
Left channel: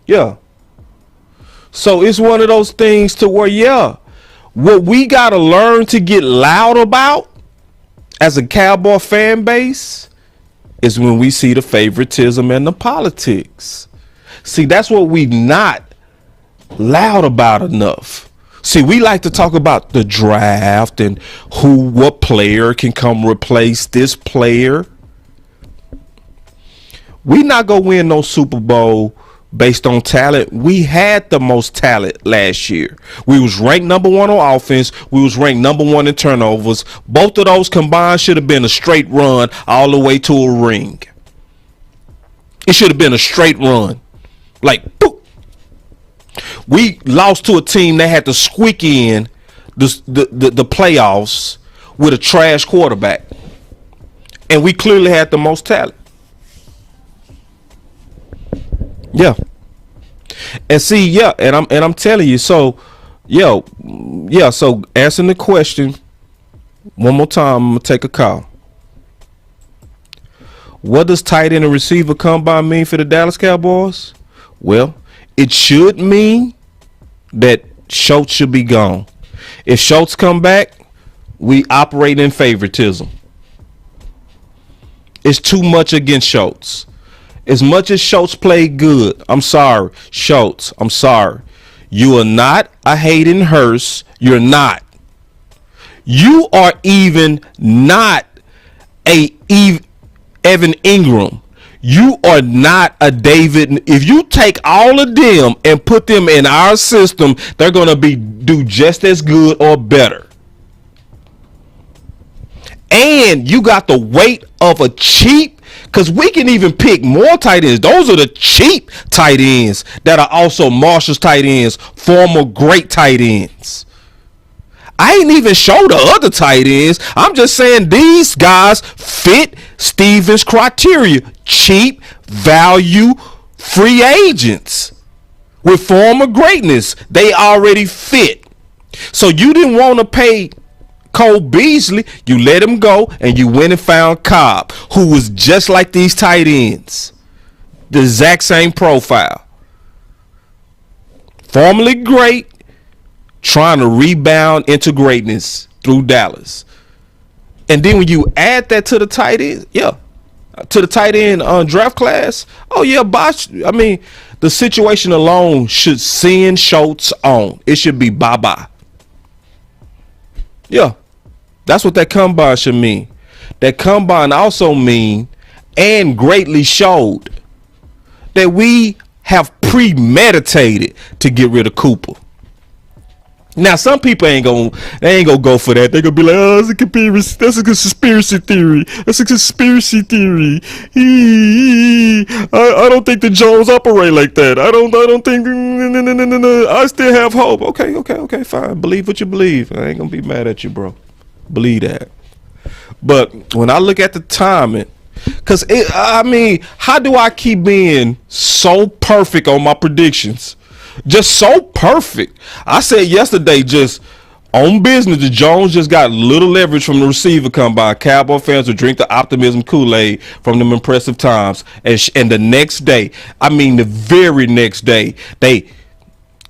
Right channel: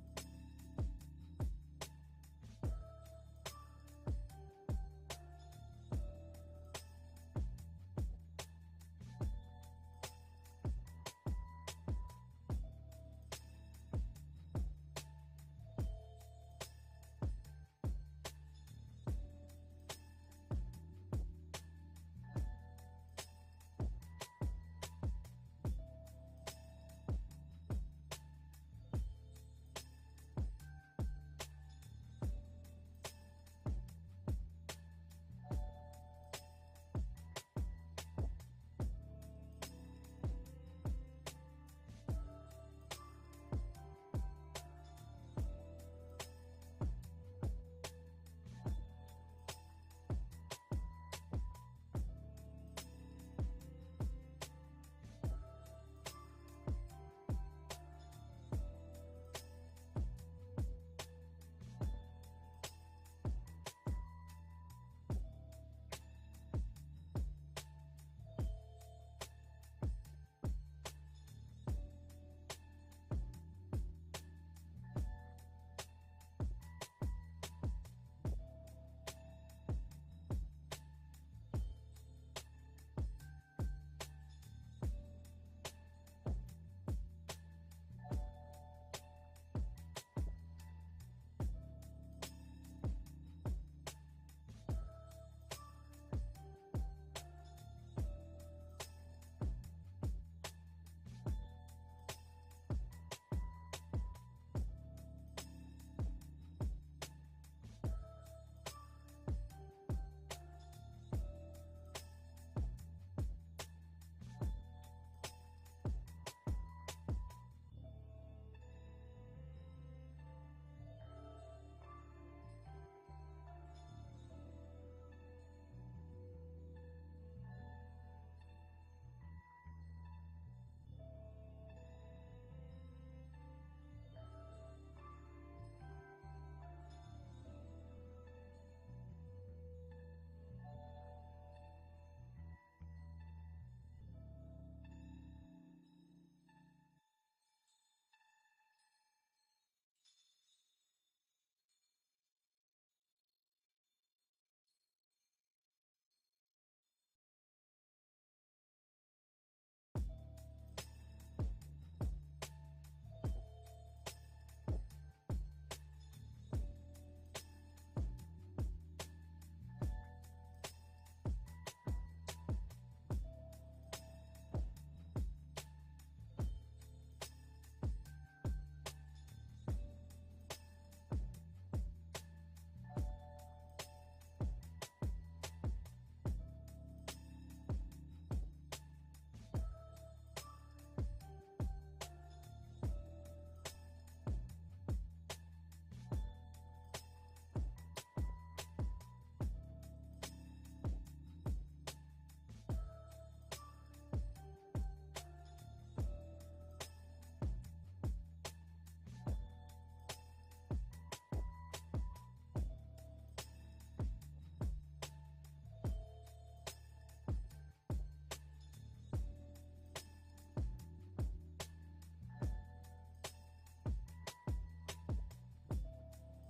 Yeah. So it's one of those things to where, yeah, what we got to learn to get loud about as a Cowboy fan base is when we see the favoritism and the politics. See, that's what we not loud about enough. See, we like to talk about the draft and what player can come replace this player. We not gonna win no Super Bowl based on talent. We had the most talent last year. We was ranked number 1 on offense. We was ranked number 1 in turnovers. Both of those combined should have been a straight run all the way to a ring. It should have been a straight run. Like, boop. We lost to a team that had to squeak in the playoffs with a trash quarterback. And we clearly had the most talent. Yeah. And see, yeah, and I'm telling you, so so answering the question one more time, I'm gonna take a call. What does tight end and receiver combine mean for the Dallas Cowboys? Well, it should mean that Schultz should be gone. If Schultz come back, we operate in favoritism. It's too much against Schultz. As much as Schultz played good, I'm sorry, Schultz, I'm sorry. You are not a Hayden Hurst. You're not. You are even not a Evan Ingram. You are not a David. If you take all of them and put them in our system, they're going to do just as good or better. And you got the weight of a cheap, because we can even pick more tight ends. Those are the cheap tight ends that are also Marshall's tight ends, former great tight ends. I ain't even show the other tight ends. I'm just saying these guys fit Stevens' criteria. Cheap, value, free agents with former greatness. They already fit. So you didn't want to pay Cole Beasley. You let him go and you went and found Cobb, who was just like these tight ends. The exact same profile. Formerly great, trying to rebound into greatness through Dallas. And then when you add that to the tight end, to the tight end draft class, oh yeah, Bosch. I mean, the situation alone should send Schultz on. It should be bye-bye. Yeah, that's what that combine should mean. That combine also mean, and greatly showed, that we have premeditated to get rid of Cooper. Now, some people ain't gonna go for that. They're gonna be like, "Oh, that's a conspiracy theory. That's a conspiracy theory." I don't think the Jones operate like that. I don't think. No. I still have hope. Okay, fine. Believe what you believe. I ain't gonna be mad at you, bro. Believe that. But when I look at the timing, because how do I keep being so perfect on my predictions? Just so perfect. I said yesterday, just on business, the Jones just got little leverage from the receiver combine. Cowboy fans will drink the optimism Kool-Aid from them impressive times. And the next day, the very next day,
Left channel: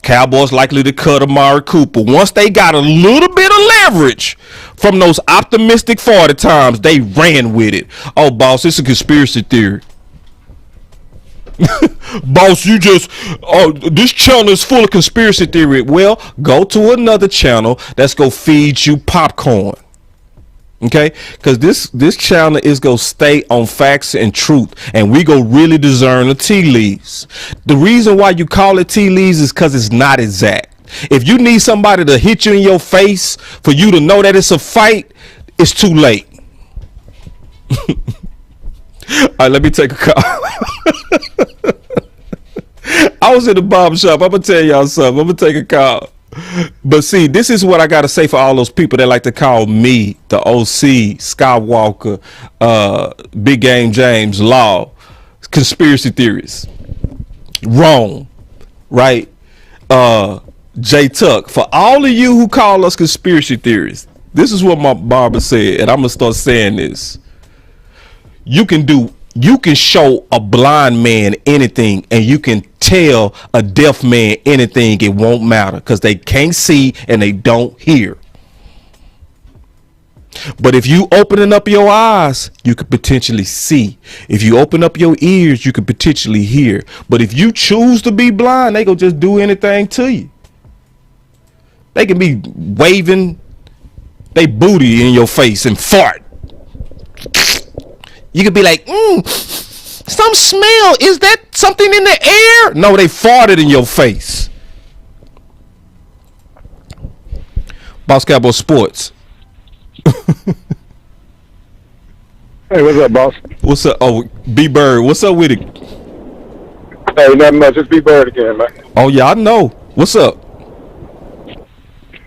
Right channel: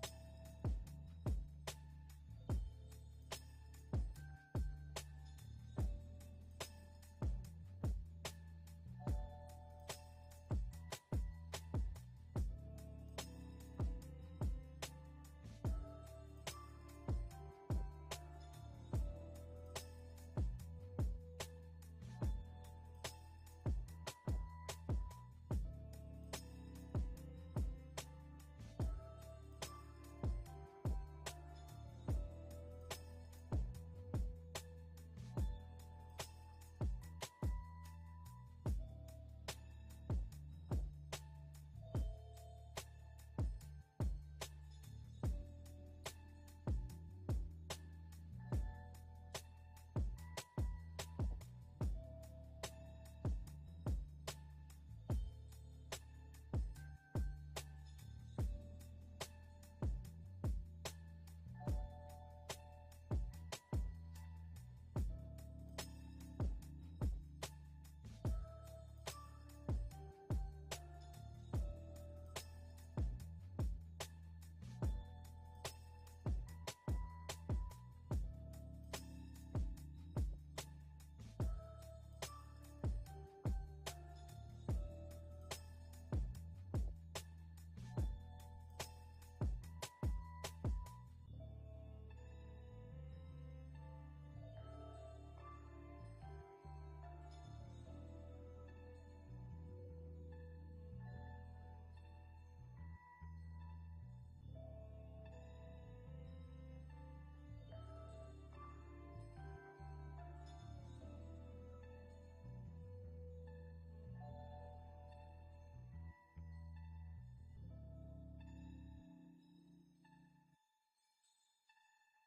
Cowboys likely to cut Amari Cooper. Once they got a little bit of leverage from those optimistic 40 times, they ran with it. Oh, boss, it's a conspiracy theory. Boss, this channel is full of conspiracy theory. Well, go to another channel that's gonna feed you popcorn. Okay, because this channel is gonna stay on facts and truth, and we go really discern the tea leaves. The reason why you call it tea leaves is because it's not exact. If you need somebody to hit you in your face for you to know that it's a fight, it's too late. All right, let me take a call. I was in the barber shop. I'm gonna tell y'all something. I'm gonna take a call. But see, this is what I gotta say for all those people that like to call me the OC, Skywalker, Big Game James, Law, conspiracy theorists. Wrong, right? J Tuck. For all of you who call us conspiracy theorists, this is what my barber said, and I'm gonna start saying this. You can show a blind man anything, and you can tell a deaf man anything. It won't matter because they can't see and they don't hear. But if you opening up your eyes, you could potentially see. If you open up your ears, you could potentially hear. But if you choose to be blind, they gonna just do anything to you. They can be waving they booty in your face and fart. You could be like, some smell. Is that something in the air? No, they farted in your face. Boss Cowboy Sports. Hey, what's up, boss? What's up? Oh, B-Bird. What's up with it? Hey, nothing much. It's B-Bird again, man. Oh, yeah, I know. What's up?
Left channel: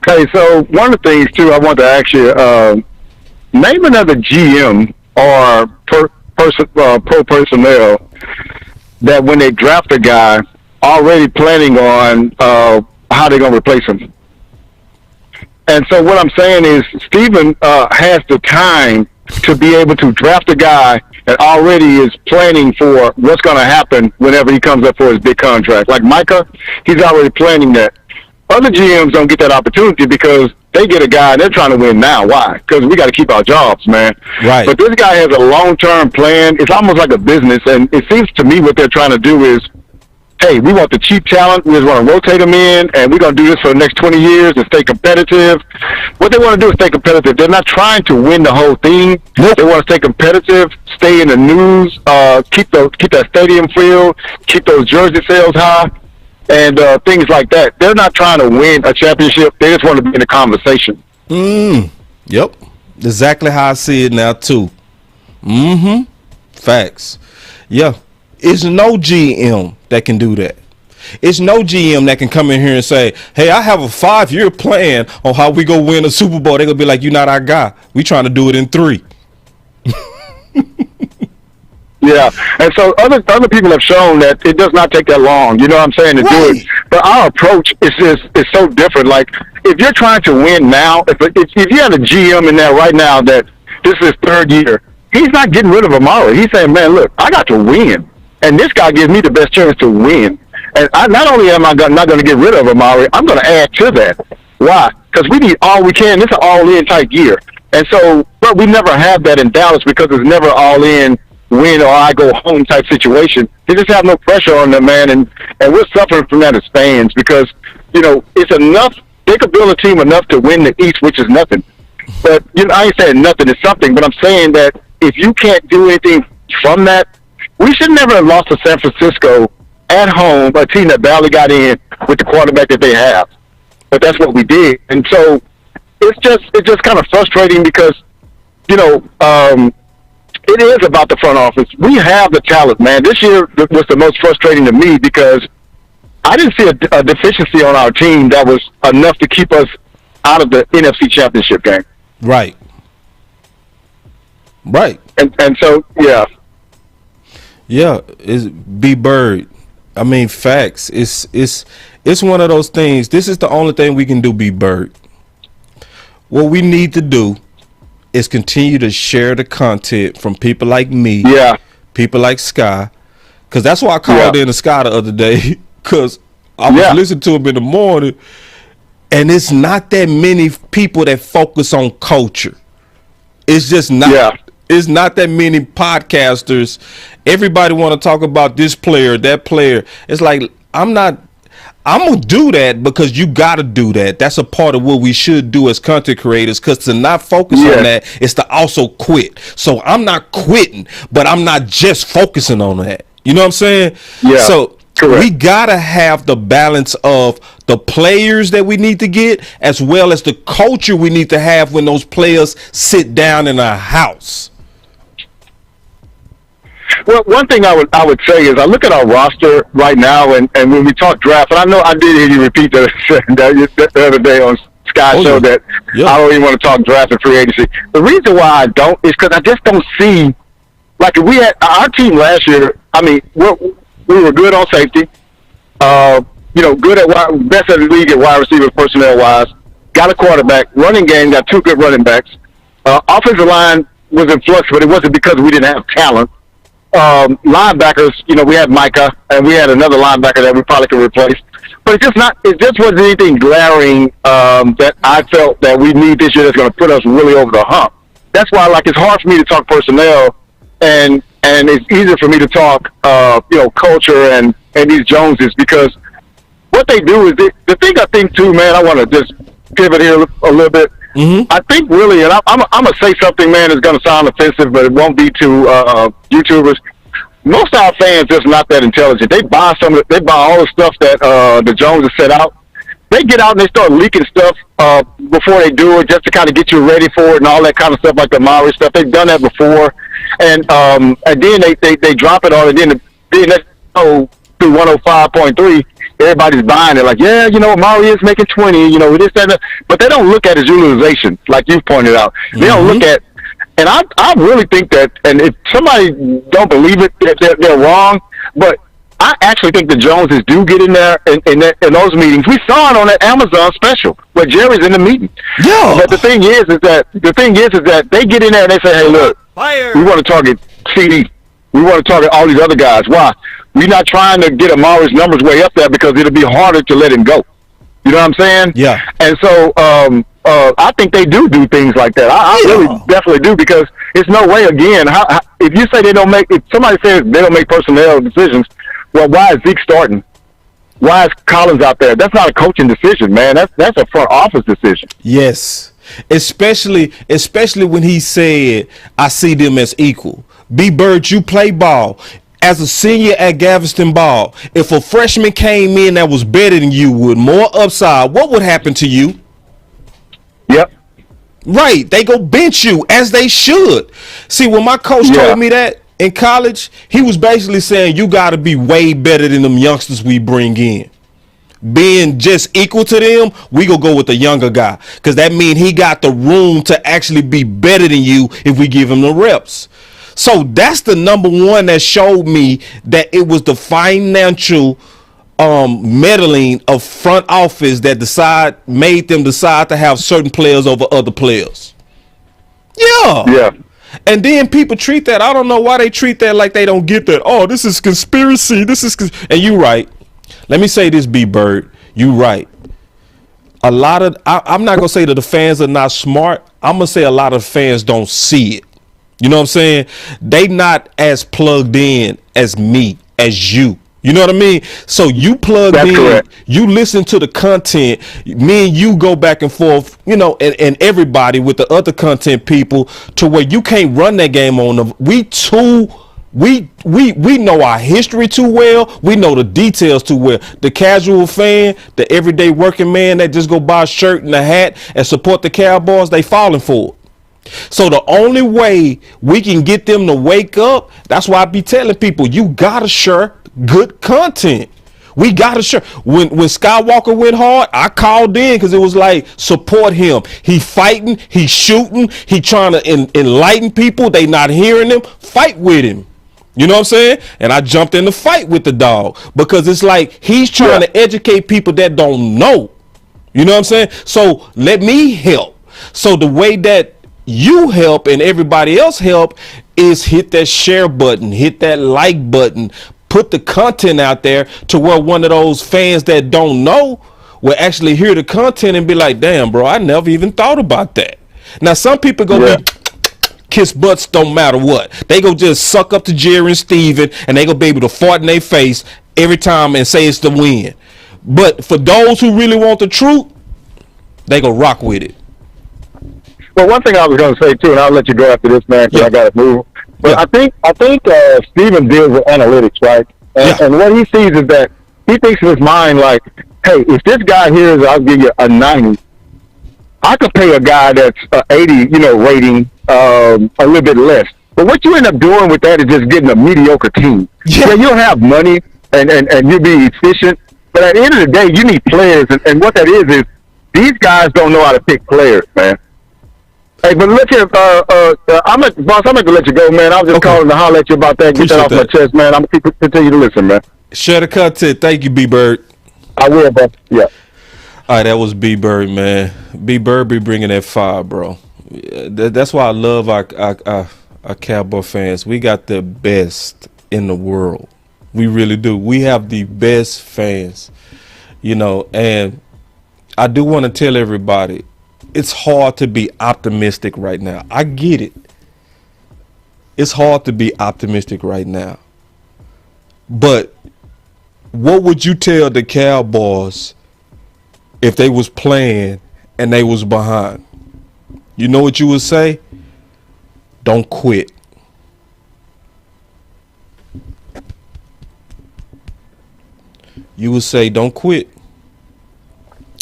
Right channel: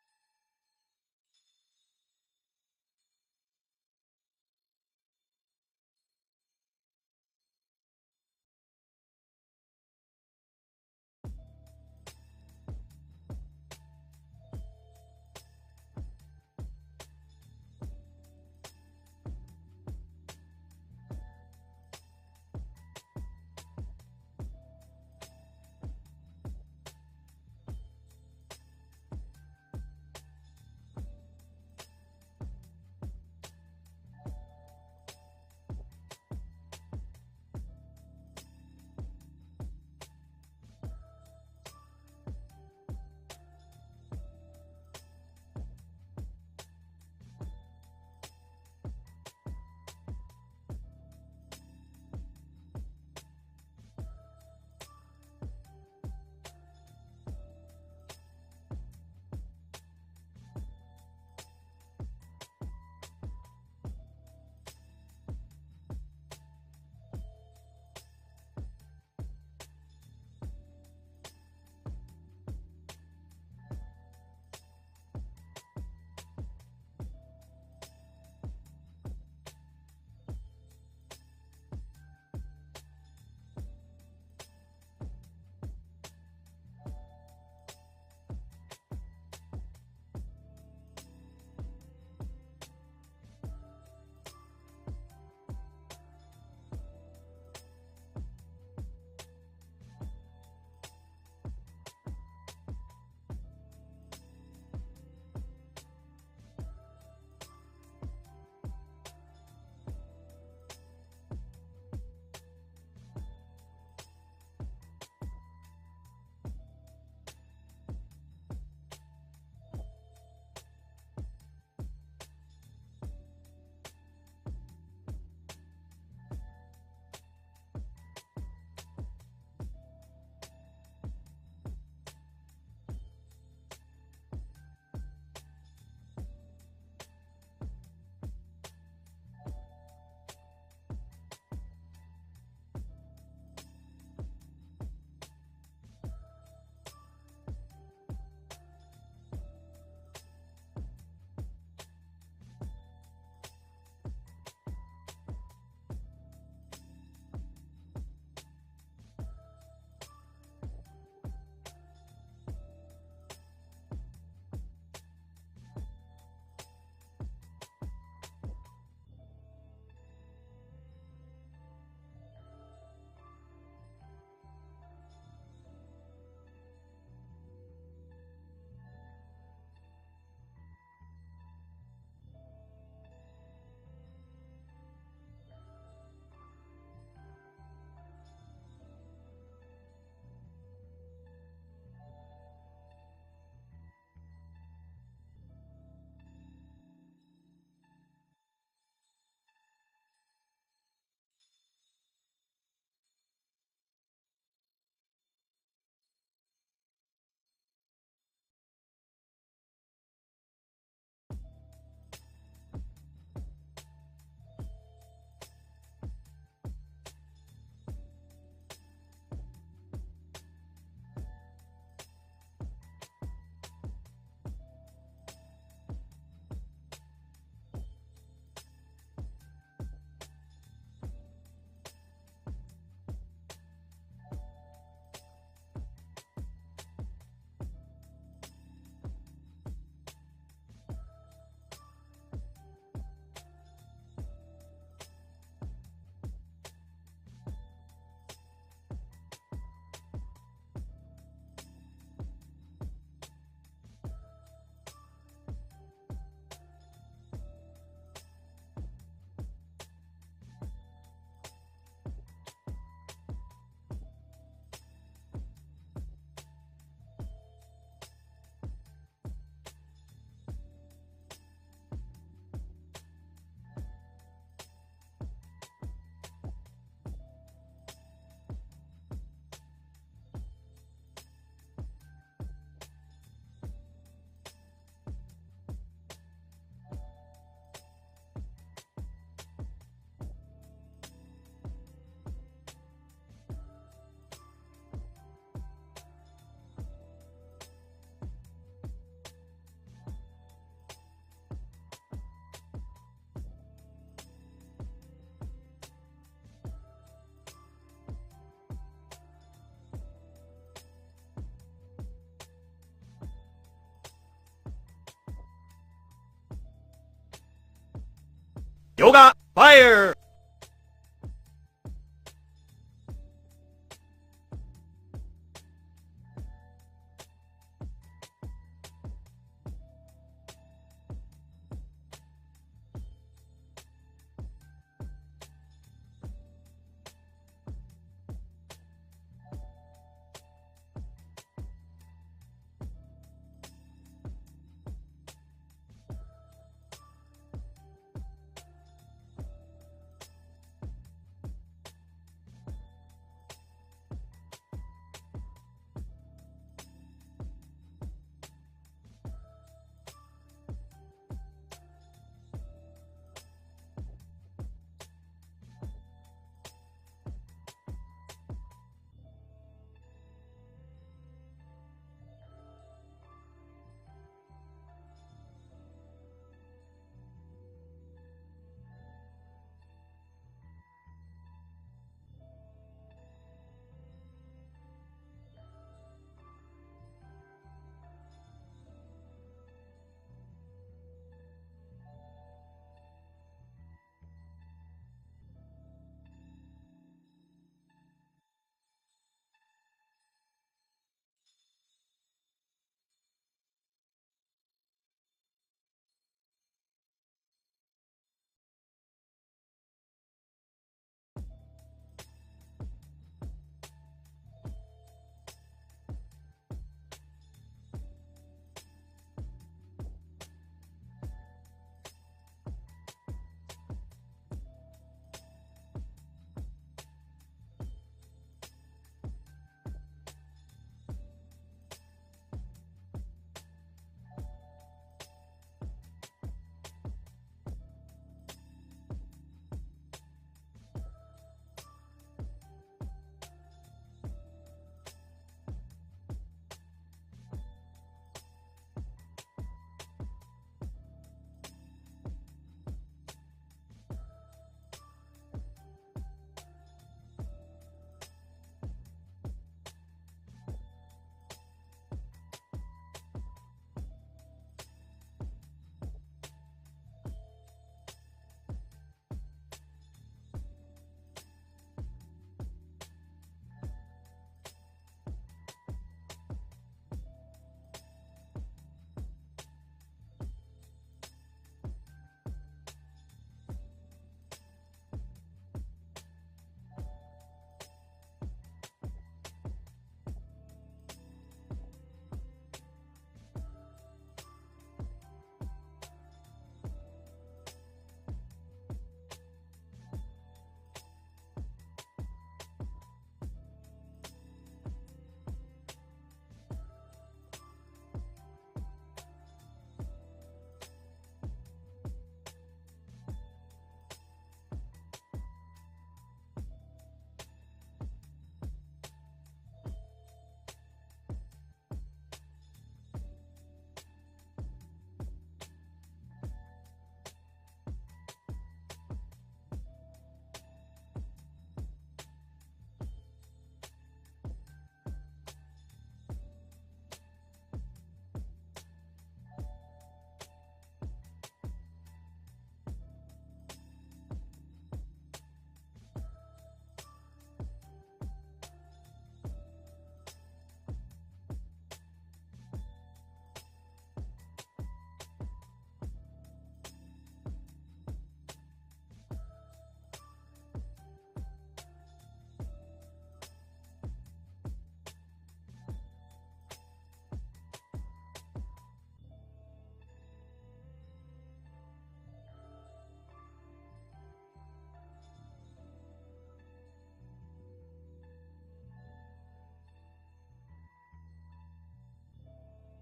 Okay, so one of the things, too, I want to ask you, name another GM or pro personnel that when they draft a guy, already planning on how they're going to replace him. And so what I'm saying is Steven has the time to be able to draft a guy that already is planning for what's going to happen whenever he comes up for his big contract. Like Micah, he's already planning that. Other GMs don't get that opportunity because they get a guy and they're trying to win now. Why? Because we got to keep our jobs, man. Right. But this guy has a long-term plan. It's almost like a business, and it seems to me what they're trying to do is, hey, we want the cheap talent. We just want to rotate them in, and we're going to do this for the next 20 years and stay competitive. What they want to do is stay competitive. They're not trying to win the whole thing. Nope. They want to stay competitive, stay in the news, keep that stadium filled, keep those jersey sales high, and things like that. They're not trying to win a championship. They just want to be in the conversation. Yep. Exactly how I see it now, too. Facts. Yeah. It's no GM that can do that. It's no GM that can come in here and say, hey, I have a 5-year plan on how we go win a Super Bowl. They're going to be like, you're not our guy. We trying to do it in 3. Yeah, and so other people have shown that it does not take that long, you know what I'm saying, to do it. But our approach is so different. Like, if you're trying to win now, if you have a GM in there right now that this is his 3rd year, he's not getting rid of Amari. He's saying, man, look, I got to win. And this guy gives me the best chance to win. And not only am I not going to get rid of Amari, I'm going to add to that. Why? Because we need all we can. This is an all-in type year. And so, but we never have that in Dallas because it's never all-in, win or I go home type situation. They just have no pressure on them, man. And we're suffering from that as fans because, you know, it's enough. They could build a team enough to win the East, which is nothing. But, you know, I ain't saying nothing is something, but I'm saying that if you can't do anything from that, we should never have lost to San Francisco at home, a team that barely got in with the quarterback that they have. but that's what we did. And so it's just kind of frustrating because, it is about the front office. We have the talent, man. This year was the most frustrating to me because I didn't see a deficiency on our team that was enough to keep us out of the NFC Championship game. Right. And so, yeah. Yeah, it's B Bird. I mean, facts. It's one of those things. This is the only thing we can do, B Bird. What we need to do is continue to share the content from people like me, people like Sky, because that's why I called in to Sky the other day, because I was listening to him in the morning, and it's not that many people that focus on culture. It's just not. It's not that many podcasters. Everybody want to talk about this player, that player. It's like, I'm gonna do that because you gotta do that. That's a part of what we should do as content creators, because to not focus on that is to also quit. So I'm not quitting, but I'm not just focusing on that. You know what I'm saying? Yeah. So correct. we gotta have the balance of the players that we need to get, as well as the culture we need to have when those players sit down in our house. Well, one thing I would say is I look at our roster right now, and when we talk draft, and I know I did hear you repeat that the other day on Sky Show that I don't even want to talk draft and free agency. The reason why I don't is because I just don't see, like, if we had our team last year, I mean, we were good on safety, good at best of the league at wide receiver personnel wise, got a quarterback, running game, got two good running backs. Offensive line was in flux, but it wasn't because we didn't have talent. Linebackers, we had Micah, and we had another linebacker that we probably could replace. But it just wasn't anything glaring that I felt that we need this year that's going to put us really over the hump. That's why, it's hard for me to talk personnel, and it's easier for me to talk, culture and these Joneses, because what they do is the thing I think too, man. I want to just pivot here a little bit. Mm-hmm. I think really, and I'm gonna say something, man, that's gonna sound offensive, but it won't be to YouTubers. Most of our fans just not that intelligent. They buy all the stuff that the Joneses set out. They get out and they start leaking stuff before they do it, just to kind of get you ready for it and all that kind of stuff, like the Maori stuff. They've done that before, and then they drop it on, and then let's go through 105.3. Everybody's buying it, like, Maui is making 20, this, that, but they don't look at his utilization, like you pointed out. They don't look at, and I really think that, and if somebody don't believe it, they're wrong, but I actually think the Joneses do get in there in those meetings. We saw it on that Amazon special where Jerry's in the meeting. Yeah. But the thing is that they get in there and they say, hey, look, we want to target CD. We want to target all these other guys. Why? We're not trying to get Amari's numbers way up there because it'll be harder to let him go. You know what I'm saying? Yeah. And so I think they do things like that. I really definitely do, because it's no way, again, if you say if somebody says they don't make personnel decisions, well, why is Zeke starting? Why is Collins out there? That's not a coaching decision, man. That's a front office decision. Yes. Especially when he said, I see them as equal. B. Bird, you play ball. As a senior at Galveston Ball, if a freshman came in that was better than you with more upside, what would happen to you? Yep. Right. They go bench you, as they should. See, when my coach told me that in college, he was basically saying you got to be way better than them youngsters we bring in. Being just equal to them, we gonna go with the younger guy, because that means he got the room to actually be better than you if we give him the reps. So that's the number one that showed me that it was the financial meddling of front office that made them decide to have certain players over other players. Yeah. And then people treat that. I don't know why they treat that like they don't get that. Oh, this is conspiracy. And you right. Let me say this, B. Bird. You right. I'm not gonna say that the fans are not smart. I'm gonna say a lot of fans don't see it. You know what I'm saying? They not as plugged in as me, as you. You know what I mean? So you plugged in, correct. You listen to the content, me and you go back and forth, and everybody with the other content people, to where you can't run that game on them. We too We know our history too well. We know the details too well. The casual fan, the everyday working man that just go buy a shirt and a hat and support the Cowboys, they falling for it. So the only way we can get them to wake up, that's why I be telling people, you gotta share good content. We gotta share. When Skywalker went hard, I called in because it was like, support him. He fighting, he shooting, he trying to enlighten people. They not hearing him. Fight with him. You know what I'm saying? And I jumped in the fight with the dog because it's like he's trying to educate people that don't know. You know what I'm saying? So let me help. So the way that you help and everybody else help is hit that share button, hit that like button, put the content out there to where one of those fans that don't know will actually hear the content and be like, damn, bro, I never even thought about that. Now, some people go be kiss butts, don't matter what. They go just suck up to Jerry and Steven and they go be able to fart in their face every time and say it's the win. But for those who really want the truth, they go rock with it. Well, one thing I was going to say too, and I'll let you go after this, man, because I got to move. But I think Steven deals with analytics, right? And what he sees is that he thinks in his mind like, hey, if this guy here is, I'll give you a 90, I could pay a guy that's 80, rating a little bit less. But what you end up doing with that is just getting a mediocre team. Yeah, you'll have money and you'll be efficient. But at the end of the day, you need players. And what that is these guys don't know how to pick players, man. Hey, but look here, I'm going to let you go, man. I was just calling to holler at you about that. Get that off my chest, man. I'm going to continue to listen, man. Share the content. Thank you, B-Bird. I will, bro. Yeah. All right, that was B-Bird, man. B-Bird be bringing that fire, bro. That's why I love our Cowboy fans. We got the best in the world. We really do. We have the best fans, and I do want to tell everybody, it's hard to be optimistic right now. I get it. It's hard to be optimistic right now. But what would you tell the Cowboys if they was playing and they was behind? You know what you would say? Don't quit. You would say, don't quit.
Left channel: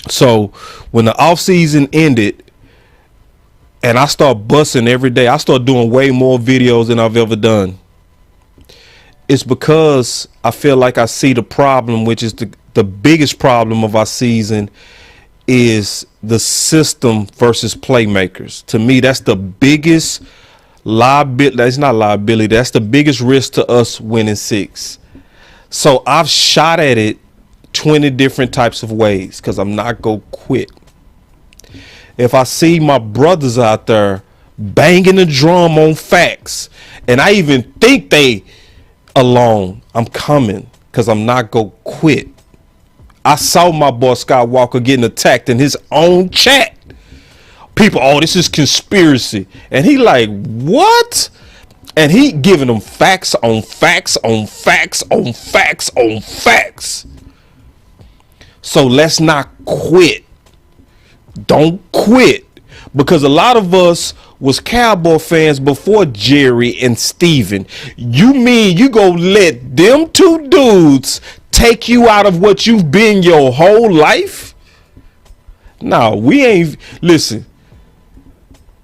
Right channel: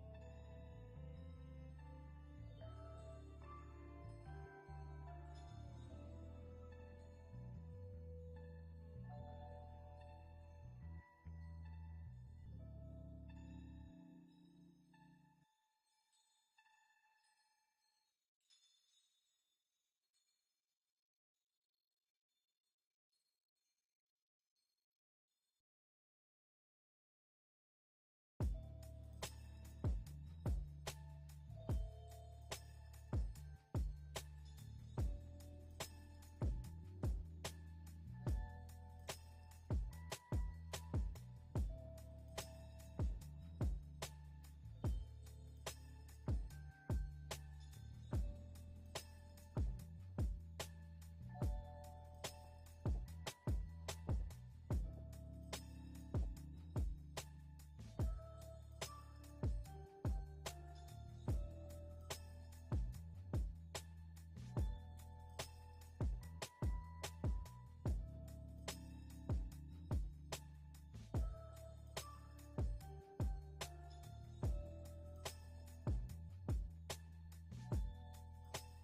So when the offseason ended and I start busting every day, I start doing way more videos than I've ever done. It's because I feel like I see the problem, which is the biggest problem of our season is the system versus playmakers. To me, that's the biggest liability. That's not liability. That's the biggest risk to us winning 6. So I've shot at it 20 different types of ways because I'm not going to quit. If I see my brothers out there banging the drum on facts and I even think they alone, I'm coming because I'm not going to quit. I saw my boy Skywalker getting attacked in his own chat. People, oh, this is conspiracy. And he like, what? And he giving them facts on facts on facts on facts on facts. So let's not quit. Don't quit. Because a lot of us was Cowboy fans before Jerry and Steven. You mean you go let them two dudes take you out of what you've been your whole life? No, we ain't. Listen.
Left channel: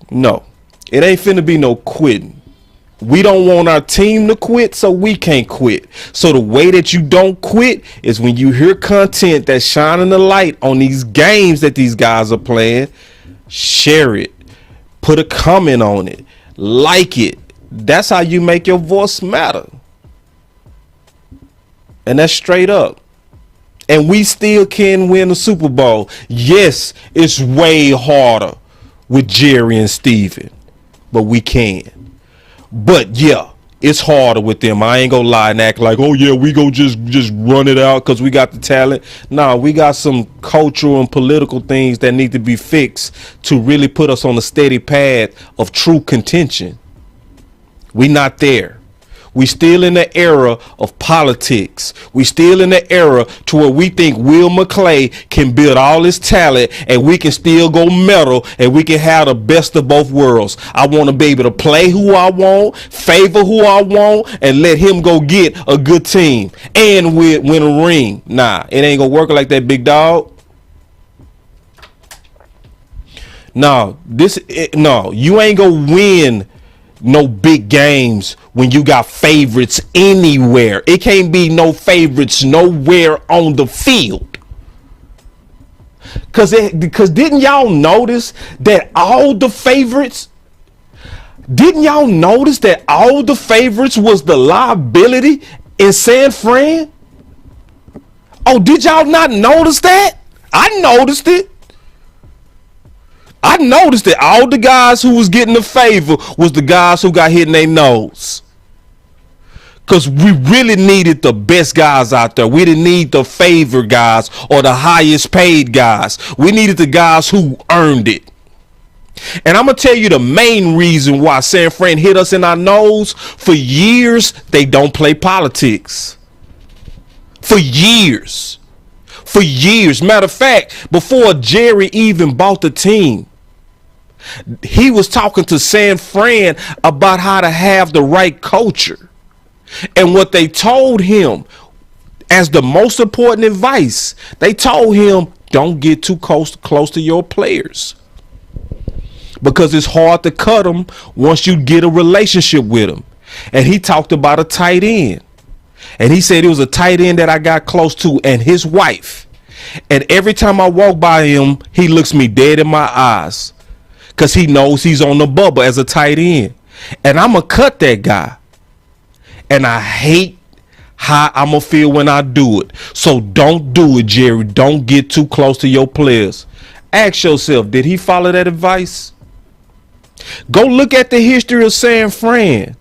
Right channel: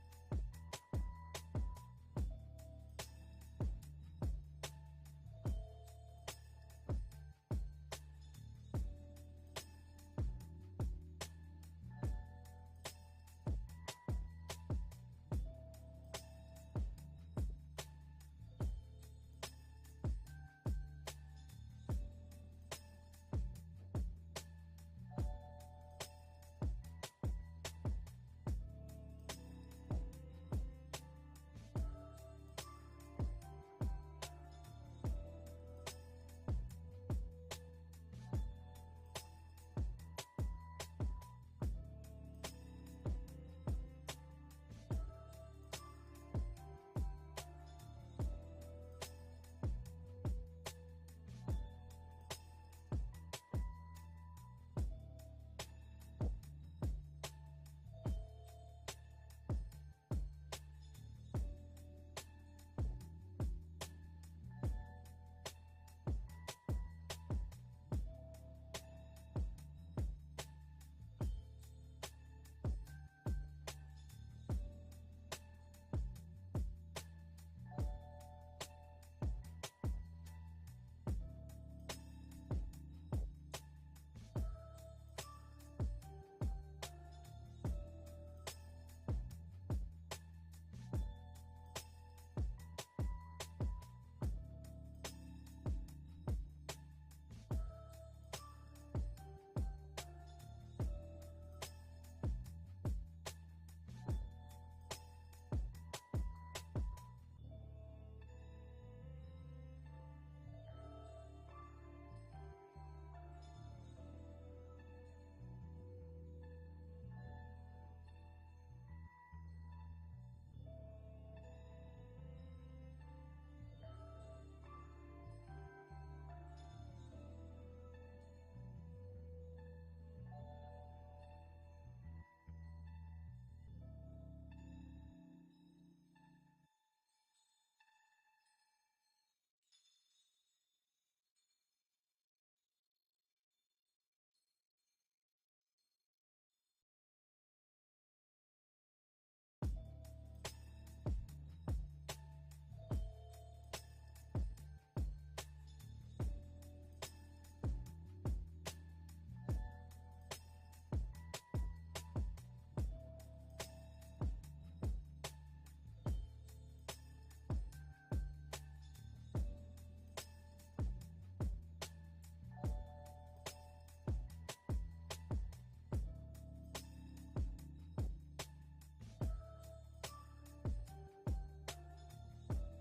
No, it ain't finna be no quitting. We don't want our team to quit, so we can't quit. So the way that you don't quit is when you hear content that's shining the light on these games that these guys are playing, share it, put a comment on it, like it. That's how you make your voice matter. And that's straight up. And we still can win the Super Bowl. Yes, it's way harder with Jerry and Steven, but we can. But yeah, it's harder with them. I ain't gonna lie and act like, oh yeah, we go just run it out because we got the talent. Nah, we got some cultural and political things that need to be fixed to really put us on a steady path of true contention. We not there. We still in the era of politics. We still in the era to where we think Will McClay can build all his talent and we can still go medal and we can have the best of both worlds. I want to be able to play who I want, favor who I want, and let him go get a good team and win a ring. Nah, it ain't gonna work like that, big dog. No, you ain't gonna win no big games when you got favorites anywhere. It can't be no favorites nowhere on the field. Because didn't y'all notice that all the favorites was the liability in San Fran? Oh, did y'all not notice that? I noticed it. I noticed that all the guys who was getting the favor was the guys who got hit in their nose. Because we really needed the best guys out there. We didn't need the favor guys or the highest paid guys. We needed the guys who earned it. And I'm going to tell you the main reason why San Fran hit us in our nose. For years, they don't play politics. For years. Matter of fact, before Jerry even bought the team, he was talking to San Fran about how to have the right culture. And what they told him as the most important advice, they told him, don't get too close to your players. Because it's hard to cut them once you get a relationship with them. And he talked about a tight end. And he said it was a tight end that I got close to and his wife. And every time I walk by him, he looks me dead in my eyes. Because he knows he's on the bubble as a tight end. And I'm going to cut that guy. And I hate how I'm going to feel when I do it. So don't do it, Jerry. Don't get too close to your players. Ask yourself, did he follow that advice? Go look at the history of San Fran.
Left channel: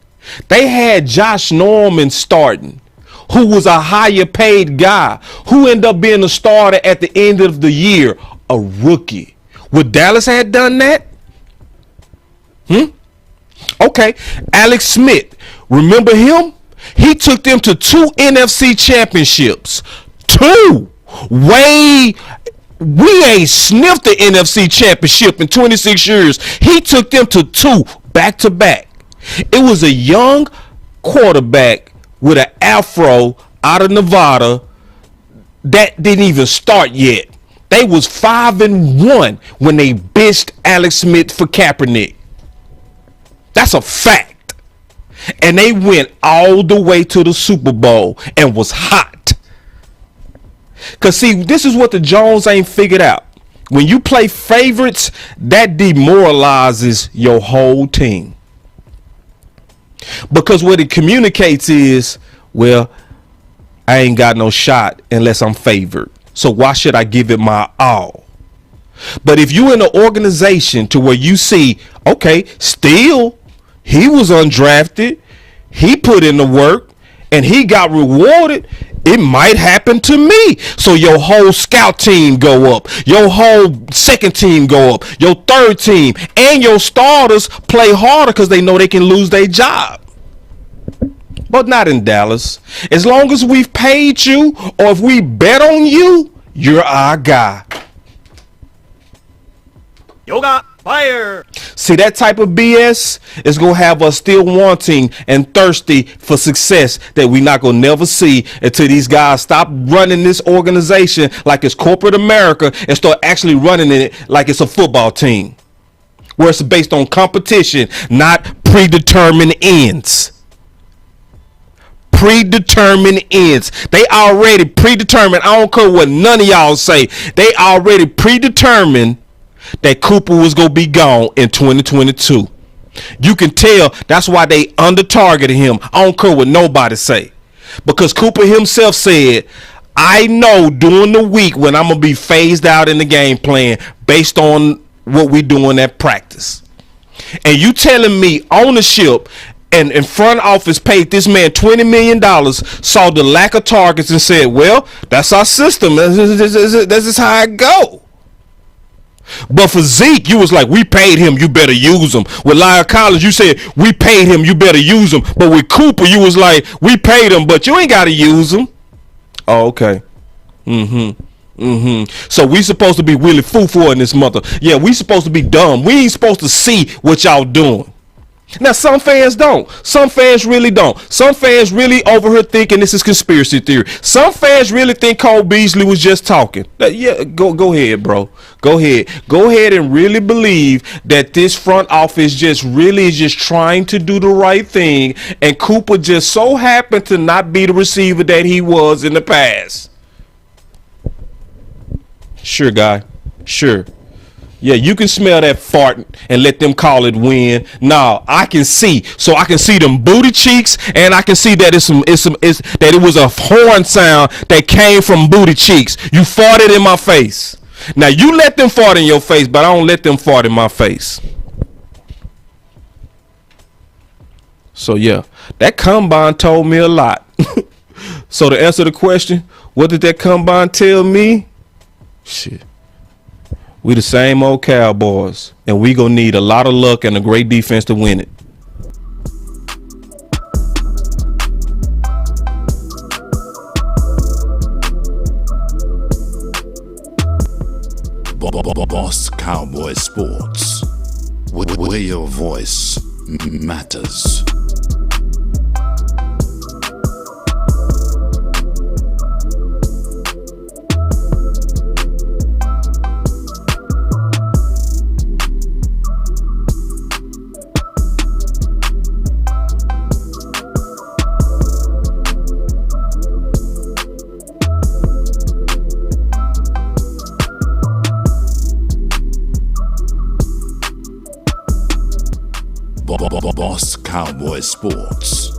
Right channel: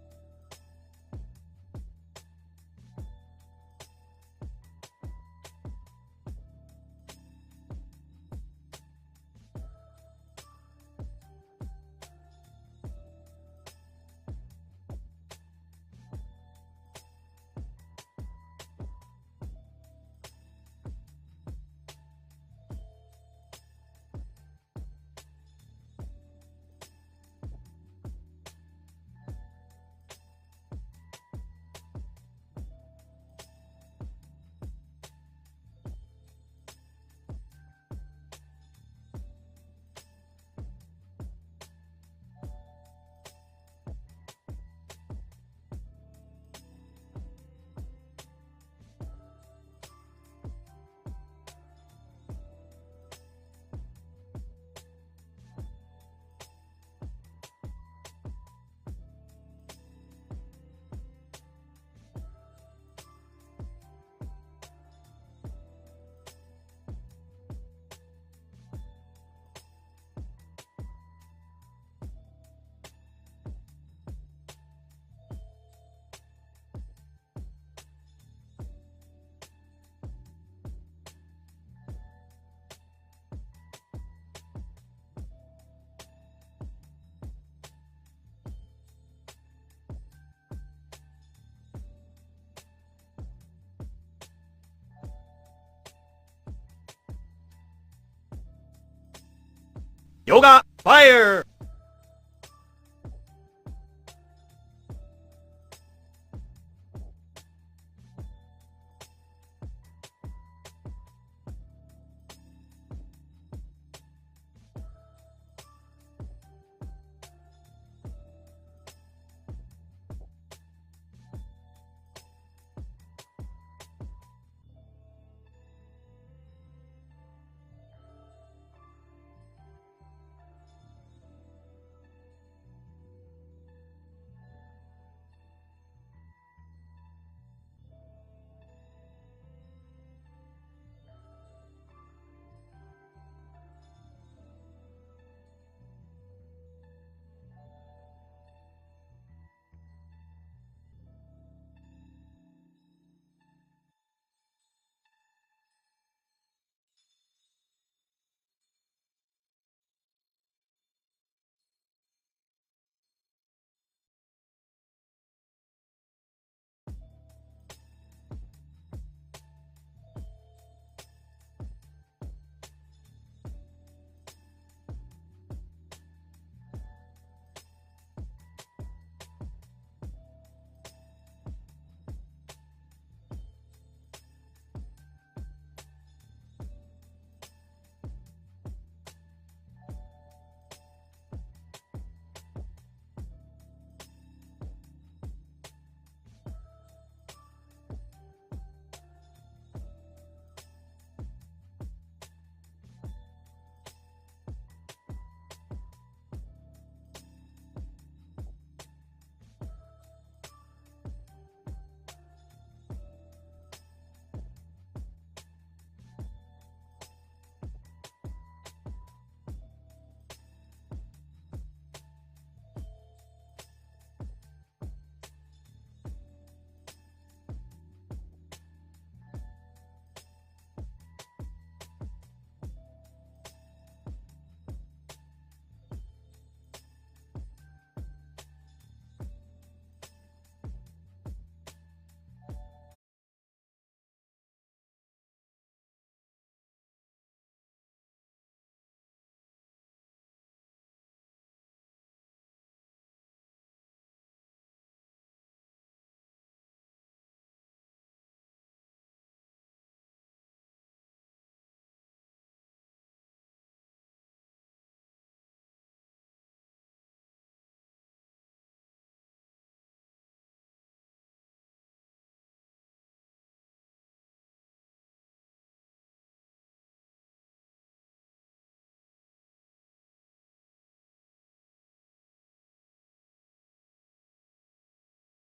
They had Josh Norman starting, who was a higher paid guy, who ended up being a starter at the end of the year, a rookie. Would Dallas have done that? Okay, Alex Smith, remember him? He took them to 2 NFC championships. 2. We ain't sniffed the NFC championship in 26 years. He took them to 2 back to back. It was a young quarterback with an afro out of Nevada that didn't even start yet. They was 5-1 when they bitched Alex Smith for Kaepernick. That's a fact. And they went all the way to the Super Bowl and was hot. Because, see, this is what the Jones ain't figured out. When you play favorites, that demoralizes your whole team. Because what it communicates is, well, I ain't got no shot unless I'm favored. So why should I give it my all? But if you in an organization to where you see, okay, still, he was undrafted, he put in the work, and he got rewarded, it might happen to me. So your whole scout team go up, your whole second team go up, your third team, and your starters play harder because they know they can lose their job. But not in Dallas. As long as we've paid you, or if we bet on you, you're our guy. Yoga fire. See, that type of BS is going to have us still wanting and thirsty for success that we not going to never see until these guys stop running this organization like it's corporate America and start actually running it like it's a football team where it's based on competition, not predetermined ends. Predetermined ends. They already predetermined. I don't care what none of y'all say. They already predetermined that Cooper was going to be gone in 2022. You can tell that's why they under-targeted him. I don't care what nobody say. Because Cooper himself said, I know during the week when I'm going to be phased out in the game plan based on what we doing at practice. And you telling me ownership and in front office paid this man $20 million, saw the lack of targets and said, well, that's our system. This is how it go. But for Zeke, you was like, we paid him, you better use him. With Lyle Collins, you said, we paid him, you better use him. But with Cooper, you was like, we paid him, but you ain't got to use him. Oh, okay. So we supposed to be really foo-foo in this mother. Yeah, we supposed to be dumb. We ain't supposed to see what y'all doing. Now, some fans don't. Some fans really don't. Some fans really over here thinking this is conspiracy theory. Some fans really think Cole Beasley was just talking. Yeah, go ahead, bro. Go ahead. Go ahead and really believe that this front office just really is just trying to do the right thing, and Cooper just so happened to not be the receiver that he was in the past. Sure, guy. Sure. Yeah, you can smell that fart and let them call it win. Nah, I can see. So I can see them booty cheeks, and I can see that that it was a horn sound that came from booty cheeks. You farted in my face. Now you let them fart in your face, but I don't let them fart in my face. So yeah, that combine told me a lot. So to answer the question, what did that combine tell me? Shit. We the same old Cowboys, and we gonna need a lot of luck and a great defense to win it. Boss Cowboy Sports, where your voice matters. Boss Cowboy Sports.